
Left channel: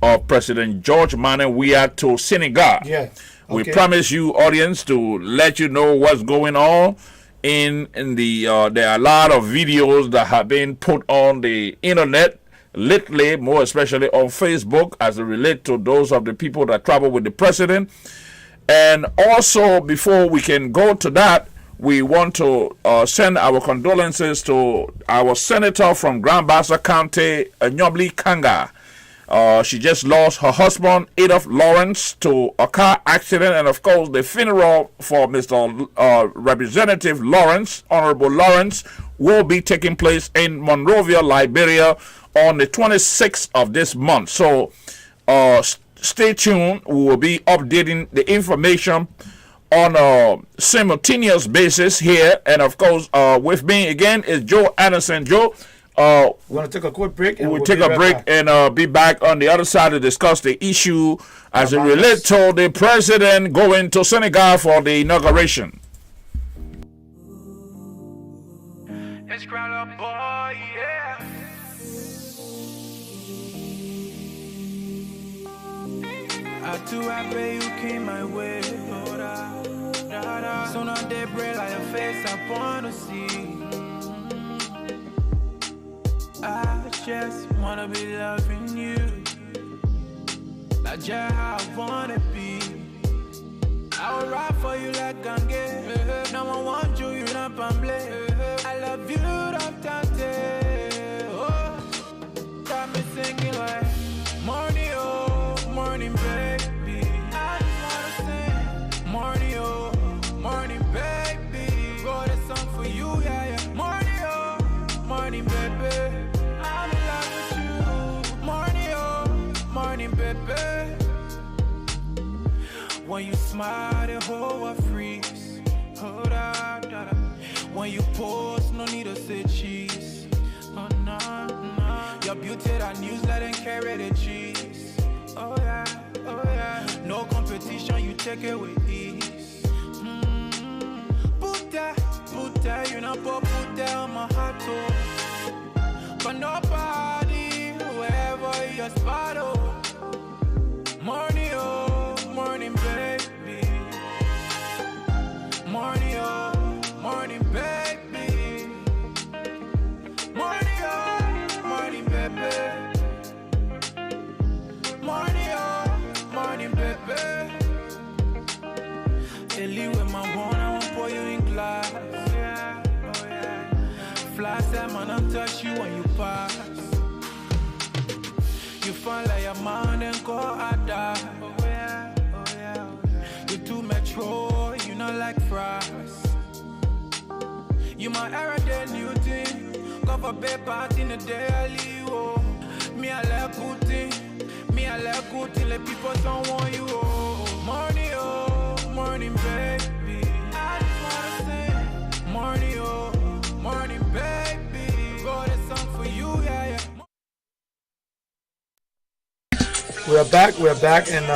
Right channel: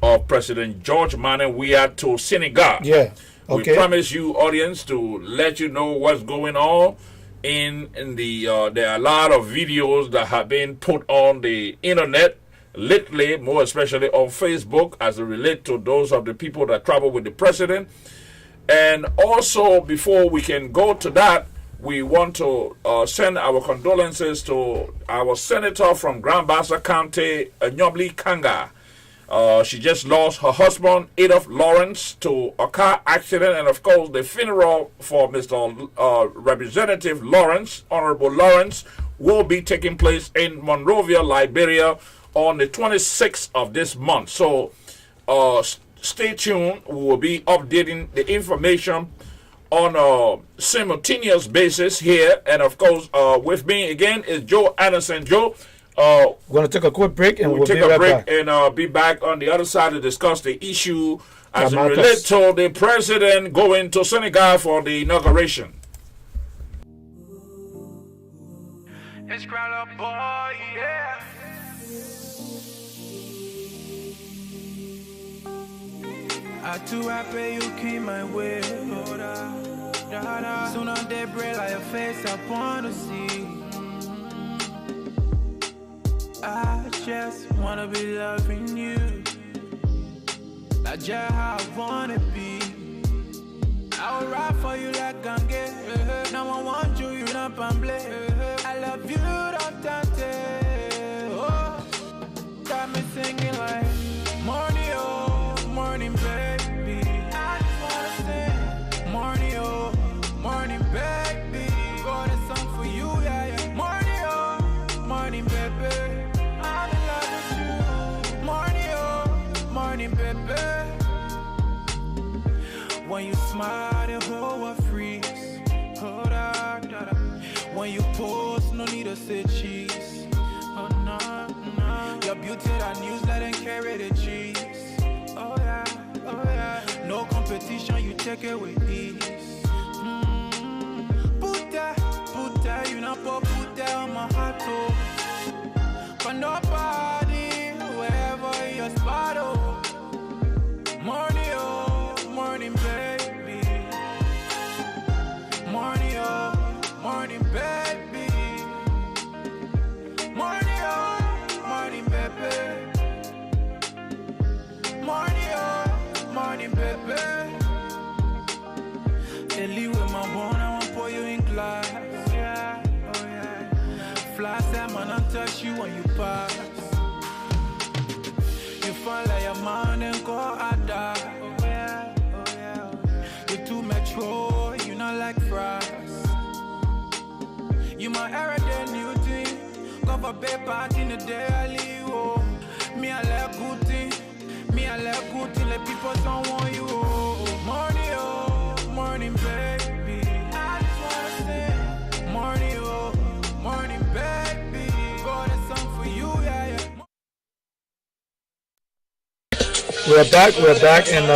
of President George Manneh Weah to Senegal. Yeah. We Okay. promise you, audience, to let you know what's going on. In the there are a lot of videos that have been put on the internet lately, more especially on Facebook, as it relates to those of the people that travel with the president. And also, before we can go to that, we want to send our condolences to our senator from Grand Bassa County, Nyobli Kanga. She just lost her husband, Adolph Lawrence, to a car accident. And of course, the funeral for Mr. Representative Lawrence, Honorable Lawrence, will be taking place in Monrovia, Liberia on the 26th of this month. So stay tuned. We will be updating the information on a simultaneous basis here. And of course, with me again is Joe Anderson. Joe, We're going to take a quick break and we'll we'll take be a right break back. and be back on the other side to discuss the issue as it About relates this. to the president going to Senegal for the inauguration. It's Crowler Boy, yeah. I too happy you came my way. Oh, da, da, da. Soon on day break like your face, I wanna see. I just wanna be loving you. Like just how I wanna be. I will ride for you like Gange. No one wants you, you not pamble. I love you, don't tante. Oh, got me singing like morning, oh, morning, baby. I just wanna sing morning, oh, morning, baby. Wrote a song for you, yeah, yeah. Morning, oh, morning, baby. I'm in love with you. Morning, oh, morning, baby. When you smile, the whole world freeze. Oh, da, da, da. When you pose, no need to say cheese. Oh, no, no. Your beauty, that news, let them carry the cheese. Oh, yeah, oh, yeah. No competition, you take it with ease. Put that, you know, put that on my heart, oh. But nobody, wherever your spot, oh. Morning, oh, morning, baby. Morning, oh, morning, baby. Morning, oh, morning, baby. Morning, oh, morning, baby. They leave with my bone, I won't pour you in glass. Oh, yeah, oh, yeah. Fly time, man, I'll touch you when you pass. You find like a man and go out there. Oh yeah, oh yeah, oh yeah. You too metro, you not like fries. You my everyday new thing. Go for bed party in the daily, oh. Me I like good thing, me I like good cool till the people don't want you. Morning, baby. I just wanna sing. Morning, baby. Wrote a song for you, yeah. We're back, and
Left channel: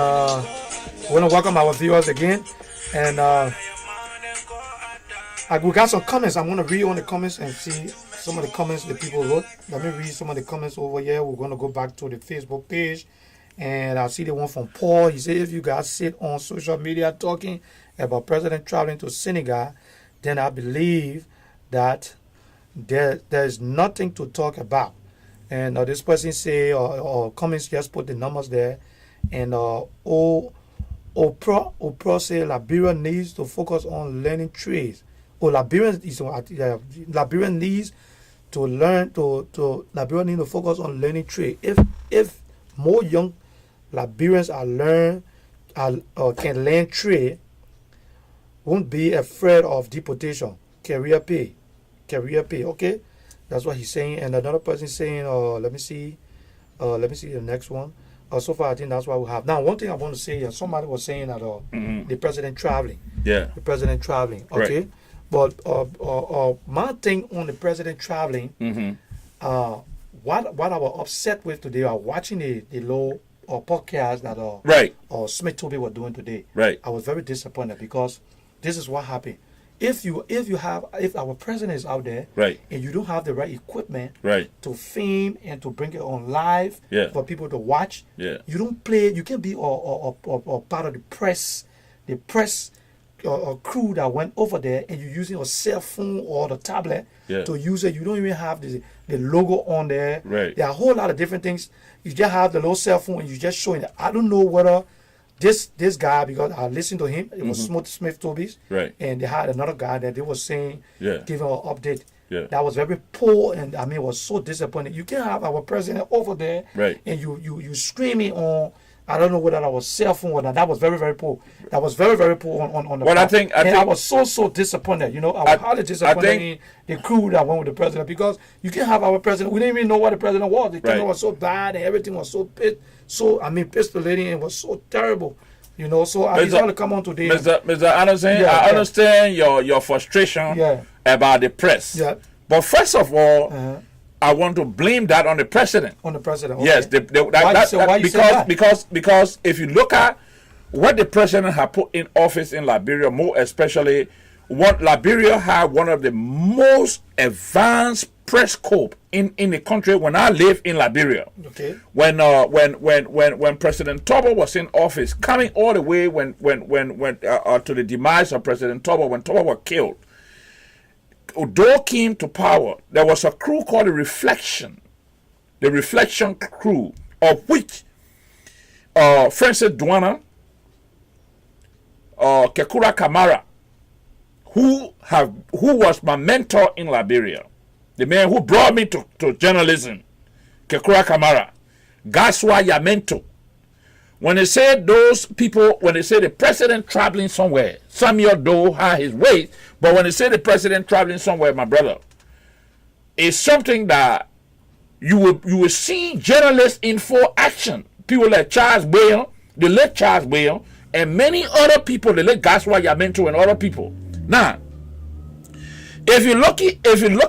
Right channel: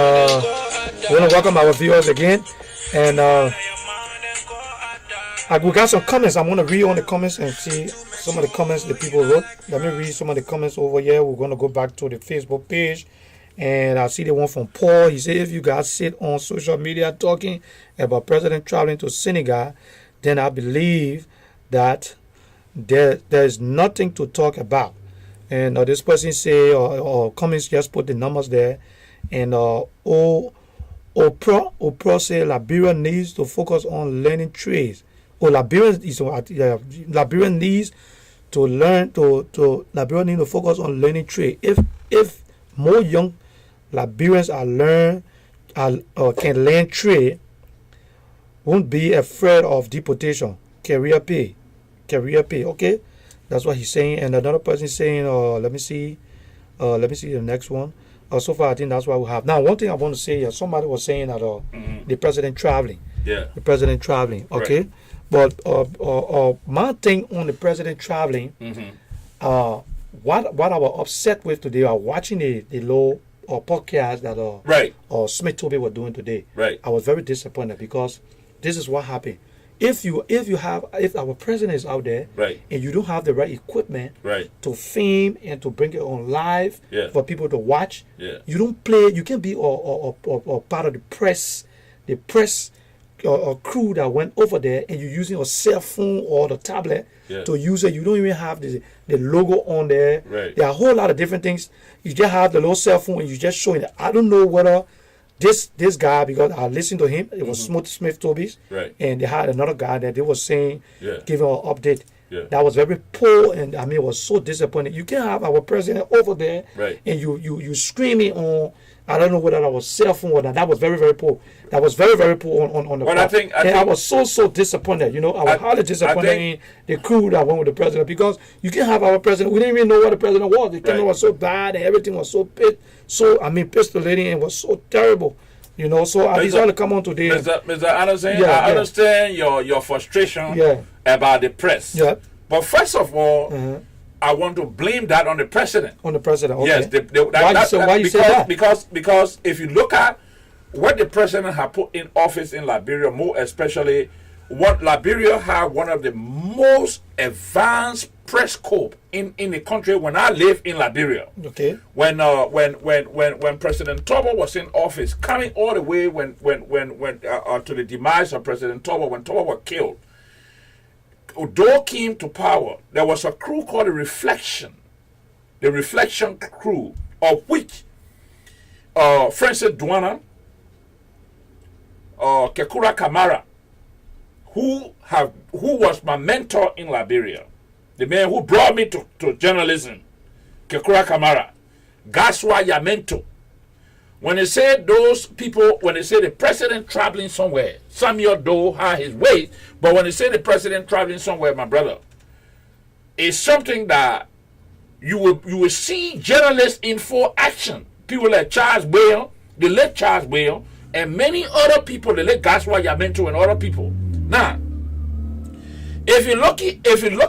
we want to welcome our viewers again. And we got some comments. I'm going to read on the comments and see some of the comments the people wrote. Let me read some of the comments over here. We're going to go back to the Facebook page. And I see the one from Paul. He said, if you guys sit on social media talking about President traveling to Senegal, then I believe that there is nothing to talk about. And this person say, or comments, just put the numbers there. And Oprah say Liberia needs to focus on learning trades. Liberia needs to learn Liberia need to focus on learning trade. If more young Liberians can learn trade, won't be afraid of deportation. Career pay. Okay, that's what he's saying. And another person saying, let me see the next one. So far, I think that's what we have. Now, one thing I want to say, somebody was saying that the president traveling. Yeah. The president traveling. Okay. Right. But my thing on the president traveling, what I was upset with today, I was watching the low podcast that Right. Smith Toby were doing today. Right. I was very disappointed because this is what happened. If our president is out there, right, and you don't have the right equipment, right, to film and to bring it on live, yeah, for people to watch, yeah, you don't play. You can be or part of the press crew that went over there, and you're using a cell phone or the tablet, yeah, to use it. You don't even have the logo on there. Right. There are a whole lot of different things. You just have the little cell phone and you just showing it. I don't know whether this guy, because I listened to him, it was Smith Toby's, right, and they had another guy that they were saying, yeah, giving an update. Yeah. That was very poor, and I mean, it was so disappointing. You can't have our president over there, right, and you screaming on, I don't know whether that was cell phone or not. That was very, very poor. That was very, very poor on the part. I think I was so disappointed. I was highly disappointed in the crew that went with the president, because you can't have our president. We didn't even know what the president was. The camera was so bad and everything was so pistolating, and was so terrible. So I decided to come on today. Mr. Anderson, I understand your frustration about the press. Yeah. But first of all, I want to blame that on the president. On the president, okay. Yes. Why you say that? Because if you look at what the president had put in office in Liberia, more especially, Liberia had one of the most advanced press corps in the country when I lived in Liberia. Okay. When President Tobo was in office, coming all the way when to the demise of President Tobo, when Tobo was killed, Odo came to power. There was a crew called the Reflection crew, of which Francis Dwana, Kekura Kamara, who was my mentor in Liberia, the man who brought me to journalism, Kekura Kamara, Gaswa Yamento. When they said the president traveling somewhere, Samuel Doe had his way, but when they say the president traveling somewhere, my brother, it's something that you will see journalists in full action. People like Charles Bale, the late Charles Bale, and many other people, the late Gaswa Yamento and other people. Now, if you look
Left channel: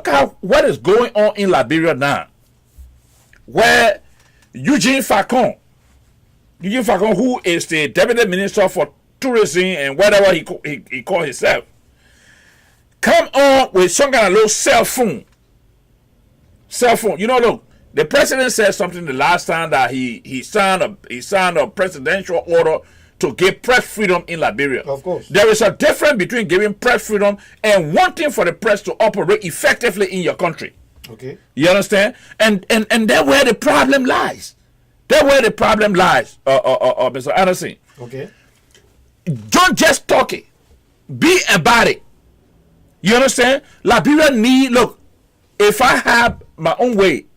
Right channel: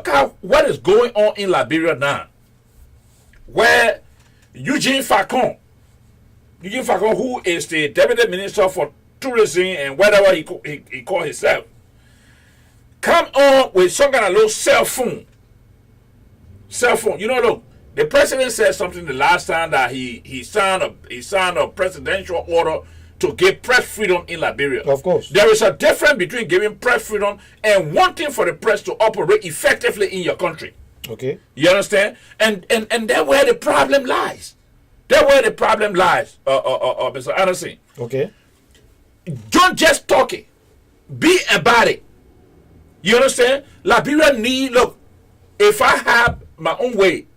at what is going on in Liberia now, where Eugene Facon, who is the Deputy Minister for Tourism and whatever he called himself, come on with some kind of little cell phone. Look, the president said something the last time that he signed a presidential order to give press freedom in Liberia. Of course. There is a difference between giving press freedom and wanting for the press to operate effectively in your country. Okay. You understand? And that's where the problem lies. Mr. Anderson. Okay. Don't just talk it. Be about it. You understand? Liberia look, if I have my own way,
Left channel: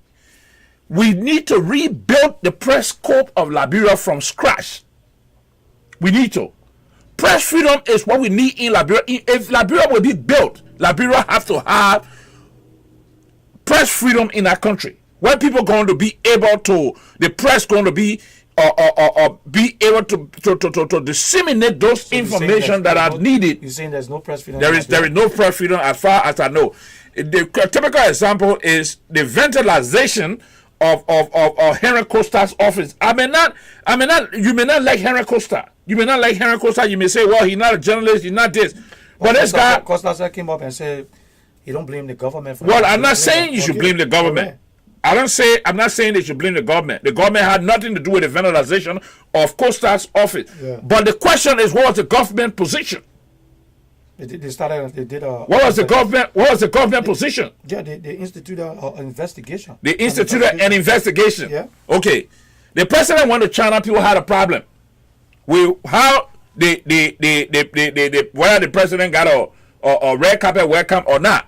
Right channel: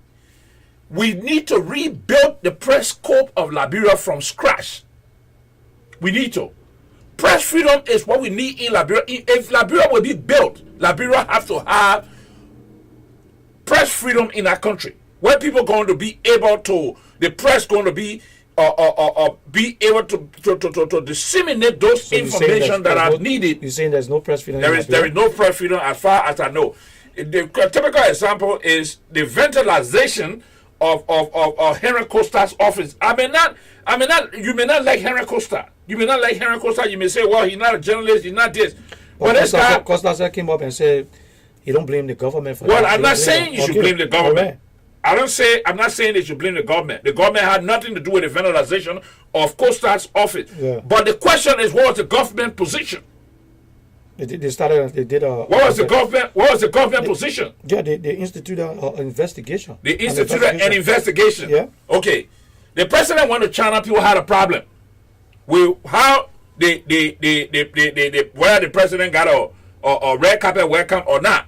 we need to rebuild the press corps of Liberia from scratch. We need to. Press freedom is what we need in Liberia. If Liberia will be built, Liberia have to have press freedom in our country. Where people going to be able to, the press going to be or be able to disseminate those So you're saying information that there's are needed. You're saying there's no press freedom? There is no press freedom as far as I know. The typical example is the ventilization of Henry Costa's office. You may not like Henry Costa. You may say, well, he's not a journalist, he's not this. But this guy, Costa came up and said he don't blame the government for well, that. I'm not saying you should blame the government. I'm not saying they should blame the government. The government had nothing to do with the ventilization of Costa's office. Yeah. But the question is, what was the government position? They did a. What was the government position? Yeah, they instituted an investigation. They instituted an investigation. Yeah. Okay. The president went to China. People had a problem with how whether the president got a red carpet welcome or not.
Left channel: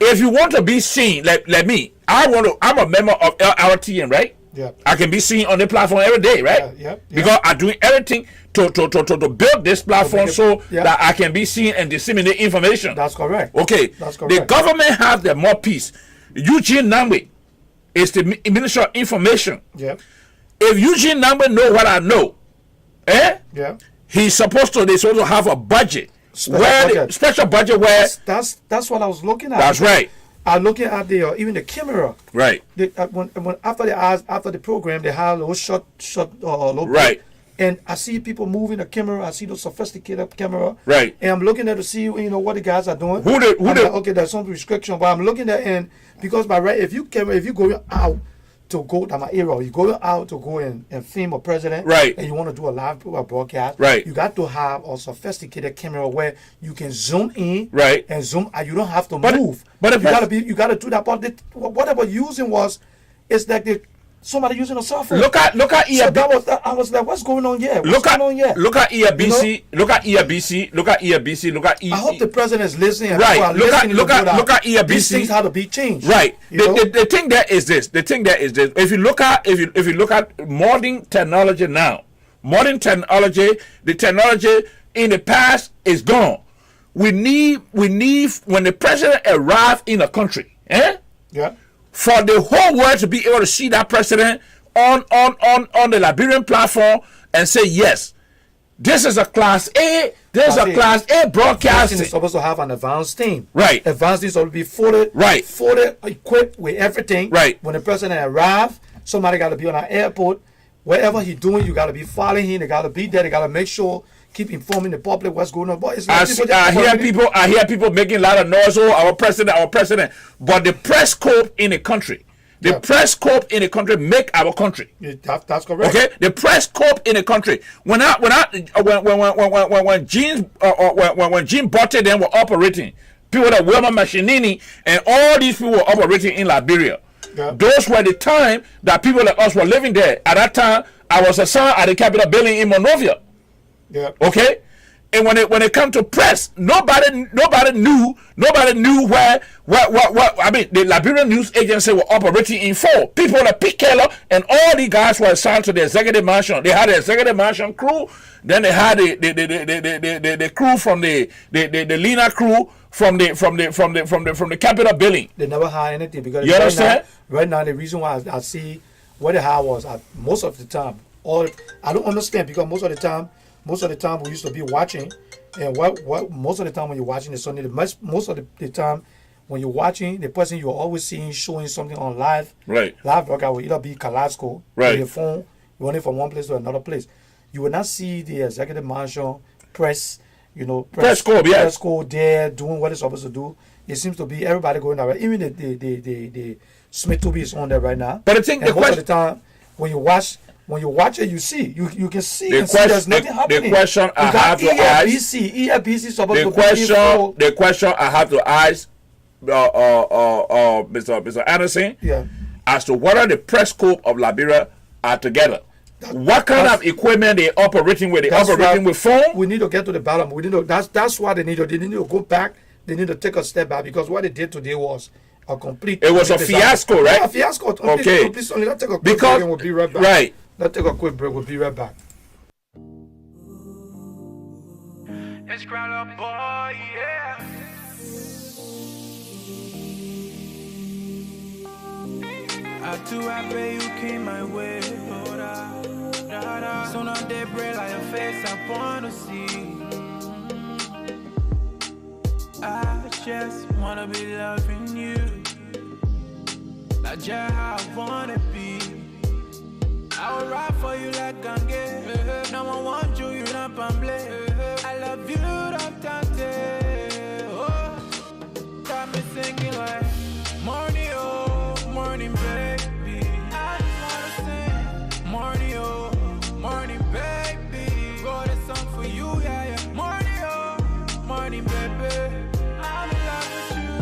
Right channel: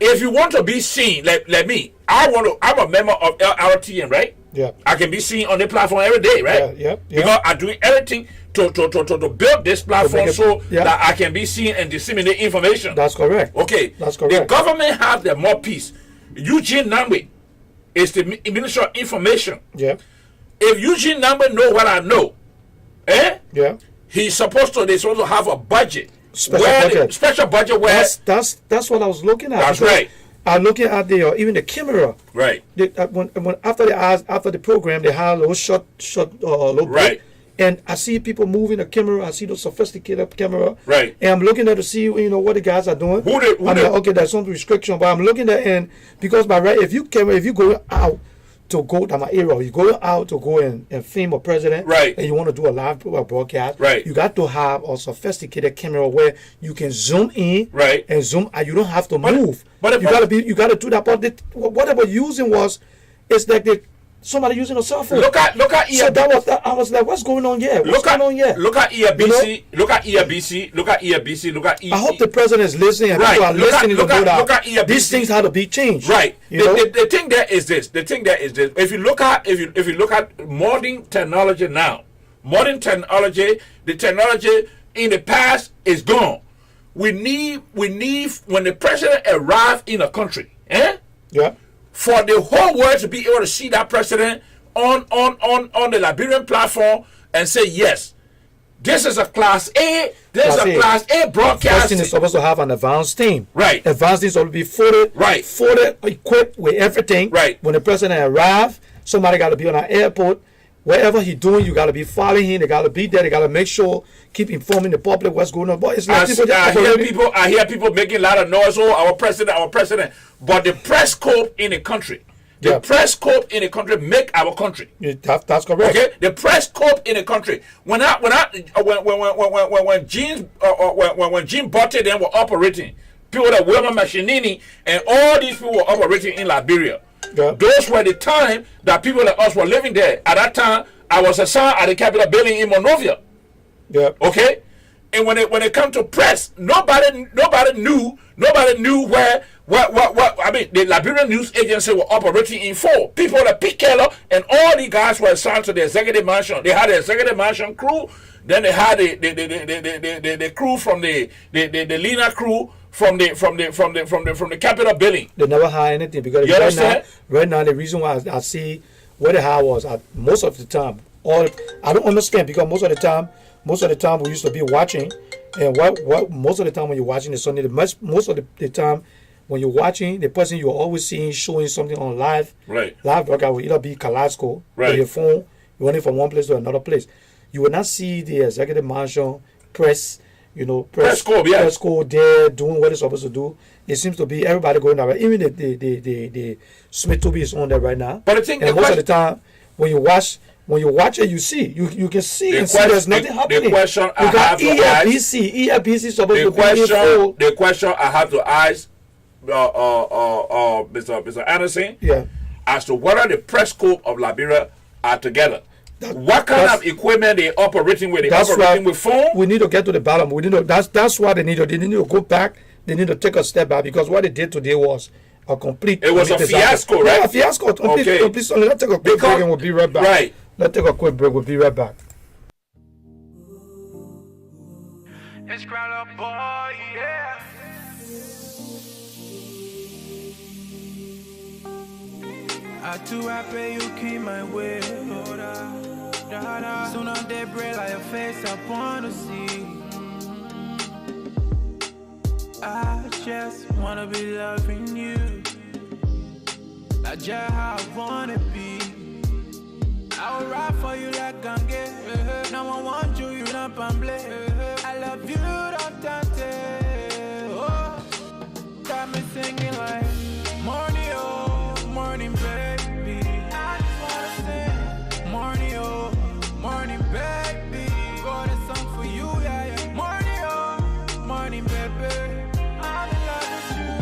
If you want to be seen, like me, I'm a member of Lrtn, right? Yeah. I can be seen on the platform every day, right? Yeah. Because I'm doing everything to build this platform that I can be seen and disseminate information. That's correct. Okay. That's correct. The government has the mouthpiece. Eugene Nangbe is the Minister of Information. Yeah. If Eugene Nangbe know what I know, Yeah. they're supposed to have a budget. Special budget where that's what I was looking at. That's right. I'm looking at the even the camera. Right. When after the program they had a little short look. Right. And I see people moving the camera. I see the sophisticated camera. Right. And I'm looking at to see what the guys are doing. Okay, there's some restriction, but I'm looking at and because by right if you go out to go to my area, you go out to go and film a president, right? And you want to do a live broadcast, right? You got to have a camera where you can zoom in, right, and zoom out. You don't have to move, but if you gotta do that. But what I was using it's like somebody using a cell phone. Look at ERBC. So I was like, what's going on here? Look at ERBC. Look at ERBC. I hope the president is listening. And right. Look at ERBC. These things have to be changed. Right. The thing there is this. If you look at modern technology now, the technology in the past is gone. We need when the president arrives in a country, Yeah. For the whole world to be able to see that president on the Liberian platform and say, yes, this is a class A, class A broadcast. Is supposed to have an advanced team. Right. Advanced team is supposed to be folded, equipped with everything. Right. When the president arrives, somebody got to be on an airport. Whatever he's doing, you got to be following him. They got to be there. They got to make sure, keep informing the public what's going on. But it's like I hear people making a lot of noise. Oh, our president. But the press corps in the country, press corps in the country make our country. Yeah, that's correct. Okay, the press corps in the country. When Gene Botte then were operating, people like Wilma Machinini and all these people were operating in Liberia. Yeah. Those were the time that people like us were living there. At that time, I was assigned at the Capitol building in Monrovia. Yeah. Okay. And when it come to press, nobody knew where I mean, the Liberian news agency were operating in full. People like Pete Keller and all the guys were assigned to the executive mansion. They had the executive mansion crew. Then they had the crew from the Lena crew from the Capitol building. They never had anything because you understand? Right now, the reason why I see what they had was most of the time. I don't understand because most of the time we used to be watching, and what most of the time when you're watching the Sunday, most of the time when you're watching, the person you're always seeing showing something on live broadcast will either be Kalasco, right, your phone, running from one place to another place. You will not see the executive mansion press corps there doing what it's supposed to do. It seems to be everybody going that way. Even the Smith Toby is on there right now. But I think most of the time when you watch it, you can see there's nothing happening. The question I have to ask. ERBC supposed to be the question I have to ask Mr. Anderson, as to whether the press corps of Liberia are together. What kind of equipment they operating with? They operating with phone? We need to get to the bottom. That's why they need to go back. They need to take a step back because what they did today was a complete. It was a fiasco, right? Yeah, a fiasco. Okay. Let's take a quick break and we'll be right back. Right. Let's take a quick break. We'll be right back. It's Crown Up Boy, yeah. I too happy you came my way, Lord. Soon on daybreak, like your face, I wanna see. I just wanna be loving you. Like just how I wanna be. I will ride for you like Gange. No one wants you, you not pamble. I love you, don't tante. Oh, got me singing like morning, oh, morning, baby. I just wanna sing morning, oh, morning, baby. Got a song for you, yeah, yeah. Morning, oh, morning, baby. I'm in love with you.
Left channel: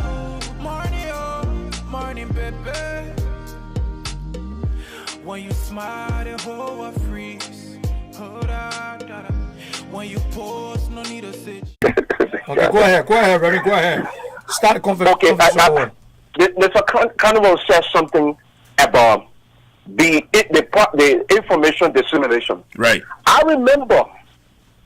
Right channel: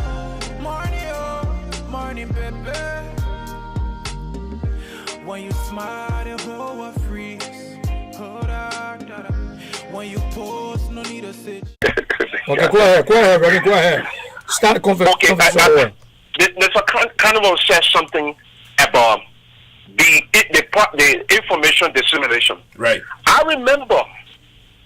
Morning, oh, morning, baby. When you smile, the whole world freeze. Hold on, da, da. When you pause, no need to sit. Okay, go ahead, Remy, go ahead. Start the conversation. Mr. Carnival says something about the information dissemination. Right. I remember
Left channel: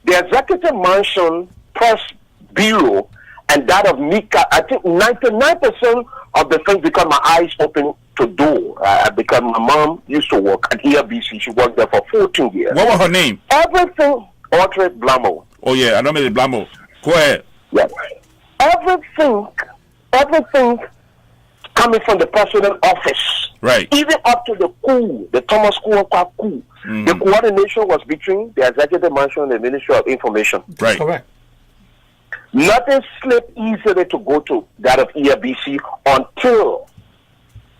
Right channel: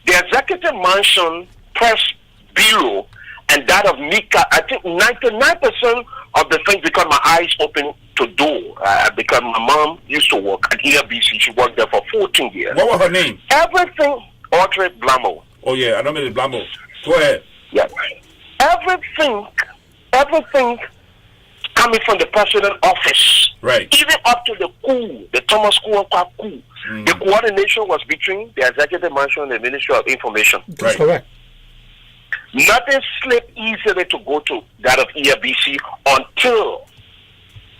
the Executive Mansion Press Bureau and that of Nika. I think 99% of the things because my eyes open to do. Because my mom used to work at ERBC. She worked there for 14 years. What was her name? Everything, Audrey Blamo. Oh yeah, I know Mr. Blamo. Go ahead. Yeah. Everything coming from the president's office. Right. Even up to the coup, the Thomas coup. The coordination was between the Executive Mansion and the Ministry of Information. Right. Correct. Nothing slipped easily to go to that of ERBC until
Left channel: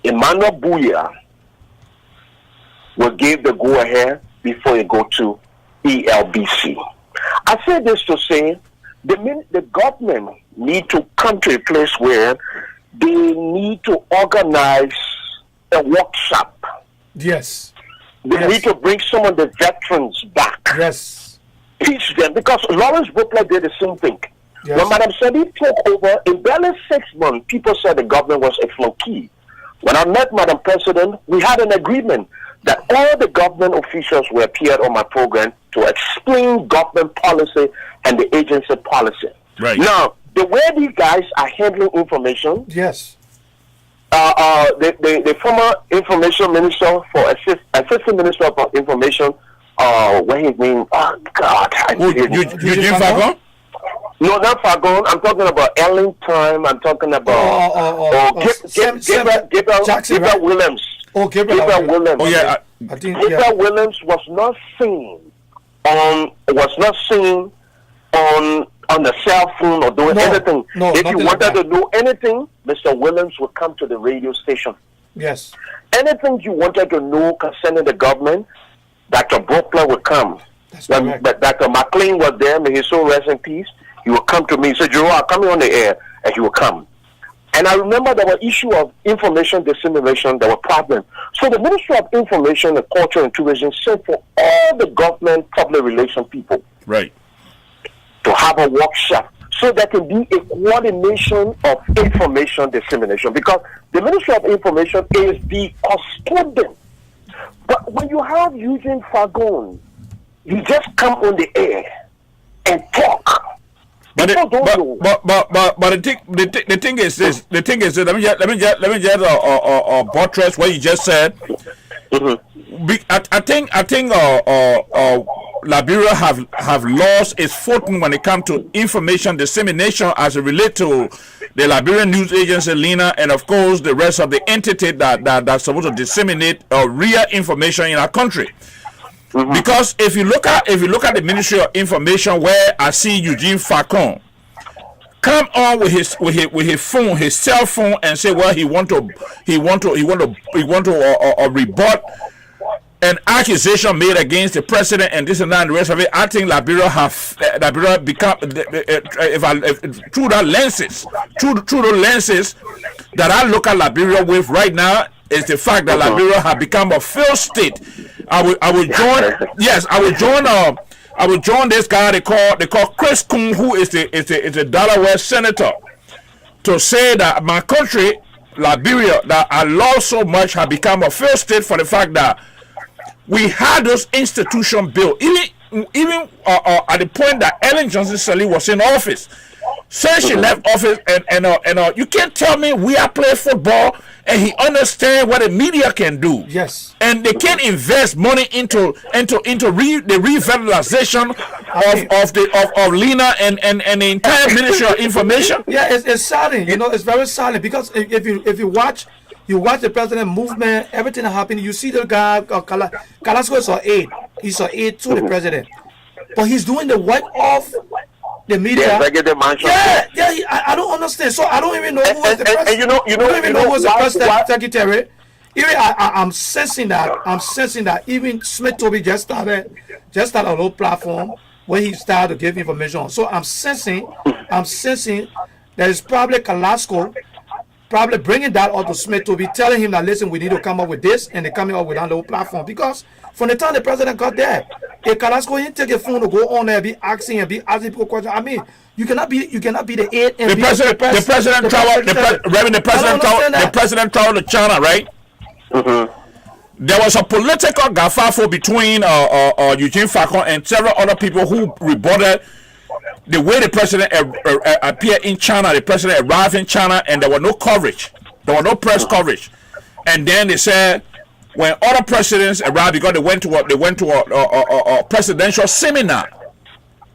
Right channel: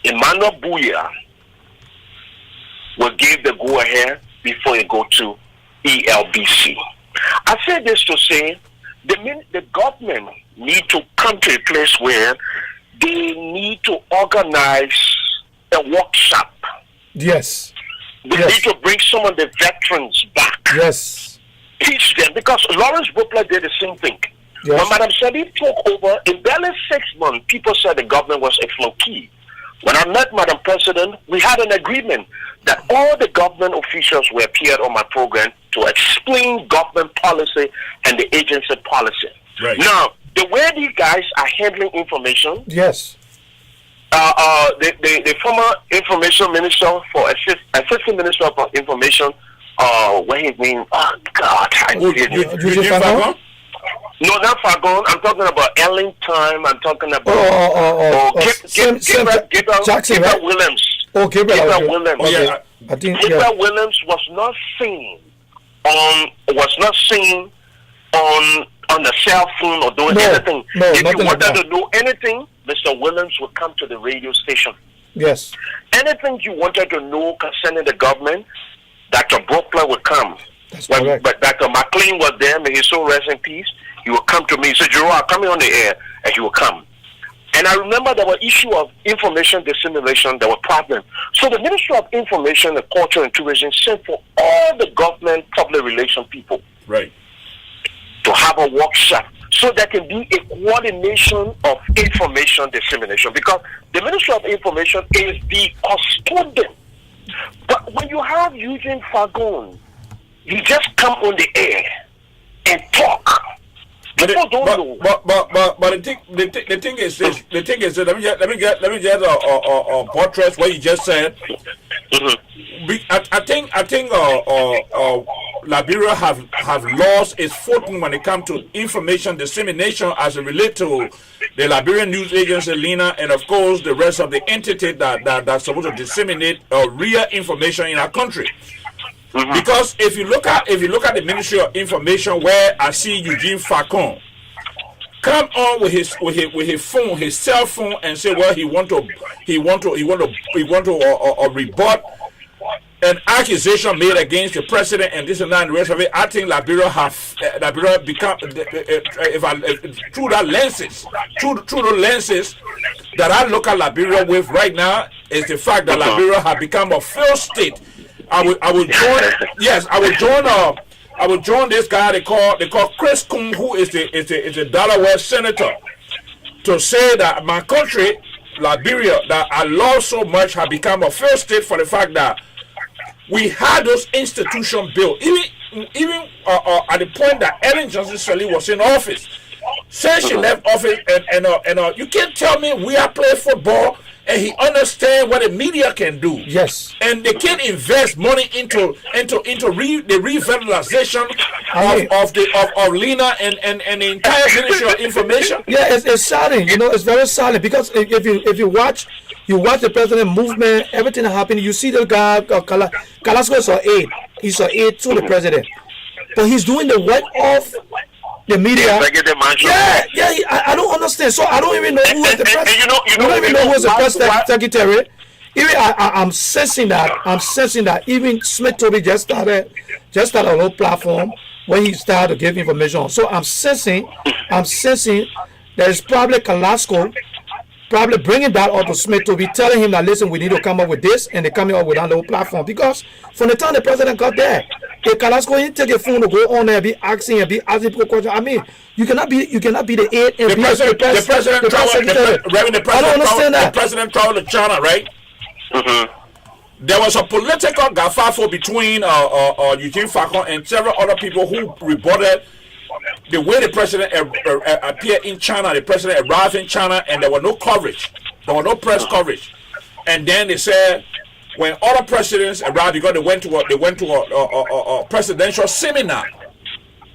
Emmanuel Bouya will give the go-ahead before it go to ELBC. I say this to say the government need to come to a place where they need to organize a workshop. Yes. They need to bring some of the veterans back. Yes. Teach them, because Lawrence Butler did the same thing. Yes. When Madam Sadi took over, in barely 6 months, people said the government was a flunky. When I met Madam President, we had an agreement that all the government officials were appeared on my program to explain government policy and the agency policy. Right. Now, the way these guys are handling information, Yes. the former information minister for assistant minister for information, what his name? Oh God! Eugene Fagon? No, not Fagon. I'm talking about Lrtn. I'm talking about Jackson, right? Williams. Oh, Gabriel. Okay. Williams. Oh yeah. I think Gabriel Williams was not seen on the cell phone or doing anything. No, if you nothing like wanted that. to do anything, Mr. Williams would come to the radio station. Yes. Anything you wanted to know concerning the government, Dr. Butler would come. That's correct. But Dr. McLean was there, may his soul rest in peace. He would come to me and say, Gerard, I'm coming on the air, and he would come. And I remember there were issues of information dissemination, there were problems. So the Ministry of Information and Culture and Tourism sent for all the government public relations people Right. to have a workshop so there can be a coordination of information dissemination, because the Ministry of Information is the custodian. But when you have Eugene Fagon, he just come on the air and talk. But the thing is this. The thing is this. Let me just buttress what you just said. I think Liberia have lost its footing when it comes to information dissemination as it relates to the Liberian News Agency, Lrtn, and of course the rest of the entity that's supposed to disseminate real information in our country. Because if you look at the Ministry of Information, where I see Eugene Fagon come on with his phone, his cell phone, and say, well, he want to rebut an accusation made against the president and this and that and the rest of it. I think Liberia become through the lenses that I look at Liberia with right now is the fact that Liberia have become a failed state. I would join this guy they call Chris Coon, who is the Delaware senator, to say that my country, Liberia, that I love so much, have become a failed state for the fact that we had those institutions built. Even at the point that Ellen Johnson Sirleaf was in office, since she left office, and you can't tell me we are playing football and he understands what the media can do. Yes. And they can invest money into the revitalization of Lena and the entire Ministry of Information. Yeah, it's saddening. You know, it's very saddening because if you watch the president movement, everything that happened. You see the guy Carrasco is an aide. He's an aide to the president, but he's doing the work of the media. I don't understand. So I don't even know who is the president. You don't even know who is the press secretary. Even I'm sensing that even Smith Toby just started a little platform when he started to give information. So I'm sensing there is probably Carrasco probably bringing that up to Smith to be telling him that, listen, we need to come up with this, and they're coming up with that little platform. Because from the time the president got there, if Carrasco didn't take a phone to go on there and be asking people questions, I mean, you cannot be the aide and the president traveled to China, right? Mm-hmm. There was a political gafafo between Eugene Falcon and several other people who reported the way the president appeared in China. The president arrived in China, and there was no coverage. There was no press coverage. And then they said when other presidents arrived, because they went to a presidential seminar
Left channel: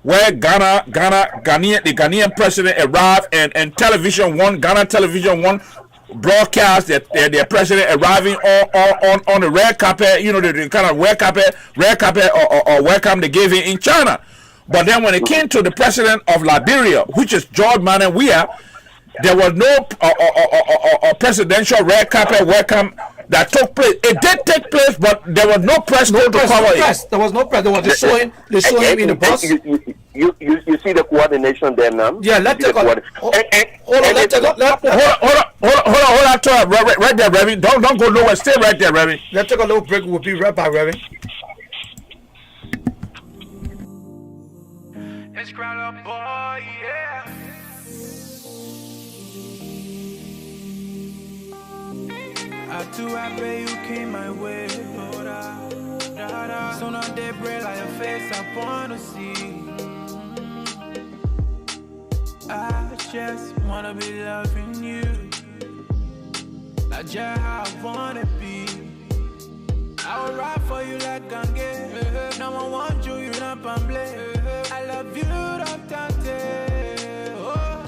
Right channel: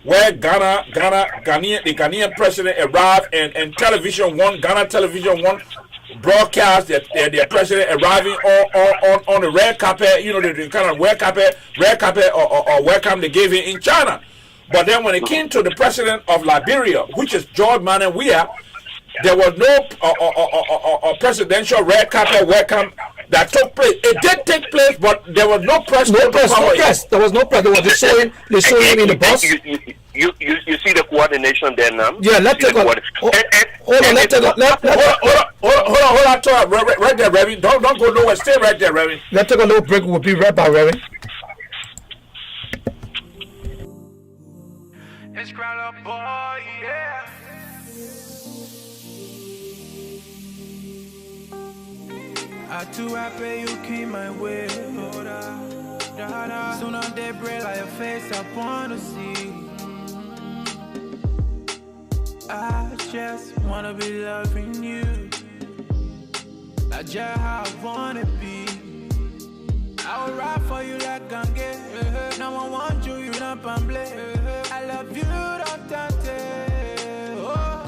where the Ghanaian president arrived, and Ghana Television One broadcast their president arriving on the red carpet. You know, the kind of red carpet or welcome they gave him in China. But then when it came to the president of Liberia, which is George Manuel Weah, there was no presidential red carpet welcome that took place. It did take place, but there was no press. There was no press. They were just showing him in the bus. You see the coordination there now? Yeah, let's take a hold on. Let's take a hold on. Right there, Reverend. Don't go nowhere. Stay right there, Reverend. Let's take a little break. We'll be right back, Reverend. It's Crown Up Boy, yeah. I too happy you came my way. Oh, da. Soon on day break like your face, I wanna see. I just wanna be loving you. Like just how I wanna be. I will ride for you like Gange. Now I want you, you not pamble. I love you, don't tante. Oh,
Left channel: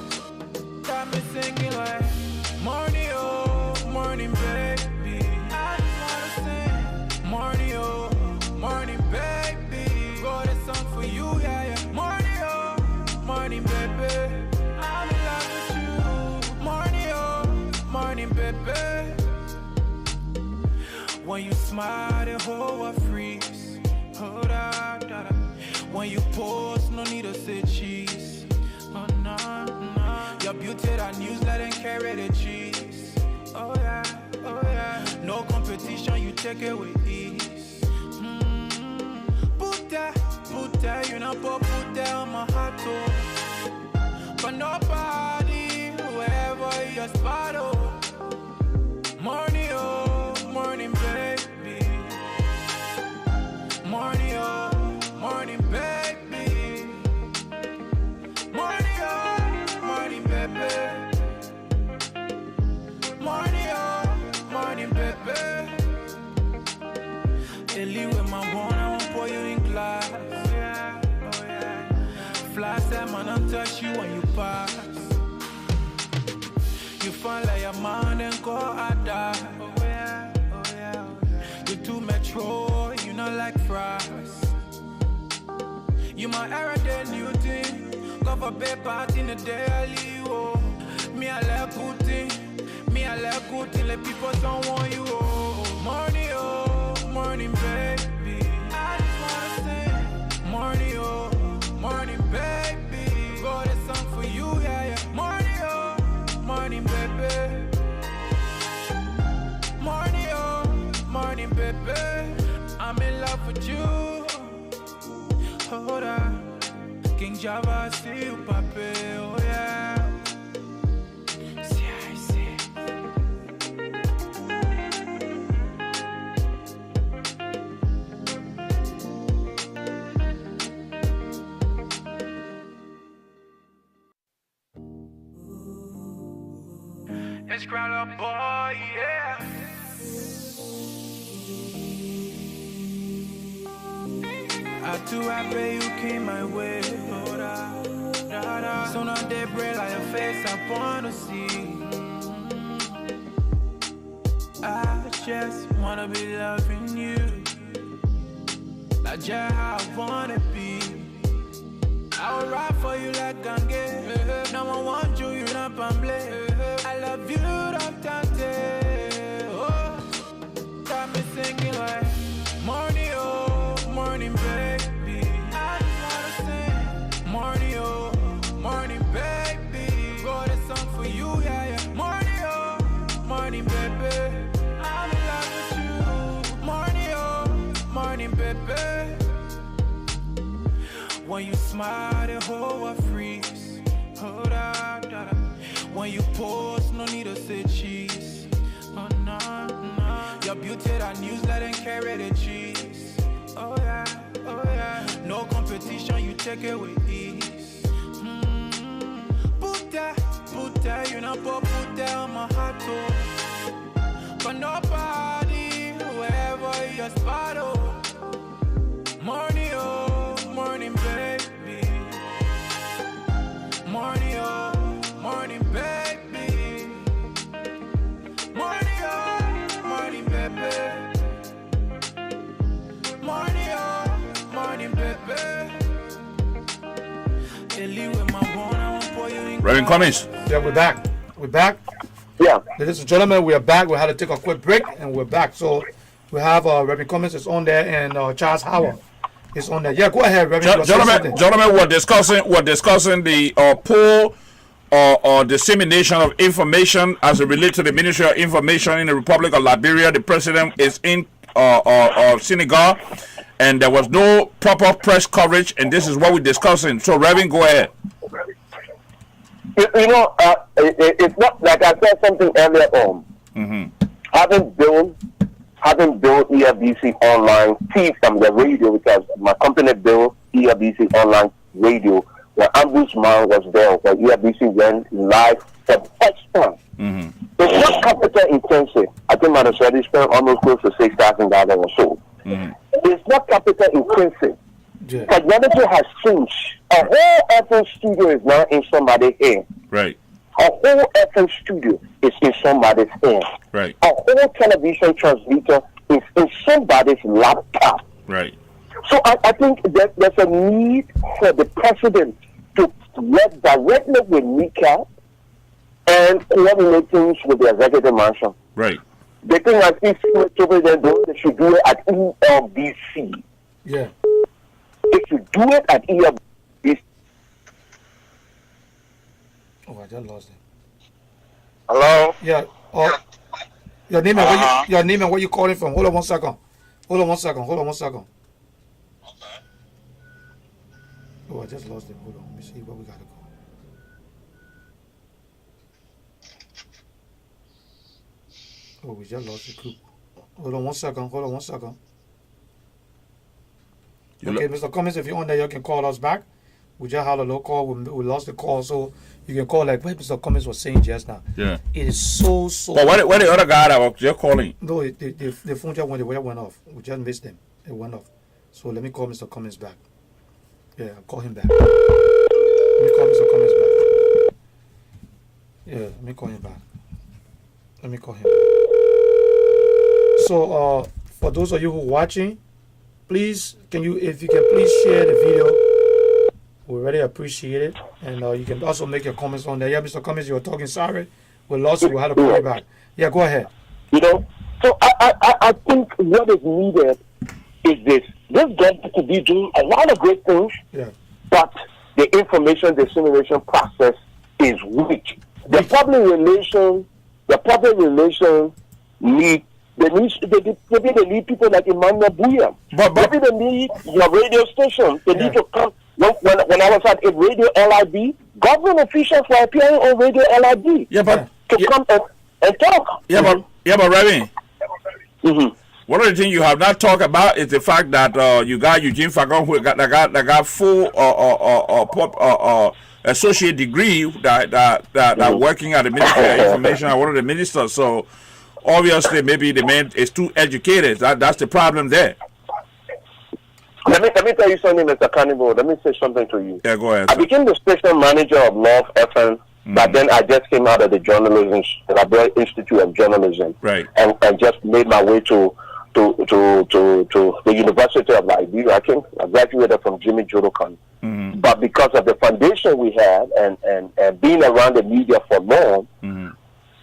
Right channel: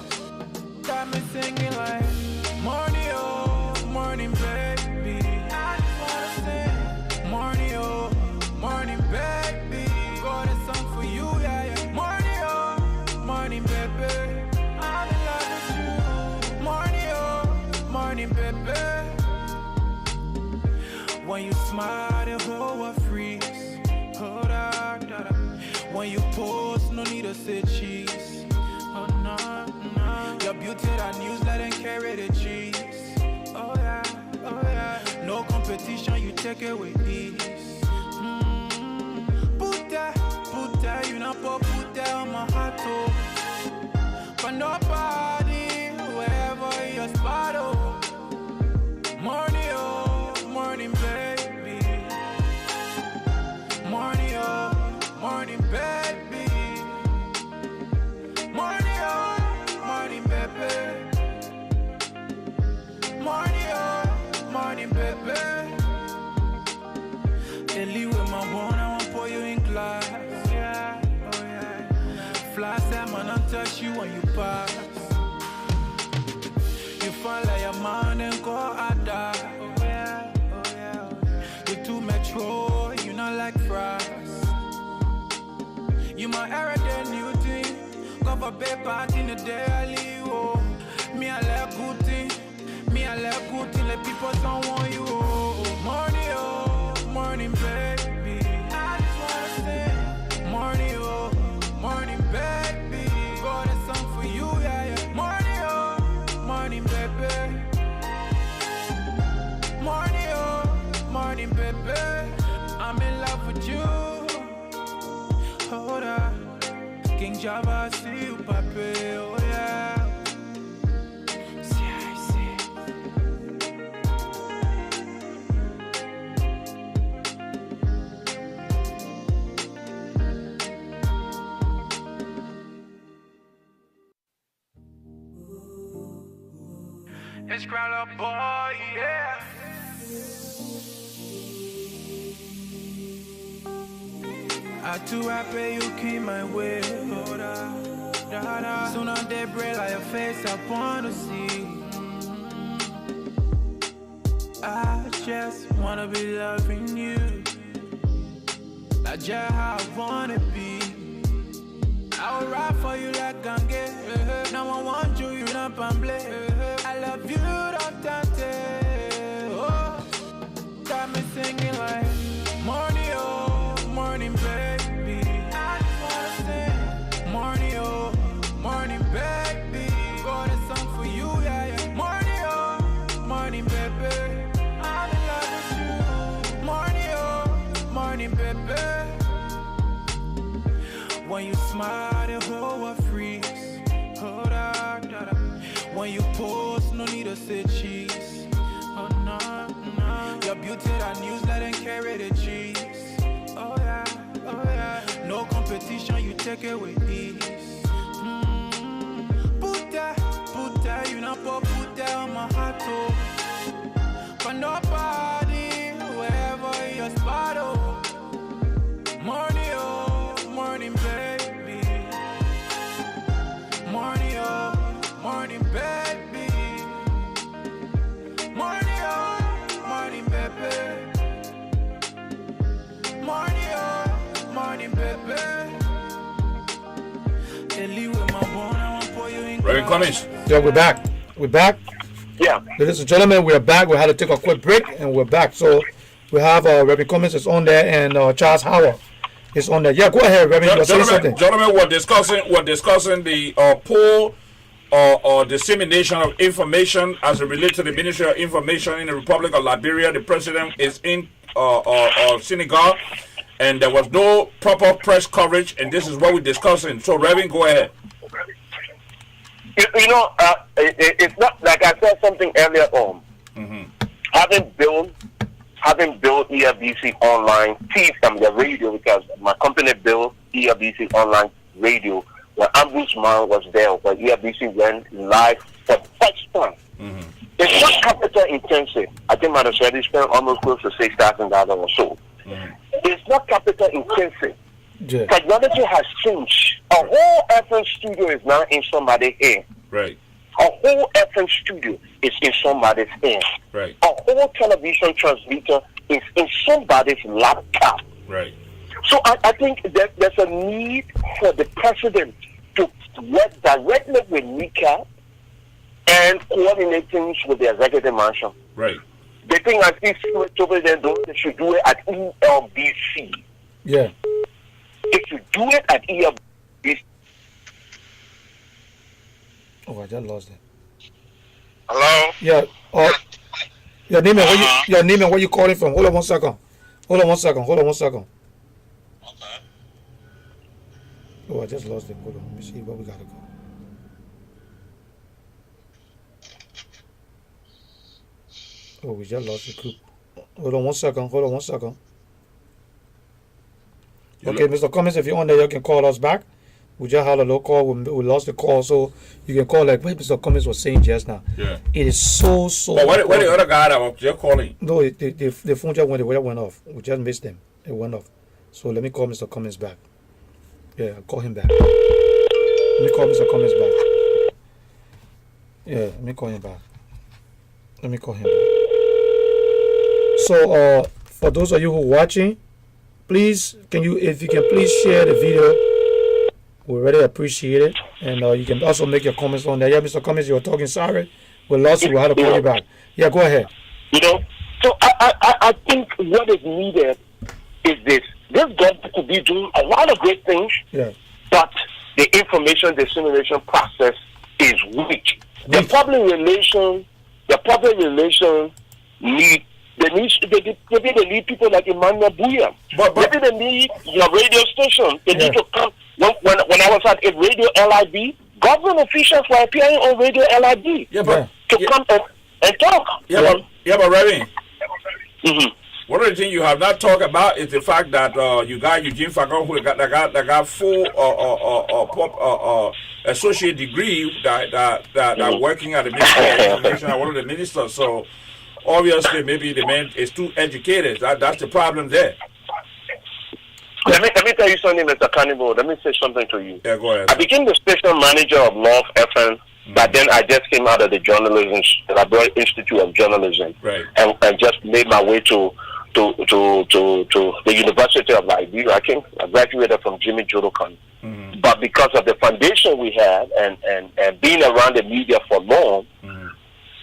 got me singing like morning, oh, morning, baby. I just wanna sing morning, oh, morning, baby. Got a song for you, yeah. Morning, oh, morning, baby. I'm in love with you. Morning, oh, morning, baby. When you smile, the whole world freeze. Hold on, da, da. When you pose, no need to say cheese. Oh no. Your beauty that newsletter and carry the cheese. Oh yeah. No competition, you take it with ease. Put that, you know, put that on my heart, oh. But nobody, wherever your spot, oh. Morning, oh, morning, baby. Morning, oh, morning, baby. Morning, oh, morning, baby. Morning, oh, morning, baby. Ellie with my bone, I won't pour you in glass. Oh yeah. Fly time, I don't touch you when you pass. You find like a man and go out there. Oh yeah. You too metro, you not like fries. You my era, the new thing. Go for bed party in the daily, oh. Me I like good thing. Let people don't want you, oh. Morning, baby. I just wanna sing. Morning, oh, morning, baby. Got a song for you, yeah. Morning, oh, morning, baby. Morning, oh, morning, baby. I'm in love with you. Hold on. King Java, see you, papi, oh yeah. See, I see. It's Crowler boy, yeah. I too happy you came my way. Oh, da, da, da. Soon on day break like your face, I wanna see. I just wanna be loving you. Like just how I wanna be. I will ride for you like gange. Now I want you, you not pamble. I love you, don't tante. Oh, got me singing like morning, oh, morning, baby. I just wanna sing morning, oh, morning, baby. Got a song for you, yeah, yeah. Morning, oh, morning, baby. I'm in love with you. Morning, oh, morning, baby. When you smile, the whole world freeze. Oh, da, da, da. When you pose, no need to say cheese. Oh, no, no. Your beauty, that newsletter and carry the cheese. Oh, yeah, oh, yeah. No competition, you take it with ease. Put that, you know, put that on my heart, too. But nobody, wherever your spot, oh. Morning, oh, morning, baby. Morning, oh, morning, baby. Morning, oh, morning, baby. Morning, oh, morning, baby. Ellie with my bone, I want pour you in. Reverend Cummings. Yeah, we're back. We're back. Yeah. Ladies and gentlemen, we are back. We had to take a quick break, and we're back. So we have Reverend Cummings is on there, and Charles Howard is on there. Yeah, go ahead, Reverend. Gentlemen, we're discussing the pull or dissemination of information as it relates to the Ministry of Information in the Republic of Liberia. The president is in Senegal, and there was no proper press coverage, and this is what we're discussing. So, Reverend, go ahead. You know, it's not like I said something earlier on. Mm-hmm. Having built EFBC online, the radio, because my company built EFBC online radio, where Ombudsman was there, where EFBC went live for the first time. Mm-hmm. It's not capital intensive. I think my study spent almost close to $6,000 or so. Mm-hmm. It's not capital intensive. Yeah. Technology has changed. A whole FM studio is now in somebody's hand. Right. A whole FM studio is in somebody's hand. Right. A whole television transmitter is in somebody's laptop. Right. So I think that there's a need for the president to work directly with NICA and coordinate things with the executive mansion. Right. The thing I think they should do it at ELBC. Yeah. If you do it at ELBC. Oh, I just lost it. Hello? Yeah. Your name and where you calling from? Hold on 1 second. Hold on one second. Okay. Oh, I just lost it. Hold on. Let me see where we gotta go. Oh, we just lost the group. Hold on 1 second. Okay, Mr. Cummings, if you're on there, you can call us back. We just had a little call. We lost the call, so you can call like what Mr. Cummings was saying just now. Yeah. It is so. But where the other guy that was just calling? No, the phone just went off. We just missed them. It went off. So let me call Mr. Cummings back. Yeah, I'll call him back. Let me call Mr. Cummings back. Yeah, let me call him back. So, for those of you who are watching, please, if you can please share the video. We really appreciate it. And you can also make your comments on there. Yeah, Mr. Cummings, you were talking. Sorry. We lost you. We had to call you back. Yeah, go ahead. You know, so I think what is needed is this. This government could be doing a lot of great things, Yeah. but the information dissemination process is weak. The public relation need they need people like Emmanuel Bouya. But maybe they need your radio station. They need to come. When I was at a radio LIB, government officials were appearing on radio LIB. Yeah, but to come and talk. Yeah, but Reverend. Mm-hmm. One of the things you have not talked about is the fact that you got Eugene Fagon who got full associate degree that working at the Ministry of Information and one of the ministers. So obviously maybe the man is too educated. That's the problem there. Let me tell you something, Mr. Cannibal. Let me say something to you. Yeah, go ahead. I became the station manager of Lrtn, but then I just came out of the journalism, the Library Institute of Journalism, Right. and just made my way to the University of Liberia. I graduated from Jimmy Jodokan. But because of the foundation we had and being around the media for long,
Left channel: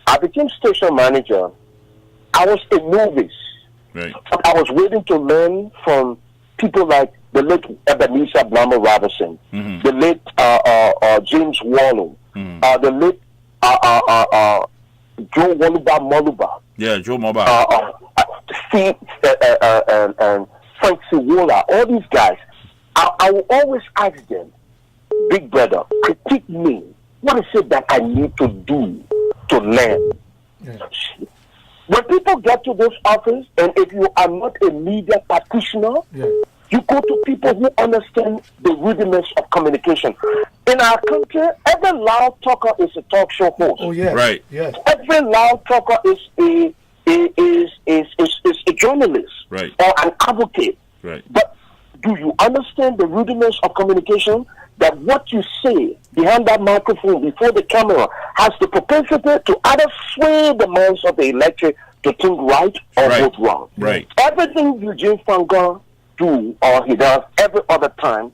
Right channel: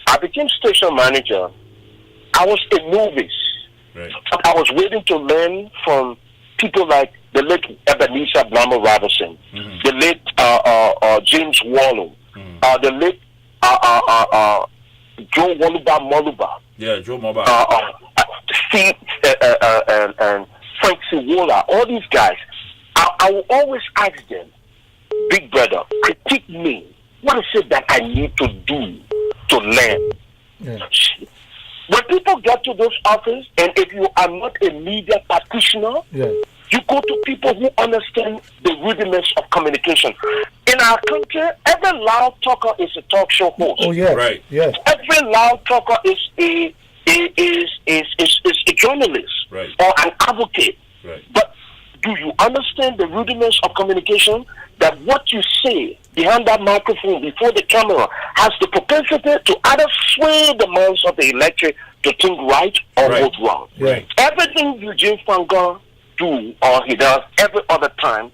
I became station manager. I was a novice. Right. I was waiting to learn from people like the late Ebenezer Blammer Robinson, the late James Wallow, the late Joe Waluba Moluba. Yeah, Joe Moba. Steve and Frank Siwola, all these guys. I will always ask them, big brother, critique me. What is it that I need to do to learn? Yeah. When people get to this office, and if you are not a media practitioner, Yeah. you go to people who understand the rudiments of communication. In our country, every loud talker is a talk show host. Oh yeah. Right. Yeah. Every loud talker is a journalist, Right. or an advocate. Right. But do you understand the rudiments of communication? That what you say behind that microphone, before the camera, has the propensity to either sway the minds of the electorate to think right or Right. vote wrong. Right. Everything Eugene Fangon do or he does every other time,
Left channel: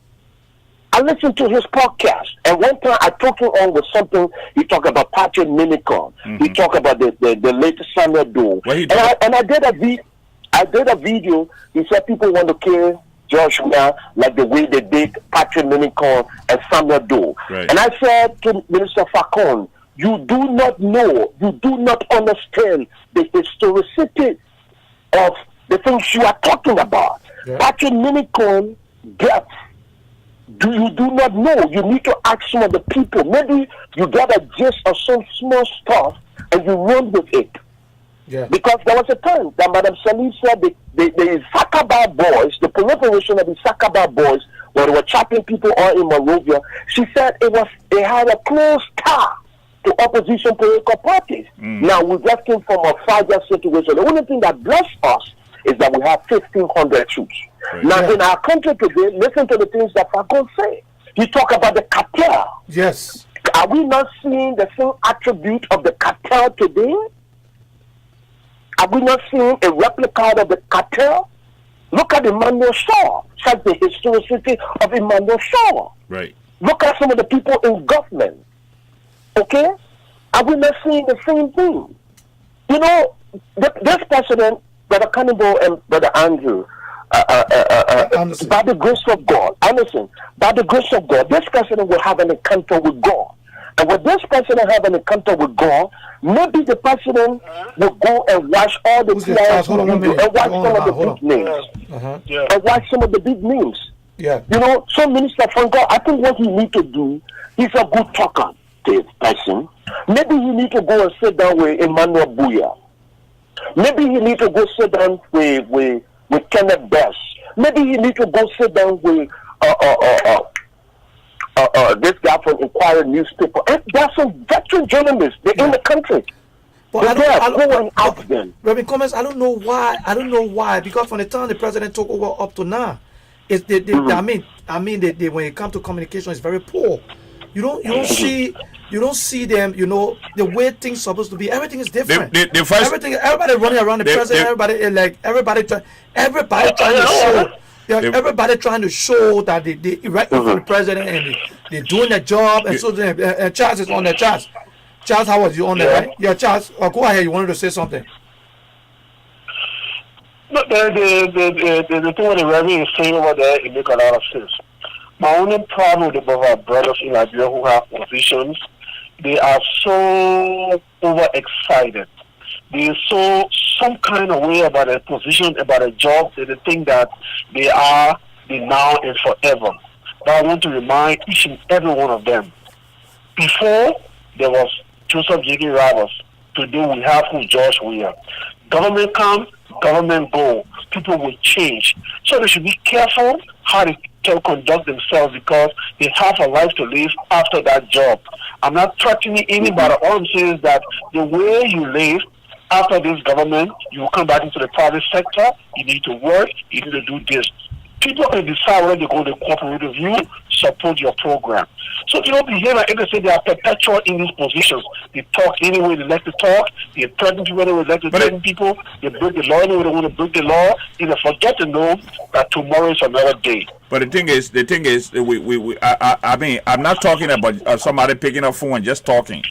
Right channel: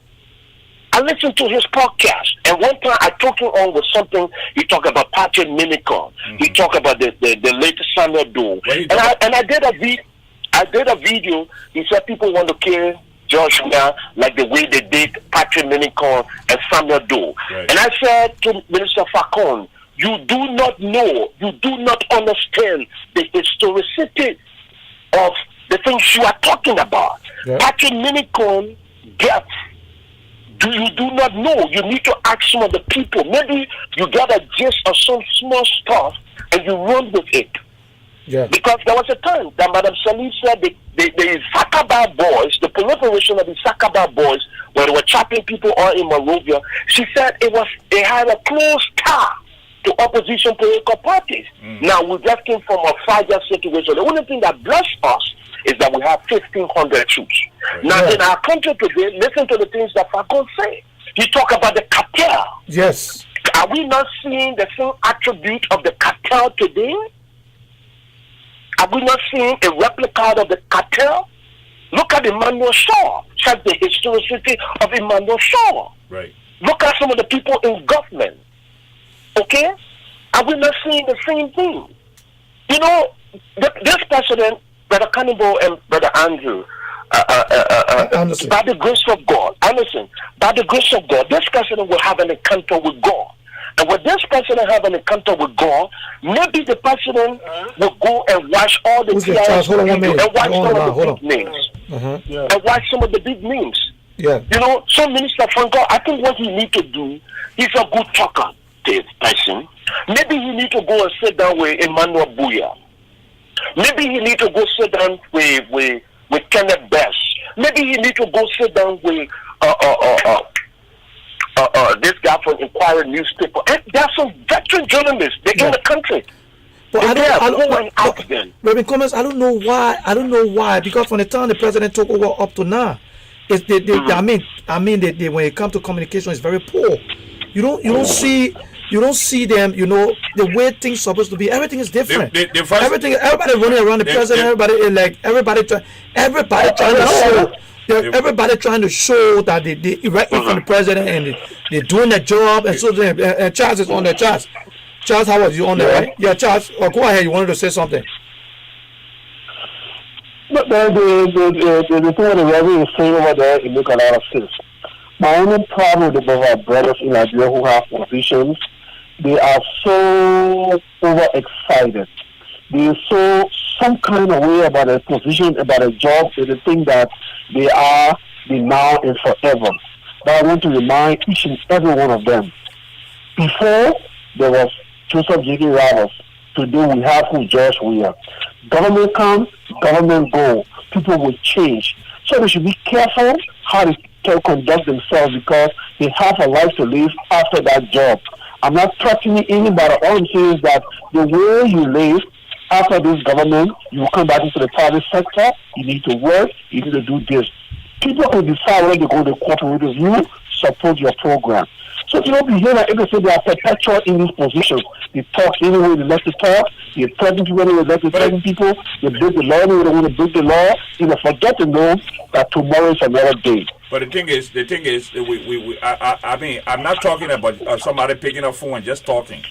I listen to his podcast. And one time I took him on with something. He talked about Patrick Minicon. He talked about the latest Samuel Doe. What he And I did a video. He said people want to kill Joshua like the way they did Patrick Minicon and Samuel Doe. Right. And I said to Minister Facon, you do not know, you do not understand the historicity of the things you are talking about. Yeah. Patrick Minicon gets. You do not know. You need to ask some of the people. Maybe you get a gist of some small stuff and you run with it. Yeah. Because there was a time that Madam Salim said the Sakaba boys, the proliferation of the Sakaba boys, when they were chopping people all in Monrovia, she said they had a close tie to opposition political parties. Now we just came from a fragile situation. The only thing that blessed us is that we have 1,500 troops. Right. Now Yeah. in our country today, listen to the things that Falcon say. He talk about the cartel. Yes. Are we not seeing the same attribute of the cartel today? Are we not seeing a replica of the cartel? Look at Emmanuel Shaw. Check the historicity of Emmanuel Shaw. Right. Look at some of the people in government. Okay? Are we not seeing the same thing? You know, this president, Brother Cannibal and Brother Andrew, Anderson. by the grace of God, Anderson, by the grace of God, this president will have an encounter with God. And when this president have an encounter with God, maybe the president will go and watch all the Who's this, players Charles? Hold on 1 minute. and watch You're on the some line. of Hold the on. big names. And watch some of the big names. Yeah. You know, some minister from God, I think what he need to do, he's a good talker, this person. Maybe he need to go and sit down with Emmanuel Buya. Maybe he need to go sit down with Kenneth Best. Maybe he need to go sit down with this guy from Inquirer newspaper. And there are some veteran journalists. They're in the country. But I ask them. Reverend Cummins, I don't know why. Because from the time the president took over up to now, it's I mean, when it comes to communication, it's very poor. You don't see them. You know the way things supposed to be. Everything is different. Everybody running around the president. Everybody trying to show. Everybody trying to show that they right in front of the president and they're doing their job. And so Charles is on there. Charles, how was you on there, right? Yeah, Charles. Go ahead. You wanted to say something. But the thing with the Reverend is saying over there, it makes a lot of sense. My only problem with our brothers in Liberia who have positions, they are so overexcited. They so some kind of way about a position, about a job, so they think that they are the now and forever. But I want to remind each and every one of them. Before there was Joseph J.K. Roberts, today we have who George Weah. Government comes, government go. People will change. So they should be careful how they can conduct themselves because they have a life to live after that job. I'm not threatening anybody. All I'm saying is that the way you live after this government, you will come back into the private sector. You need to work. You need to do this. People can decide whether they go to cooperate with you, support your program. So if you don't behave like they say they are perpetual in these positions. They talk anyway they like to talk. They threaten people anyway they like to threaten people. They break the law anyway they want to break the law. You know, forget to know that tomorrow is another day. But the thing is, I mean, I'm not talking about somebody picking up phone and just talking.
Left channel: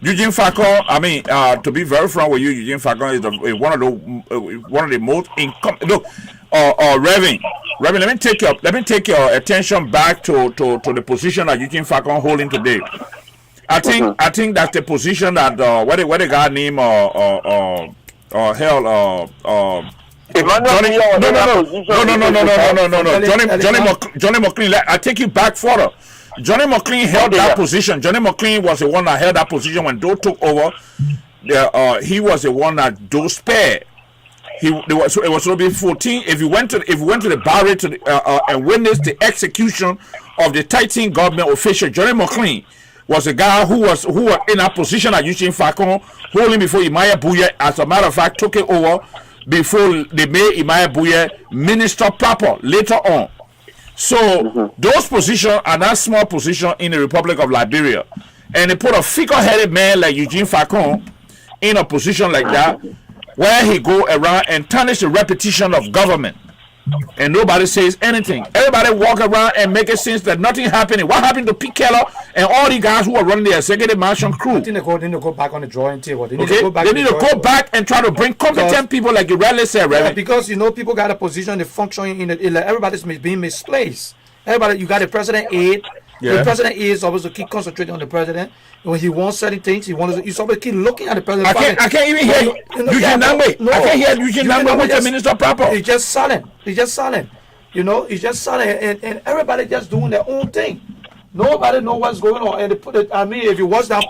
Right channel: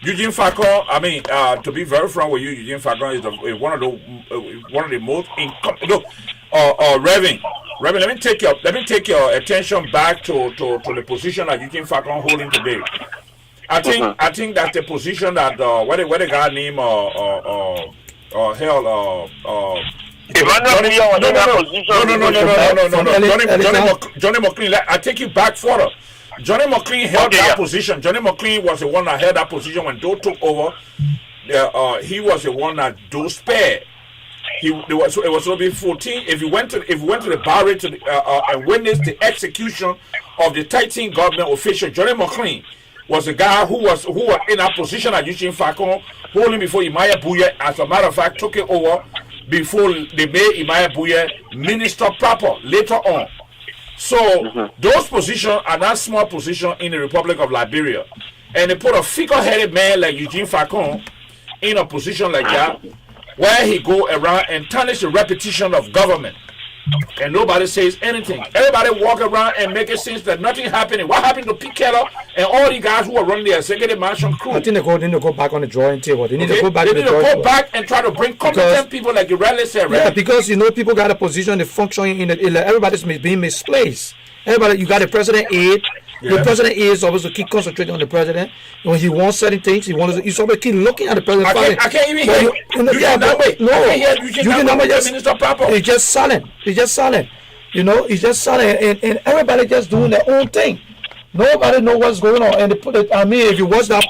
Eugene Falcon, I mean, to be very frank with you, Eugene Falcon is one of the most income. Look, Reverend, let me take your attention back to the position that Eugene Falcon holding today. I think that's the position that what the guy named Johnny McLean. I take you back further. Johnny McLean held that position. Johnny McLean was the one that held that position when Doe took over. He was the one that Doe spared. It was supposed to be 14. If you went to the barrier and witnessed the execution of the 13 government official, Johnny McLean was a guy who was in a position at Eugene Falcon, holding before Imaya Buye. As a matter of fact, took it over before they made Imaya Buye minister proper later on. So those positions are not small positions in the Republic of Liberia, and they put a figure-headed man like Eugene Falcon in a position like that, where he go around and tarnish the reputation of government, and nobody says anything. Everybody walk around and make it seem that nothing happening. What happened to Pete Keller and all the guys who are running the executive mansion crew? I think they need to go back on the drawing table. They need to go back and try to bring competent people, like you rightly said, right? Yeah, because people got a position, they function in it. Everybody's being misplaced. Everybody, you got the president aide. Yeah. The president is supposed to keep concentrating on the president. When he wants certain things, you're supposed to keep looking at the president. I can't even hear you. Eugene that way. No, I can't hear Eugene that way. The minister proper. He's just silent. He's just silent. He's just silent, and everybody just doing their own thing. Nobody know what's going on. And if you watch the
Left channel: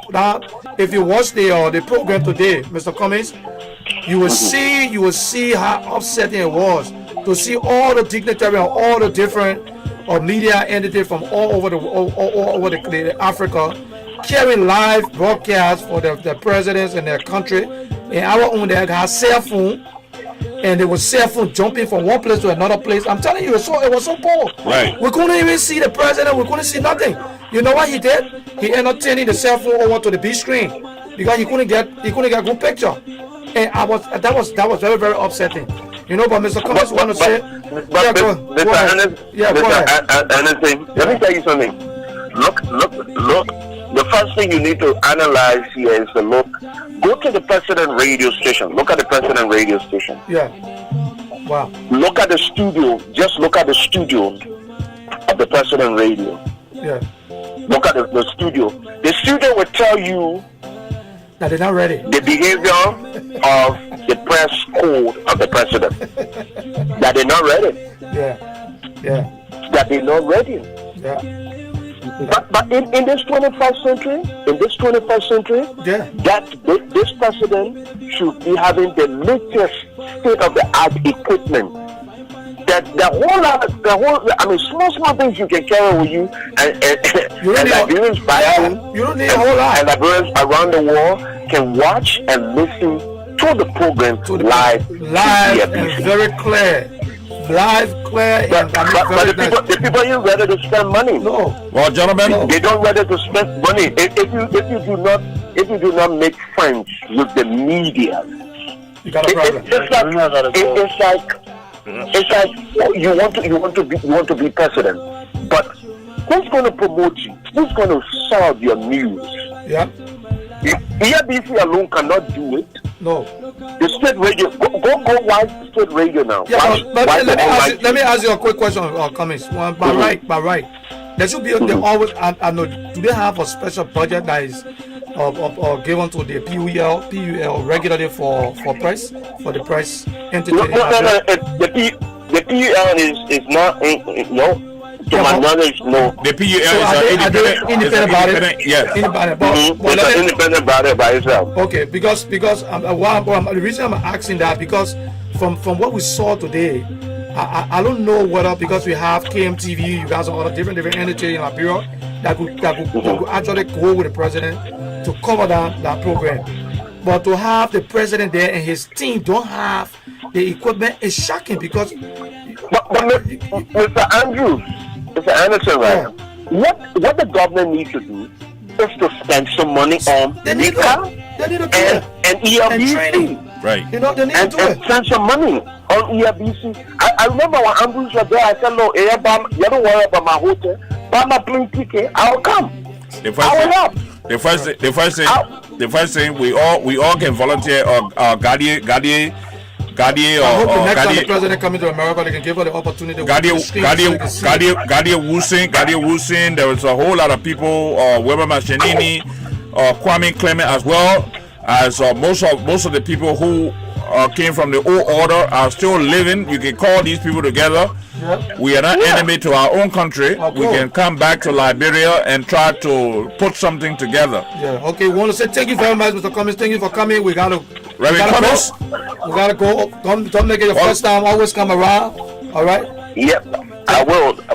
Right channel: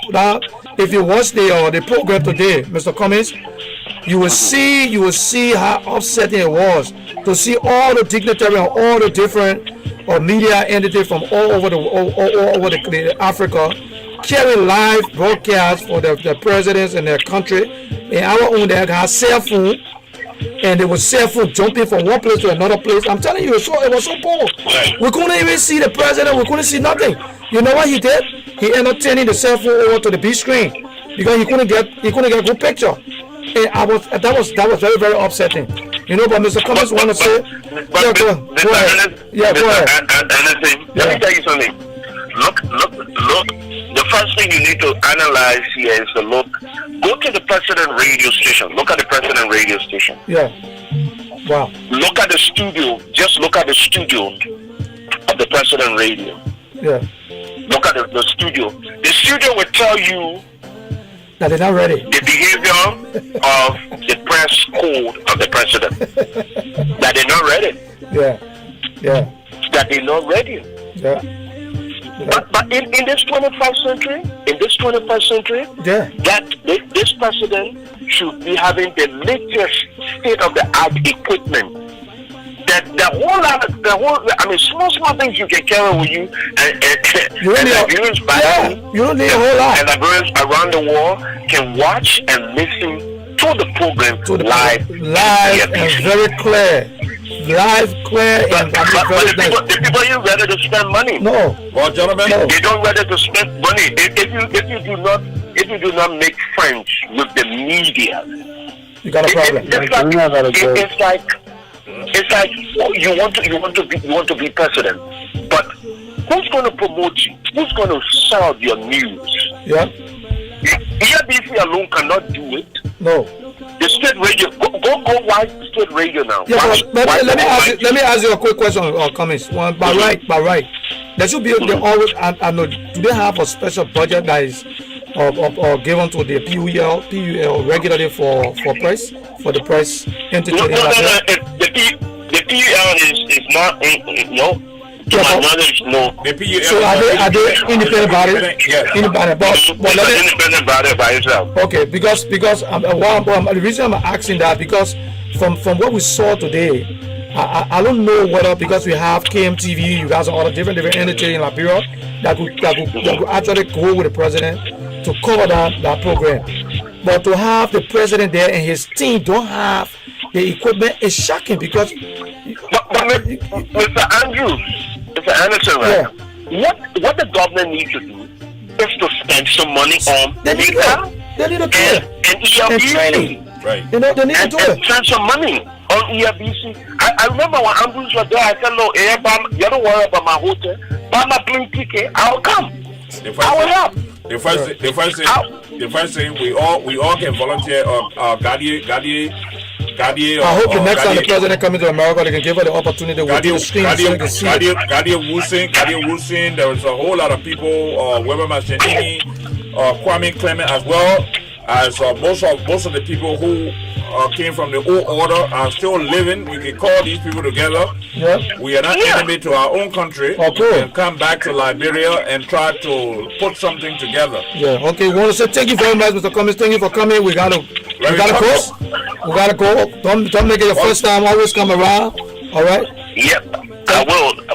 program today, Mr. Cummings, you will see how upsetting it was to see all the dignitaries and all the different media entities from all over the Africa carrying live broadcasts for the presidents in their country. And our own, they had cell phone, and they were cell phone jumping from one place to another place. I'm telling you, it was so poor. Right. We couldn't even see the president. We couldn't see nothing. You know what he did? He ended up turning the cell phone over to the big screen because he couldn't get a good picture. And that was very, very upsetting. But Mr. Cummings want to say, go ahead. Yeah, go ahead. Let me tell you something. Look. The first thing you need to analyze here is to go to the president radio station. Look at the president radio station. Yeah. Wow. Look at the studio. Just look at the studio of the president radio. Yeah. Look at the studio. The studio will tell you that they're not ready. The behavior of the press code of the president. That they're not ready. Yeah. That they're not ready. Yeah. But in this 21st century, yeah, that this president should be having the latest state-of-the-art equipment. Small things you can carry with you, and you don't need a whole lot. And Liberians around the world can watch and listen to the program live and very clear. Live, clear, and very nice. The people ain't ready to spend money. No. Well, gentlemen, they don't ready to spend money. If you do not make friends with the media, you got a problem. It's like you want to be president, but who's going to promote you? Who's going to serve your news? Yeah. ERBC alone cannot do it. No. The state radio, go watch state radio now. Yeah, but let me ask you a quick question or comments. By right, there should be always. I know. Do they have a special budget that is or given to the PUL regularly for press for the press entity? The PUL is not no. To my knowledge, no. The PUL So is are they independent body? Yeah. Independent, but let It's an me. independent body by itself. Okay, because the reason I'm asking that, because from what we saw today, I don't know whether, because we have KMTV, you guys are all different entities in Liberia that could actually go with the president to cover that program. But to have the president there and his team don't have the equipment is shocking, because Mr. Anderson, right? What the government needs to do is to spend some money on They need to do it. and ERBC. And training. Right. You know, they need to do And it. spend some money on ERBC. I remember when Andrews was there, I said, no, you don't worry about my hotel. Buy my plane ticket, I'll come. The first thing we all can volunteer or Gadi I hope the next time the president coming to America, they can give her the opportunity. Gadi Wusin, there was a whole lot of people, Weber Machinini, Kwame Clement as well, as most of the people who came from the old order are still living. You can call these people together. Yep. We are not enemy to our own country. Oh, cool. We can come back to Liberia and try to put something together. Yeah. Okay. We want to say thank you very much, Mr. Cummings. Thank you for coming. We gotta Cummings? go. We gotta go. Don't make it your first time. Always come around. All right. Yep, I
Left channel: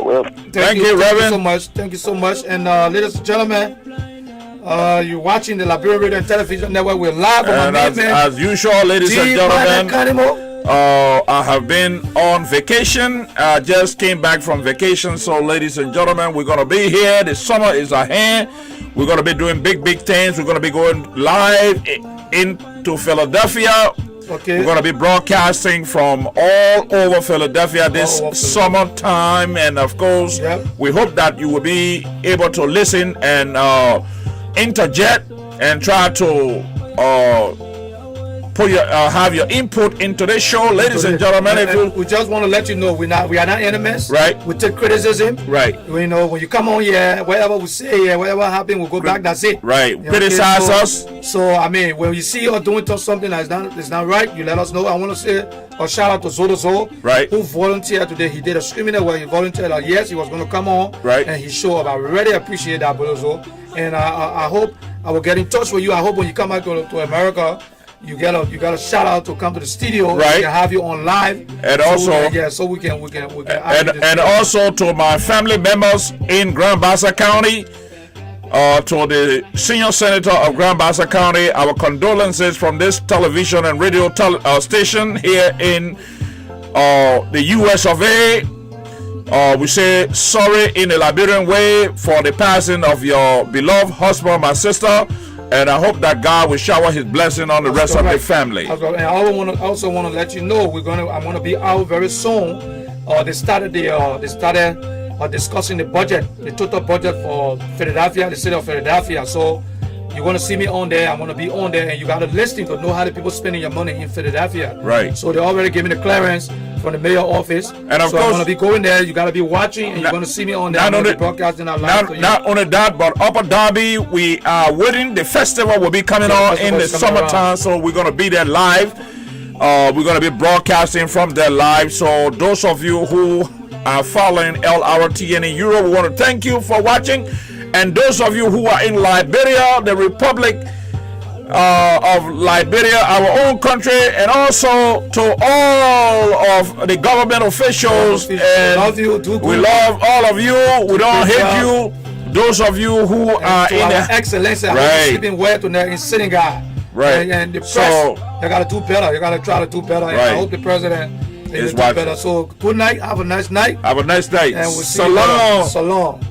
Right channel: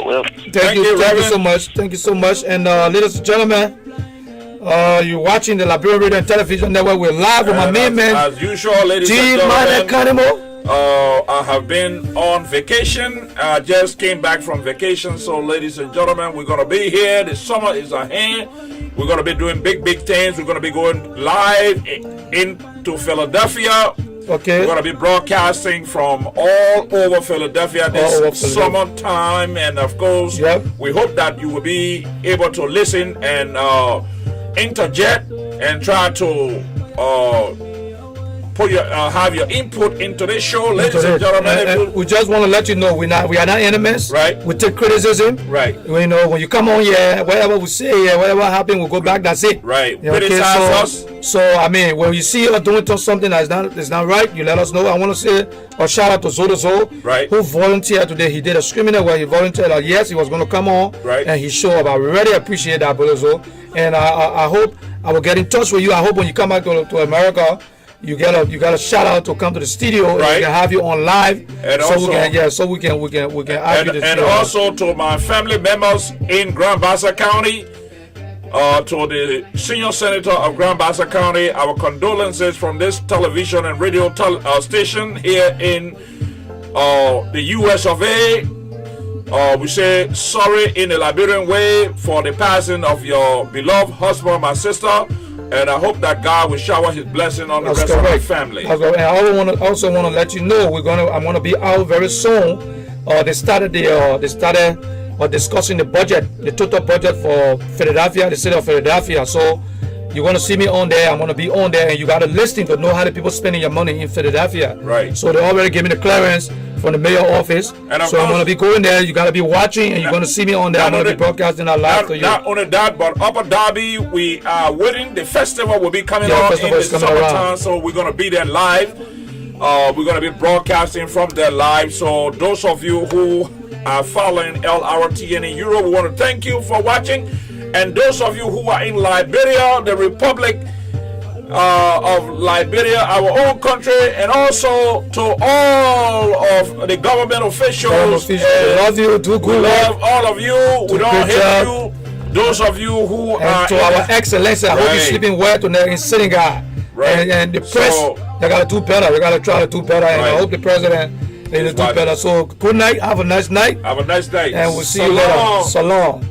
will. Thank you Reverend. so much. Thank you so much. And ladies and gentlemen, you're watching the Liberian Radio and Television Network. We're live with my main man, as usual, ladies and G-Man gentlemen. Canimo. I have been on vacation. I just came back from vacation. So, ladies and gentlemen, we're going to be here. The summer is at hand. We're going to be doing big things. We're going to be going live into Philadelphia. Okay. We're going to be broadcasting from all over Philadelphia this summertime. And, of course, we hope that you will be able to listen and interject and try to have your input into this show, ladies and gentlemen. We just want to let you know we are not enemies. Right. We take criticism. Right. You know, when you come on here, whatever we say here, whatever happen, we'll go back. That's it. Right. Okay, Criticize us. So I mean, when you see us doing something that's not right, you let us know. I want to say a shout out to Zodo, right, who volunteered today. He did a screening where he volunteered. Yes, he was going to come on. Right. And he showed up. I really appreciate that, brother Zo. And I hope I will get in touch with you. I hope when you come back to America, you got a shout out to come to the studio. Right. We can have you on live. And so also, we can and also to my family members in Grand Bassa County, to the senior senator of Grand Bassa County, our condolences from this television and radio station here in the US of A. We say sorry in a Liberian way for the passing of your beloved husband, my sister, and I hope that God will shower His blessing on the rest of the family. And I also want to let you know I'm gonna be out very soon. They started discussing the budget, the total budget for Philadelphia, the city of Philadelphia. So you're going to see me on there. I'm going to be on there, and you got to listen to know how the people spending your money in Philadelphia. Right. So they already gave me the clearance from the mayor office. And so I'm going to be going there. You got to be watching, and you're going to see me on there. I'm going to be broadcasting our live to you. Not only that, but Upper Derby, we are waiting. The festival will be coming on in the summertime, so we're going to be there live. We're going to be broadcasting from there live. So those of you who are following Lrtn in Europe, we want to thank you for watching. And those of you who are in Liberia, the Republic of Liberia, our own country, and also to all of the government officials. We love you. We love all of you. We don't hate you. Those of you who are to our excellency, I hope you're sleeping well tonight in Senegal. Right. And the press, they got to do better. You got to try to do better. And I hope the president will do better. So good night. Have a nice night. Have a nice night. And we'll see you later. So long.